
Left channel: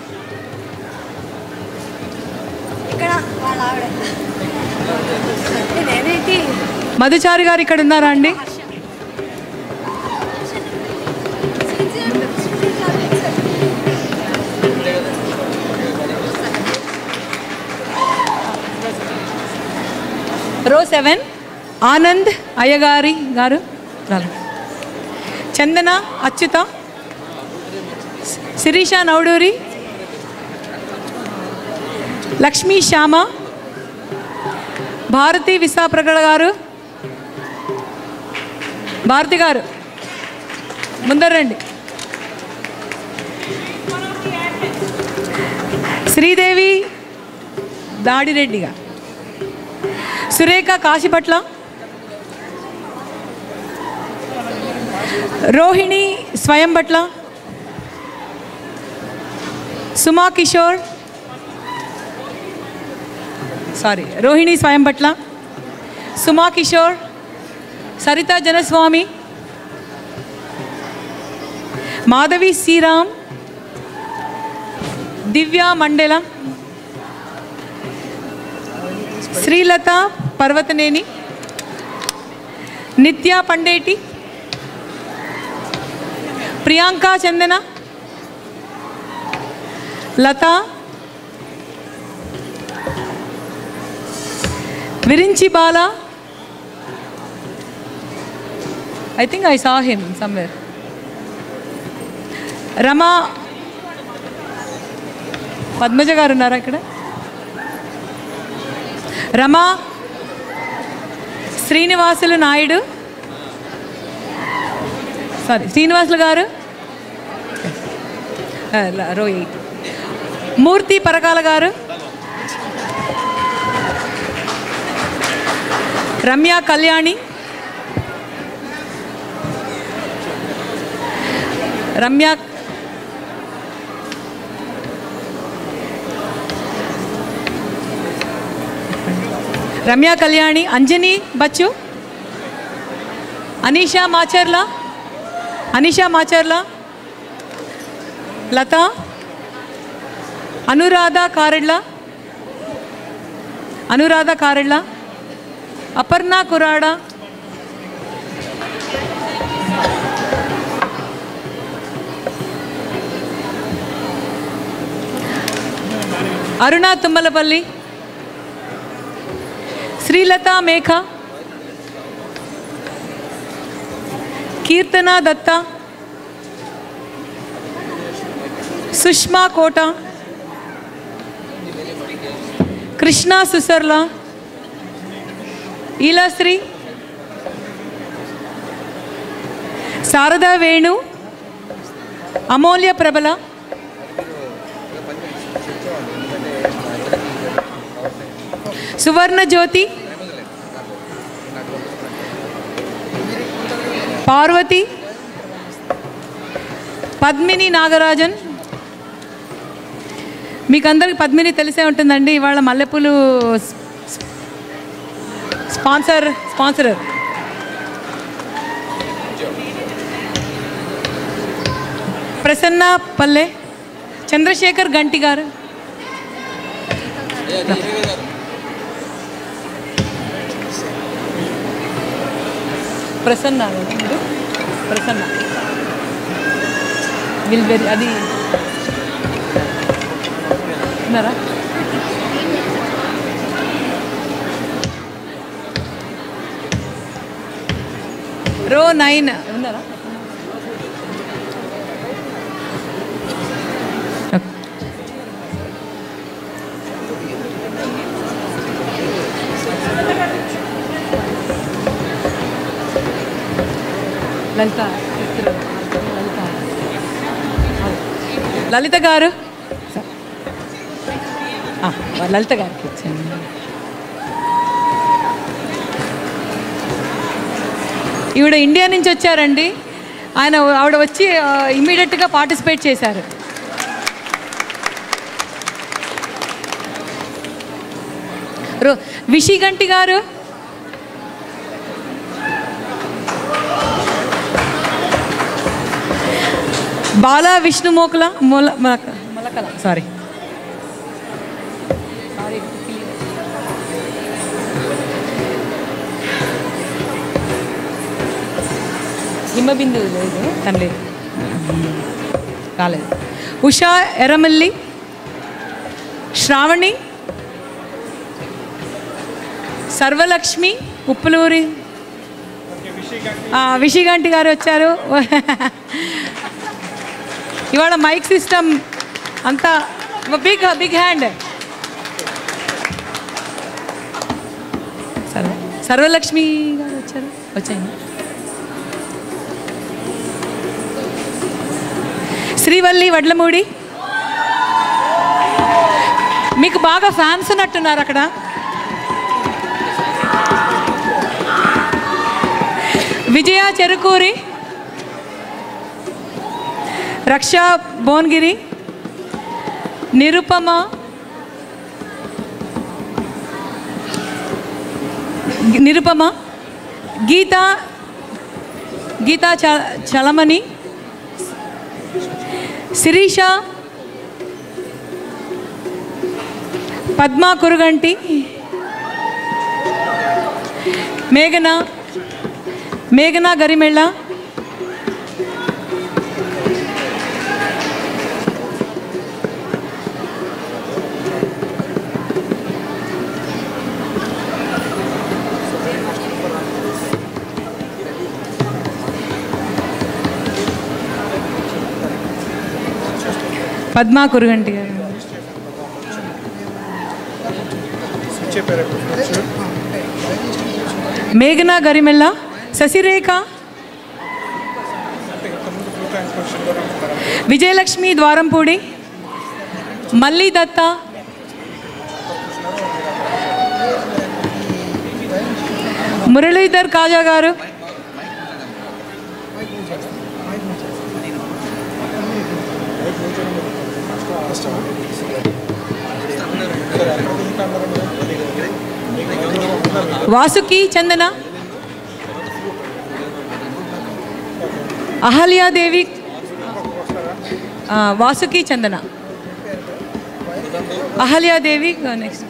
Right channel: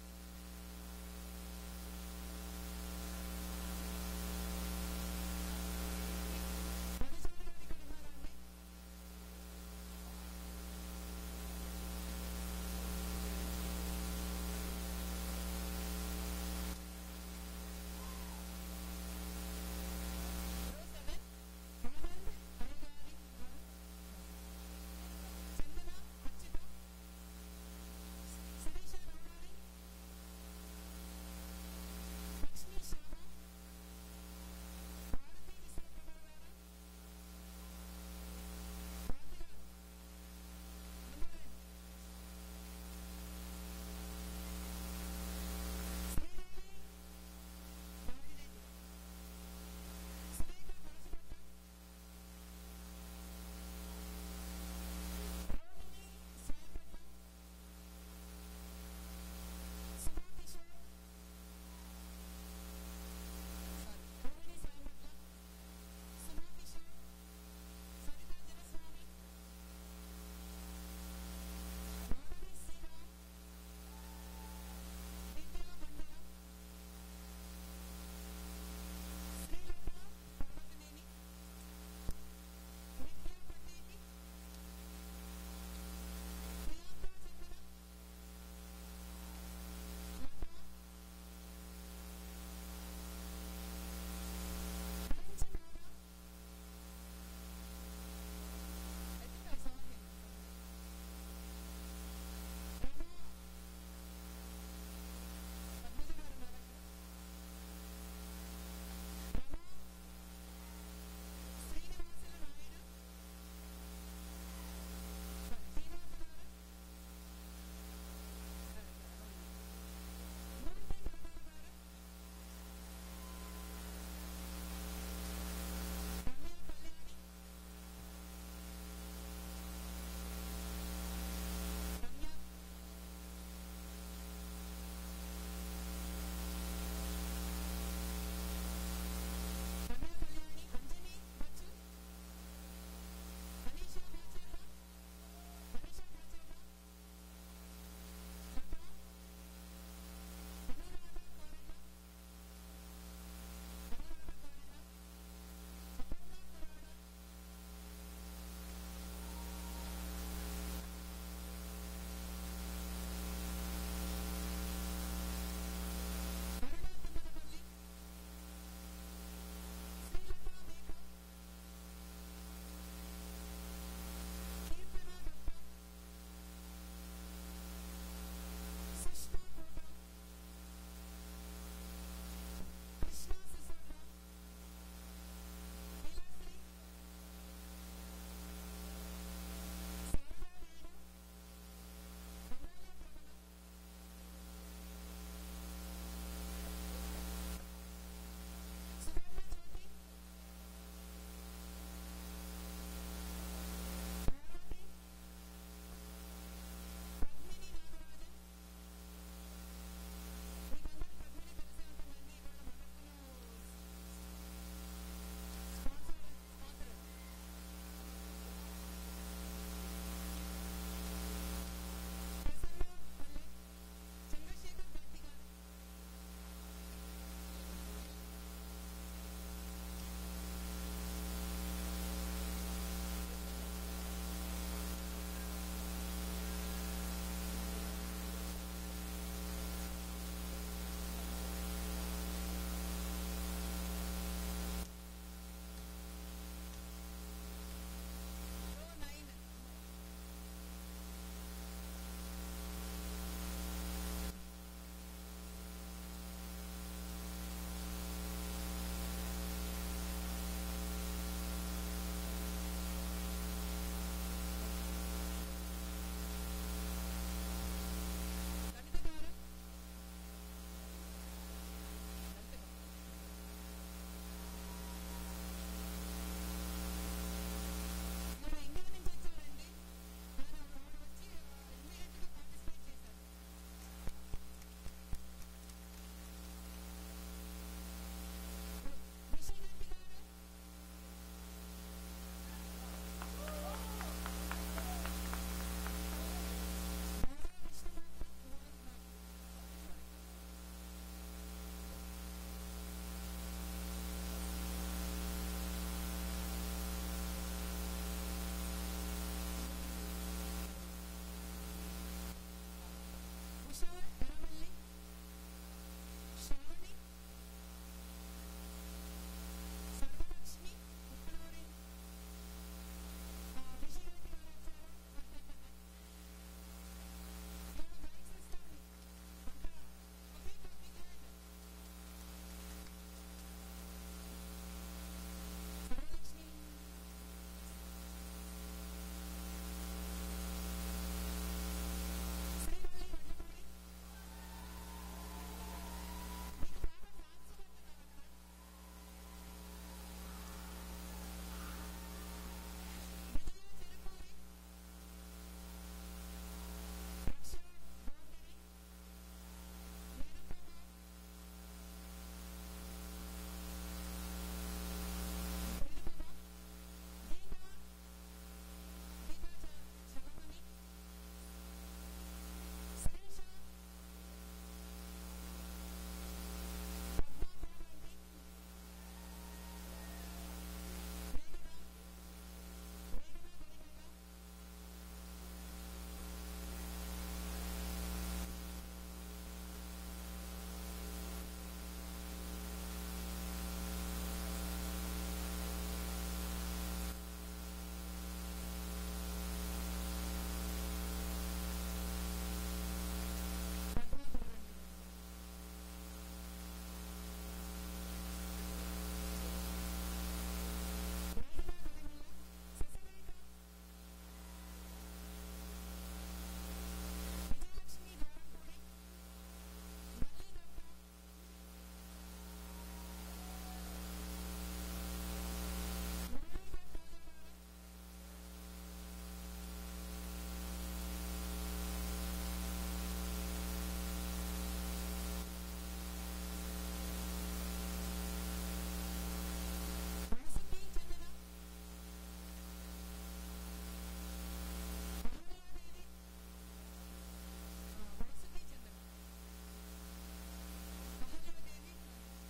Madhuchari garu ఇక్కడ ఉన్నారా అండి? రో 7 ఆనంద్ అయ్యగారి గారు, చందన అచ్యుత, శిరీష నౌడూరి, లక్ష్మీ శ్యామ, భారతి విశాప్రగడ గారు, భారతి గారు ముందరండి, శ్రీదేవి దాడిరెడ్డిగా, సురేఖ కాశీపట్ల, రోహిణి స్వయంభట్ల, సుమా కిషోర్, రోహిణి స్వయంభట్ల, సుమా కిషోర్, సరిత జనస్వామి, మాధవి శ్రీరామ్, దివ్య మండల, శ్రీలత పర్వతనేని, నిత్య పండేటి, ప్రియాంక చందన, లత, విరించి బాల, I think I saw him somewhere. రమా, పద్మజ గారు ఉన్నారా ఇక్కడ? రమా, శ్రీనివాసులు నాయుడు, శ్రీనివాసులు గారు, రోయి, మూర్తి పరకాల గారు, రమ్య కళ్యాణి, రమ్య కళ్యాణి, అంజని బచ్చు, అనీషా మాచర్ల, లత, అనురాధ కారెడ్ల, అపర్ణ కురాడ, అరుణ తుమ్మలపల్లి, శ్రీలత మేఘ, కీర్తన దత్త, సుష్మా కోట, కృష్ణ సుసర్ల, ఈలాశ్రీ, శారదా వేణు, అమూల్య ప్రబల, సువర్ణ జ్యోతి, పార్వతి, పద్మిని నాగరాజన్. మీకు అందరికి పద్మిని తెలిసే ఉంటుందండి. ఇవాళ మల్లెపూలు స్పాన్సరర్. ప్రసన్న పల్లె, చంద్రశేఖర్ గంటి గారు, ప్రసన్న విల్బెరీ అది ఉన్నారా? రో 9 ఉన్నారా? లలిత గారు, లలిత గారికి వచ్చాను. ఈవిడ ఇండియా నుంచి వచ్చారండి. ఆవిడ వచ్చి ఇమ్మీడియట్గా పార్టిసిపేట్ చేశారు. విషిగంటి గారు, బాలా విష్ణు మొలకల సారీ హిమబిందు లేదు, తను లేదు, కాలేదు. ఉషా ఎర్రమల్లి, శ్రావణి, సర్వలక్ష్మి ఉప్పులూరి, విషిగంటి గారు వచ్చారు. ఇవాళ మైక్ సిస్టమ్ అంతా బిగ్ హ్యాండ్. సర్వలక్ష్మి గారు వచ్చాయండి. శ్రీవల్లి వడ్లమూడి, మీకు బాగా ఫ్యాన్స్ ఉన్నట్టున్నారు అక్కడ. విజయ చెరుకూరి, రక్షా భోన్గిరి, నిరుపమ, గీతా చలమణి, శిరీష, పద్మా కురుగంటి, మేఘనా గరిమెళ్ళ, పద్మా కురుగంటి గారు, మేఘనా గరిమెల్ల, శశిరేఖ, విజయలక్ష్మి ద్వారంపూడి, మల్లి దత్త, మురళీధర్ కాజా గారు, వాసుకి చందన, అహల్యాదేవి, వాసుకి చందన, అహల్యాదేవి. నెక్స్ట్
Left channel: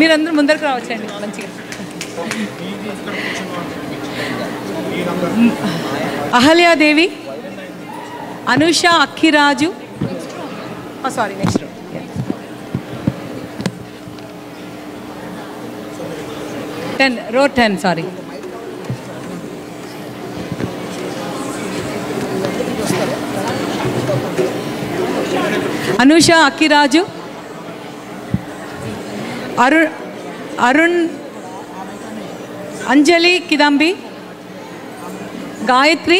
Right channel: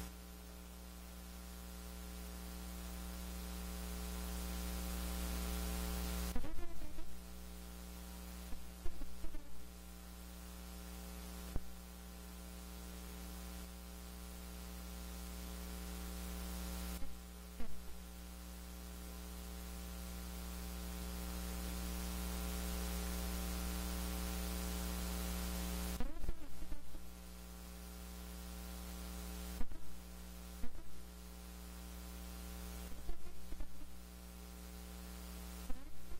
మీరందరూ ముందరకు రావచ్చండి మంచిగా. Ahalyadevi, Anusha Akkiraju, sorry next row 10 sorry. Anusha Akkiraju, Arun, Anjali Kidambi, Gayatri,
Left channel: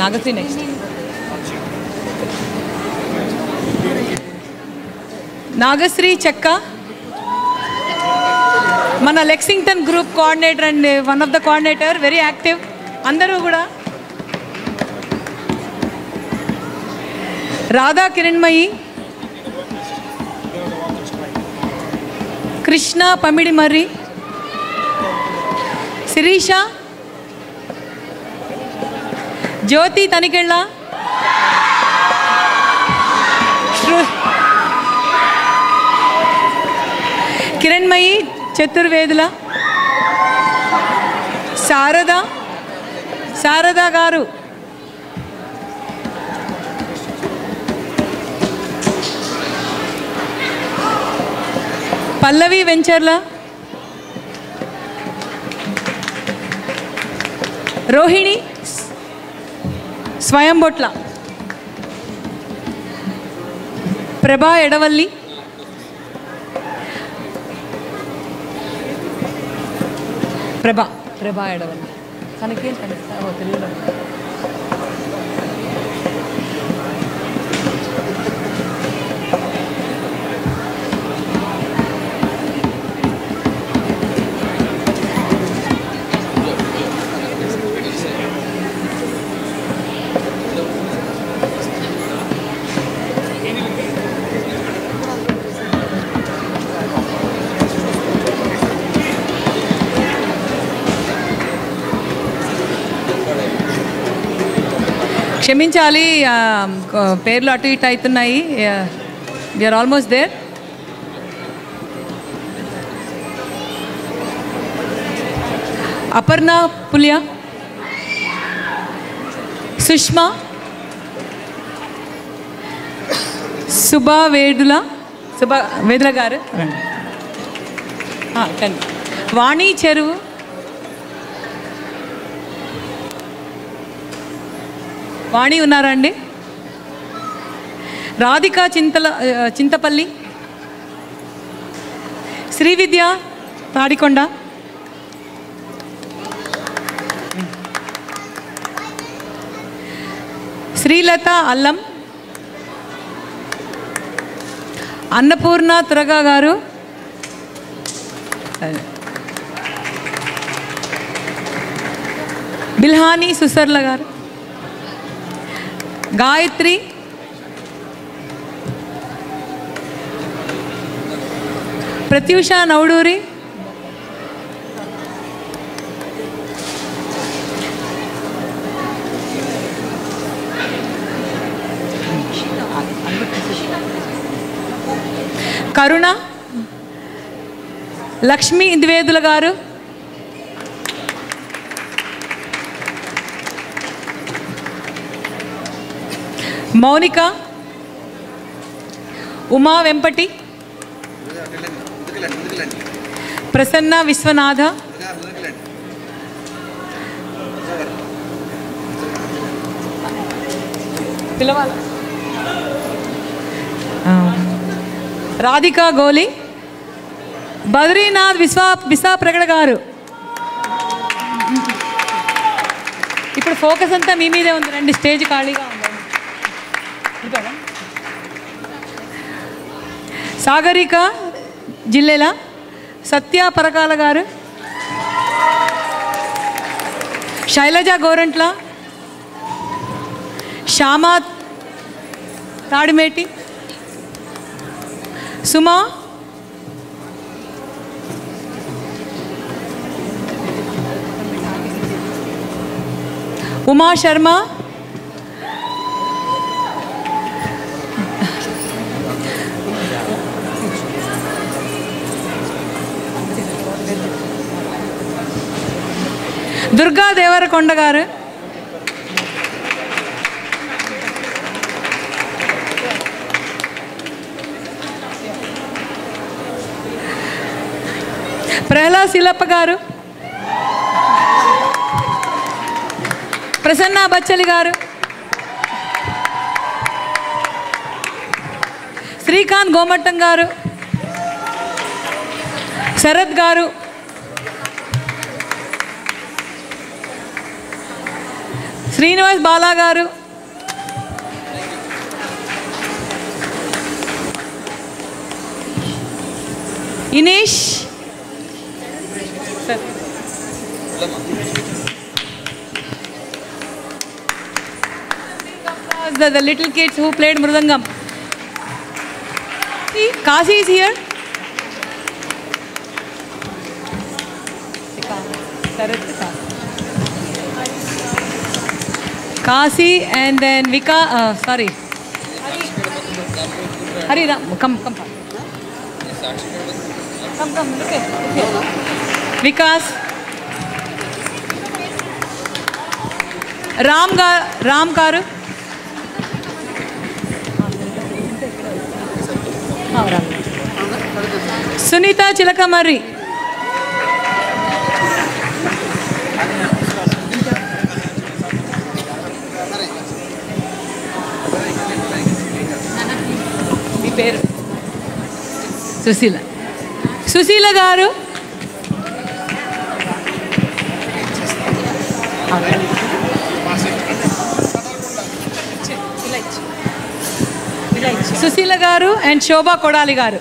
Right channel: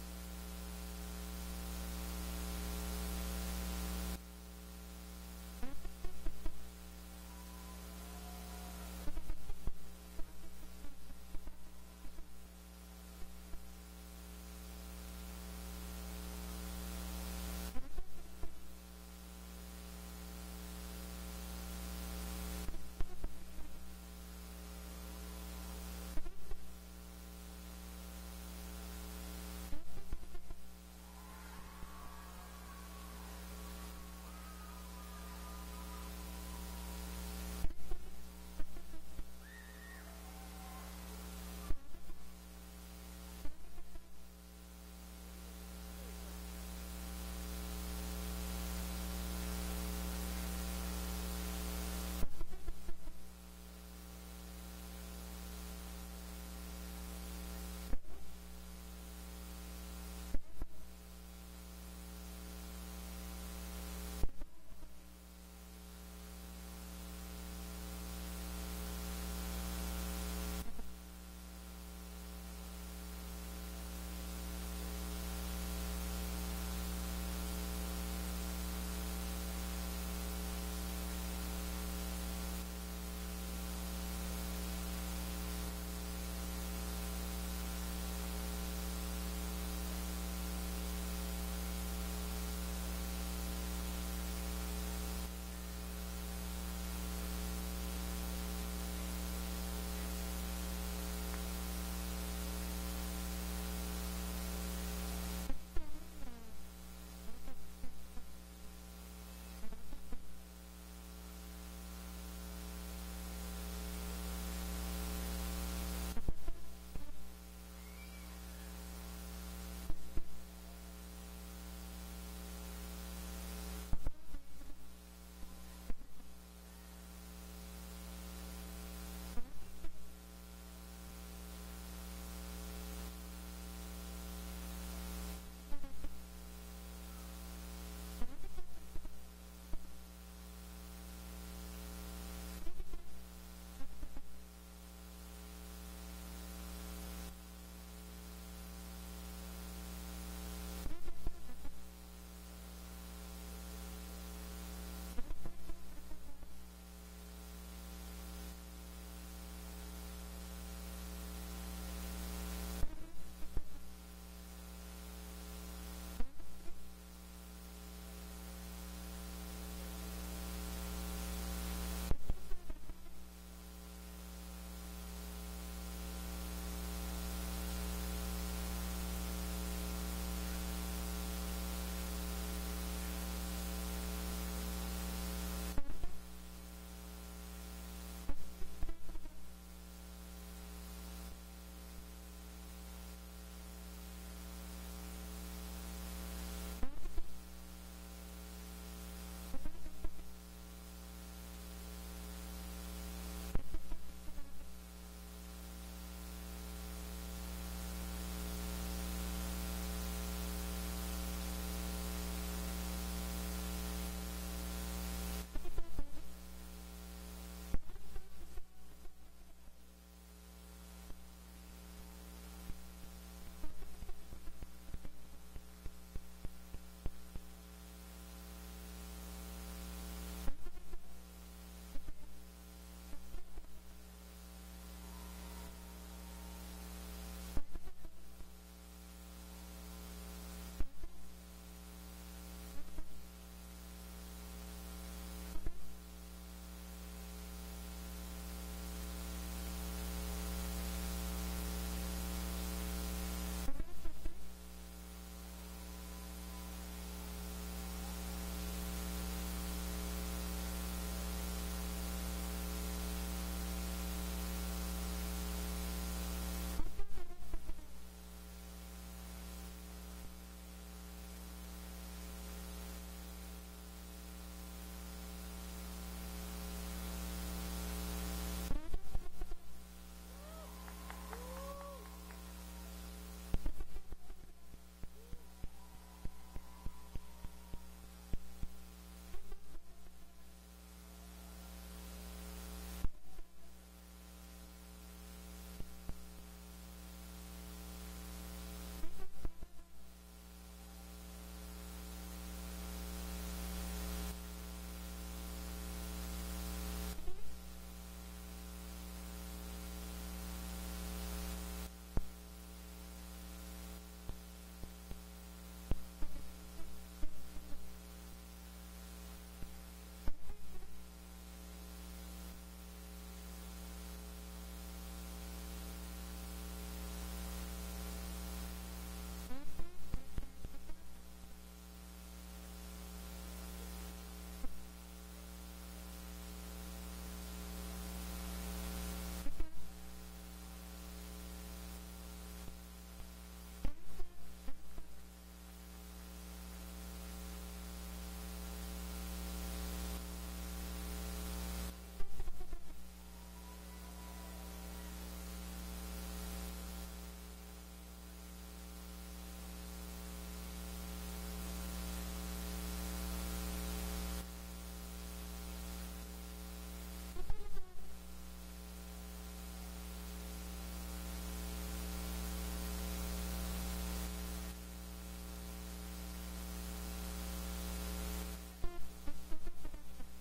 Nagasri next, Nagasri Chekka, మన Lexington group coordinator and one of the coordinator, very active అందరూ కూడా. రాధా కిరణ్మయి, కృష్ణ పమిడి మర్రి, శిరీష, జ్యోతి తనికెళ్ళ, కిరణ్మయి చతుర్వేదుల, శారద గారు, పల్లవి వెంచర్ల, రోహిణి స్వయంబొట్ల, ప్రభా ఎడవల్లి, ప్రభా ఎడవల్లి తనకేం తెలియదు. క్షమించాలి, పేర్లు అటు ఇటు అవుతున్నాయి. We are almost there. Aparna Puliya, Sushma, Subha Vedula garu, Vani చెరువు, వాణి ఉన్నారా అండి? రాధిక చింతపల్లి, శ్రీవిద్య తాడికొండ, శ్రీలత అల్లం, అన్నపూర్ణ తురగా గారు, బిల్హానీ సుసర్ల గారు, గాయత్రి, ప్రత్యూష నౌడూరి, కరుణ, లక్ష్మీ ద్వేదుల గారు, మౌనిక, ఉమా వెంపటి, ప్రసన్న విశ్వనాథ, పిలవాలి, రాధికా గోలి, బద్రీనాథ్ విశా ప్రగడ గారు. ఇప్పుడు ఫోకస్ అంతా మీ మీదే ఉంది, రండి, స్టేజ్ ఖాళీగా ఉంది. సాగరిక జిల్లెల, సత్య పరకాల గారు, శైలజ గోరంట్ల, శ్యామా తాడిమేటి, సుమా, ఉమా శర్మ, దుర్గా దేవరకొండ గారు, ప్రహ్లాద్ శిలప్ప గారు, ప్రసన్న బచ్చలి గారు, శ్రీకాంత్ గోమట్టం గారు, శరత్ గారు, శ్రీనివాస్ బాలా గారు, ఇనేష్, the little kids who played mridangam. See, Kasi is here. Kasi and then Vika, sorry. Hari Ram, come. Come, look at. Vikas. Ram Karu. Sunitha Chilakamarri, మీ పేరు? సుశీల గారు, సుశీల గారు అండ్ శోభా కొడాలి గారు.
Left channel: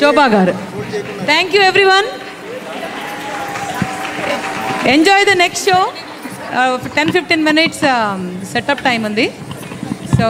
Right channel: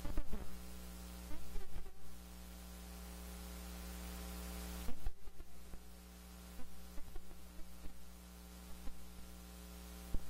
శోభా గారు. Thank you everyone. Enjoy the next show. 10-15 minutes setup time ఉంది. So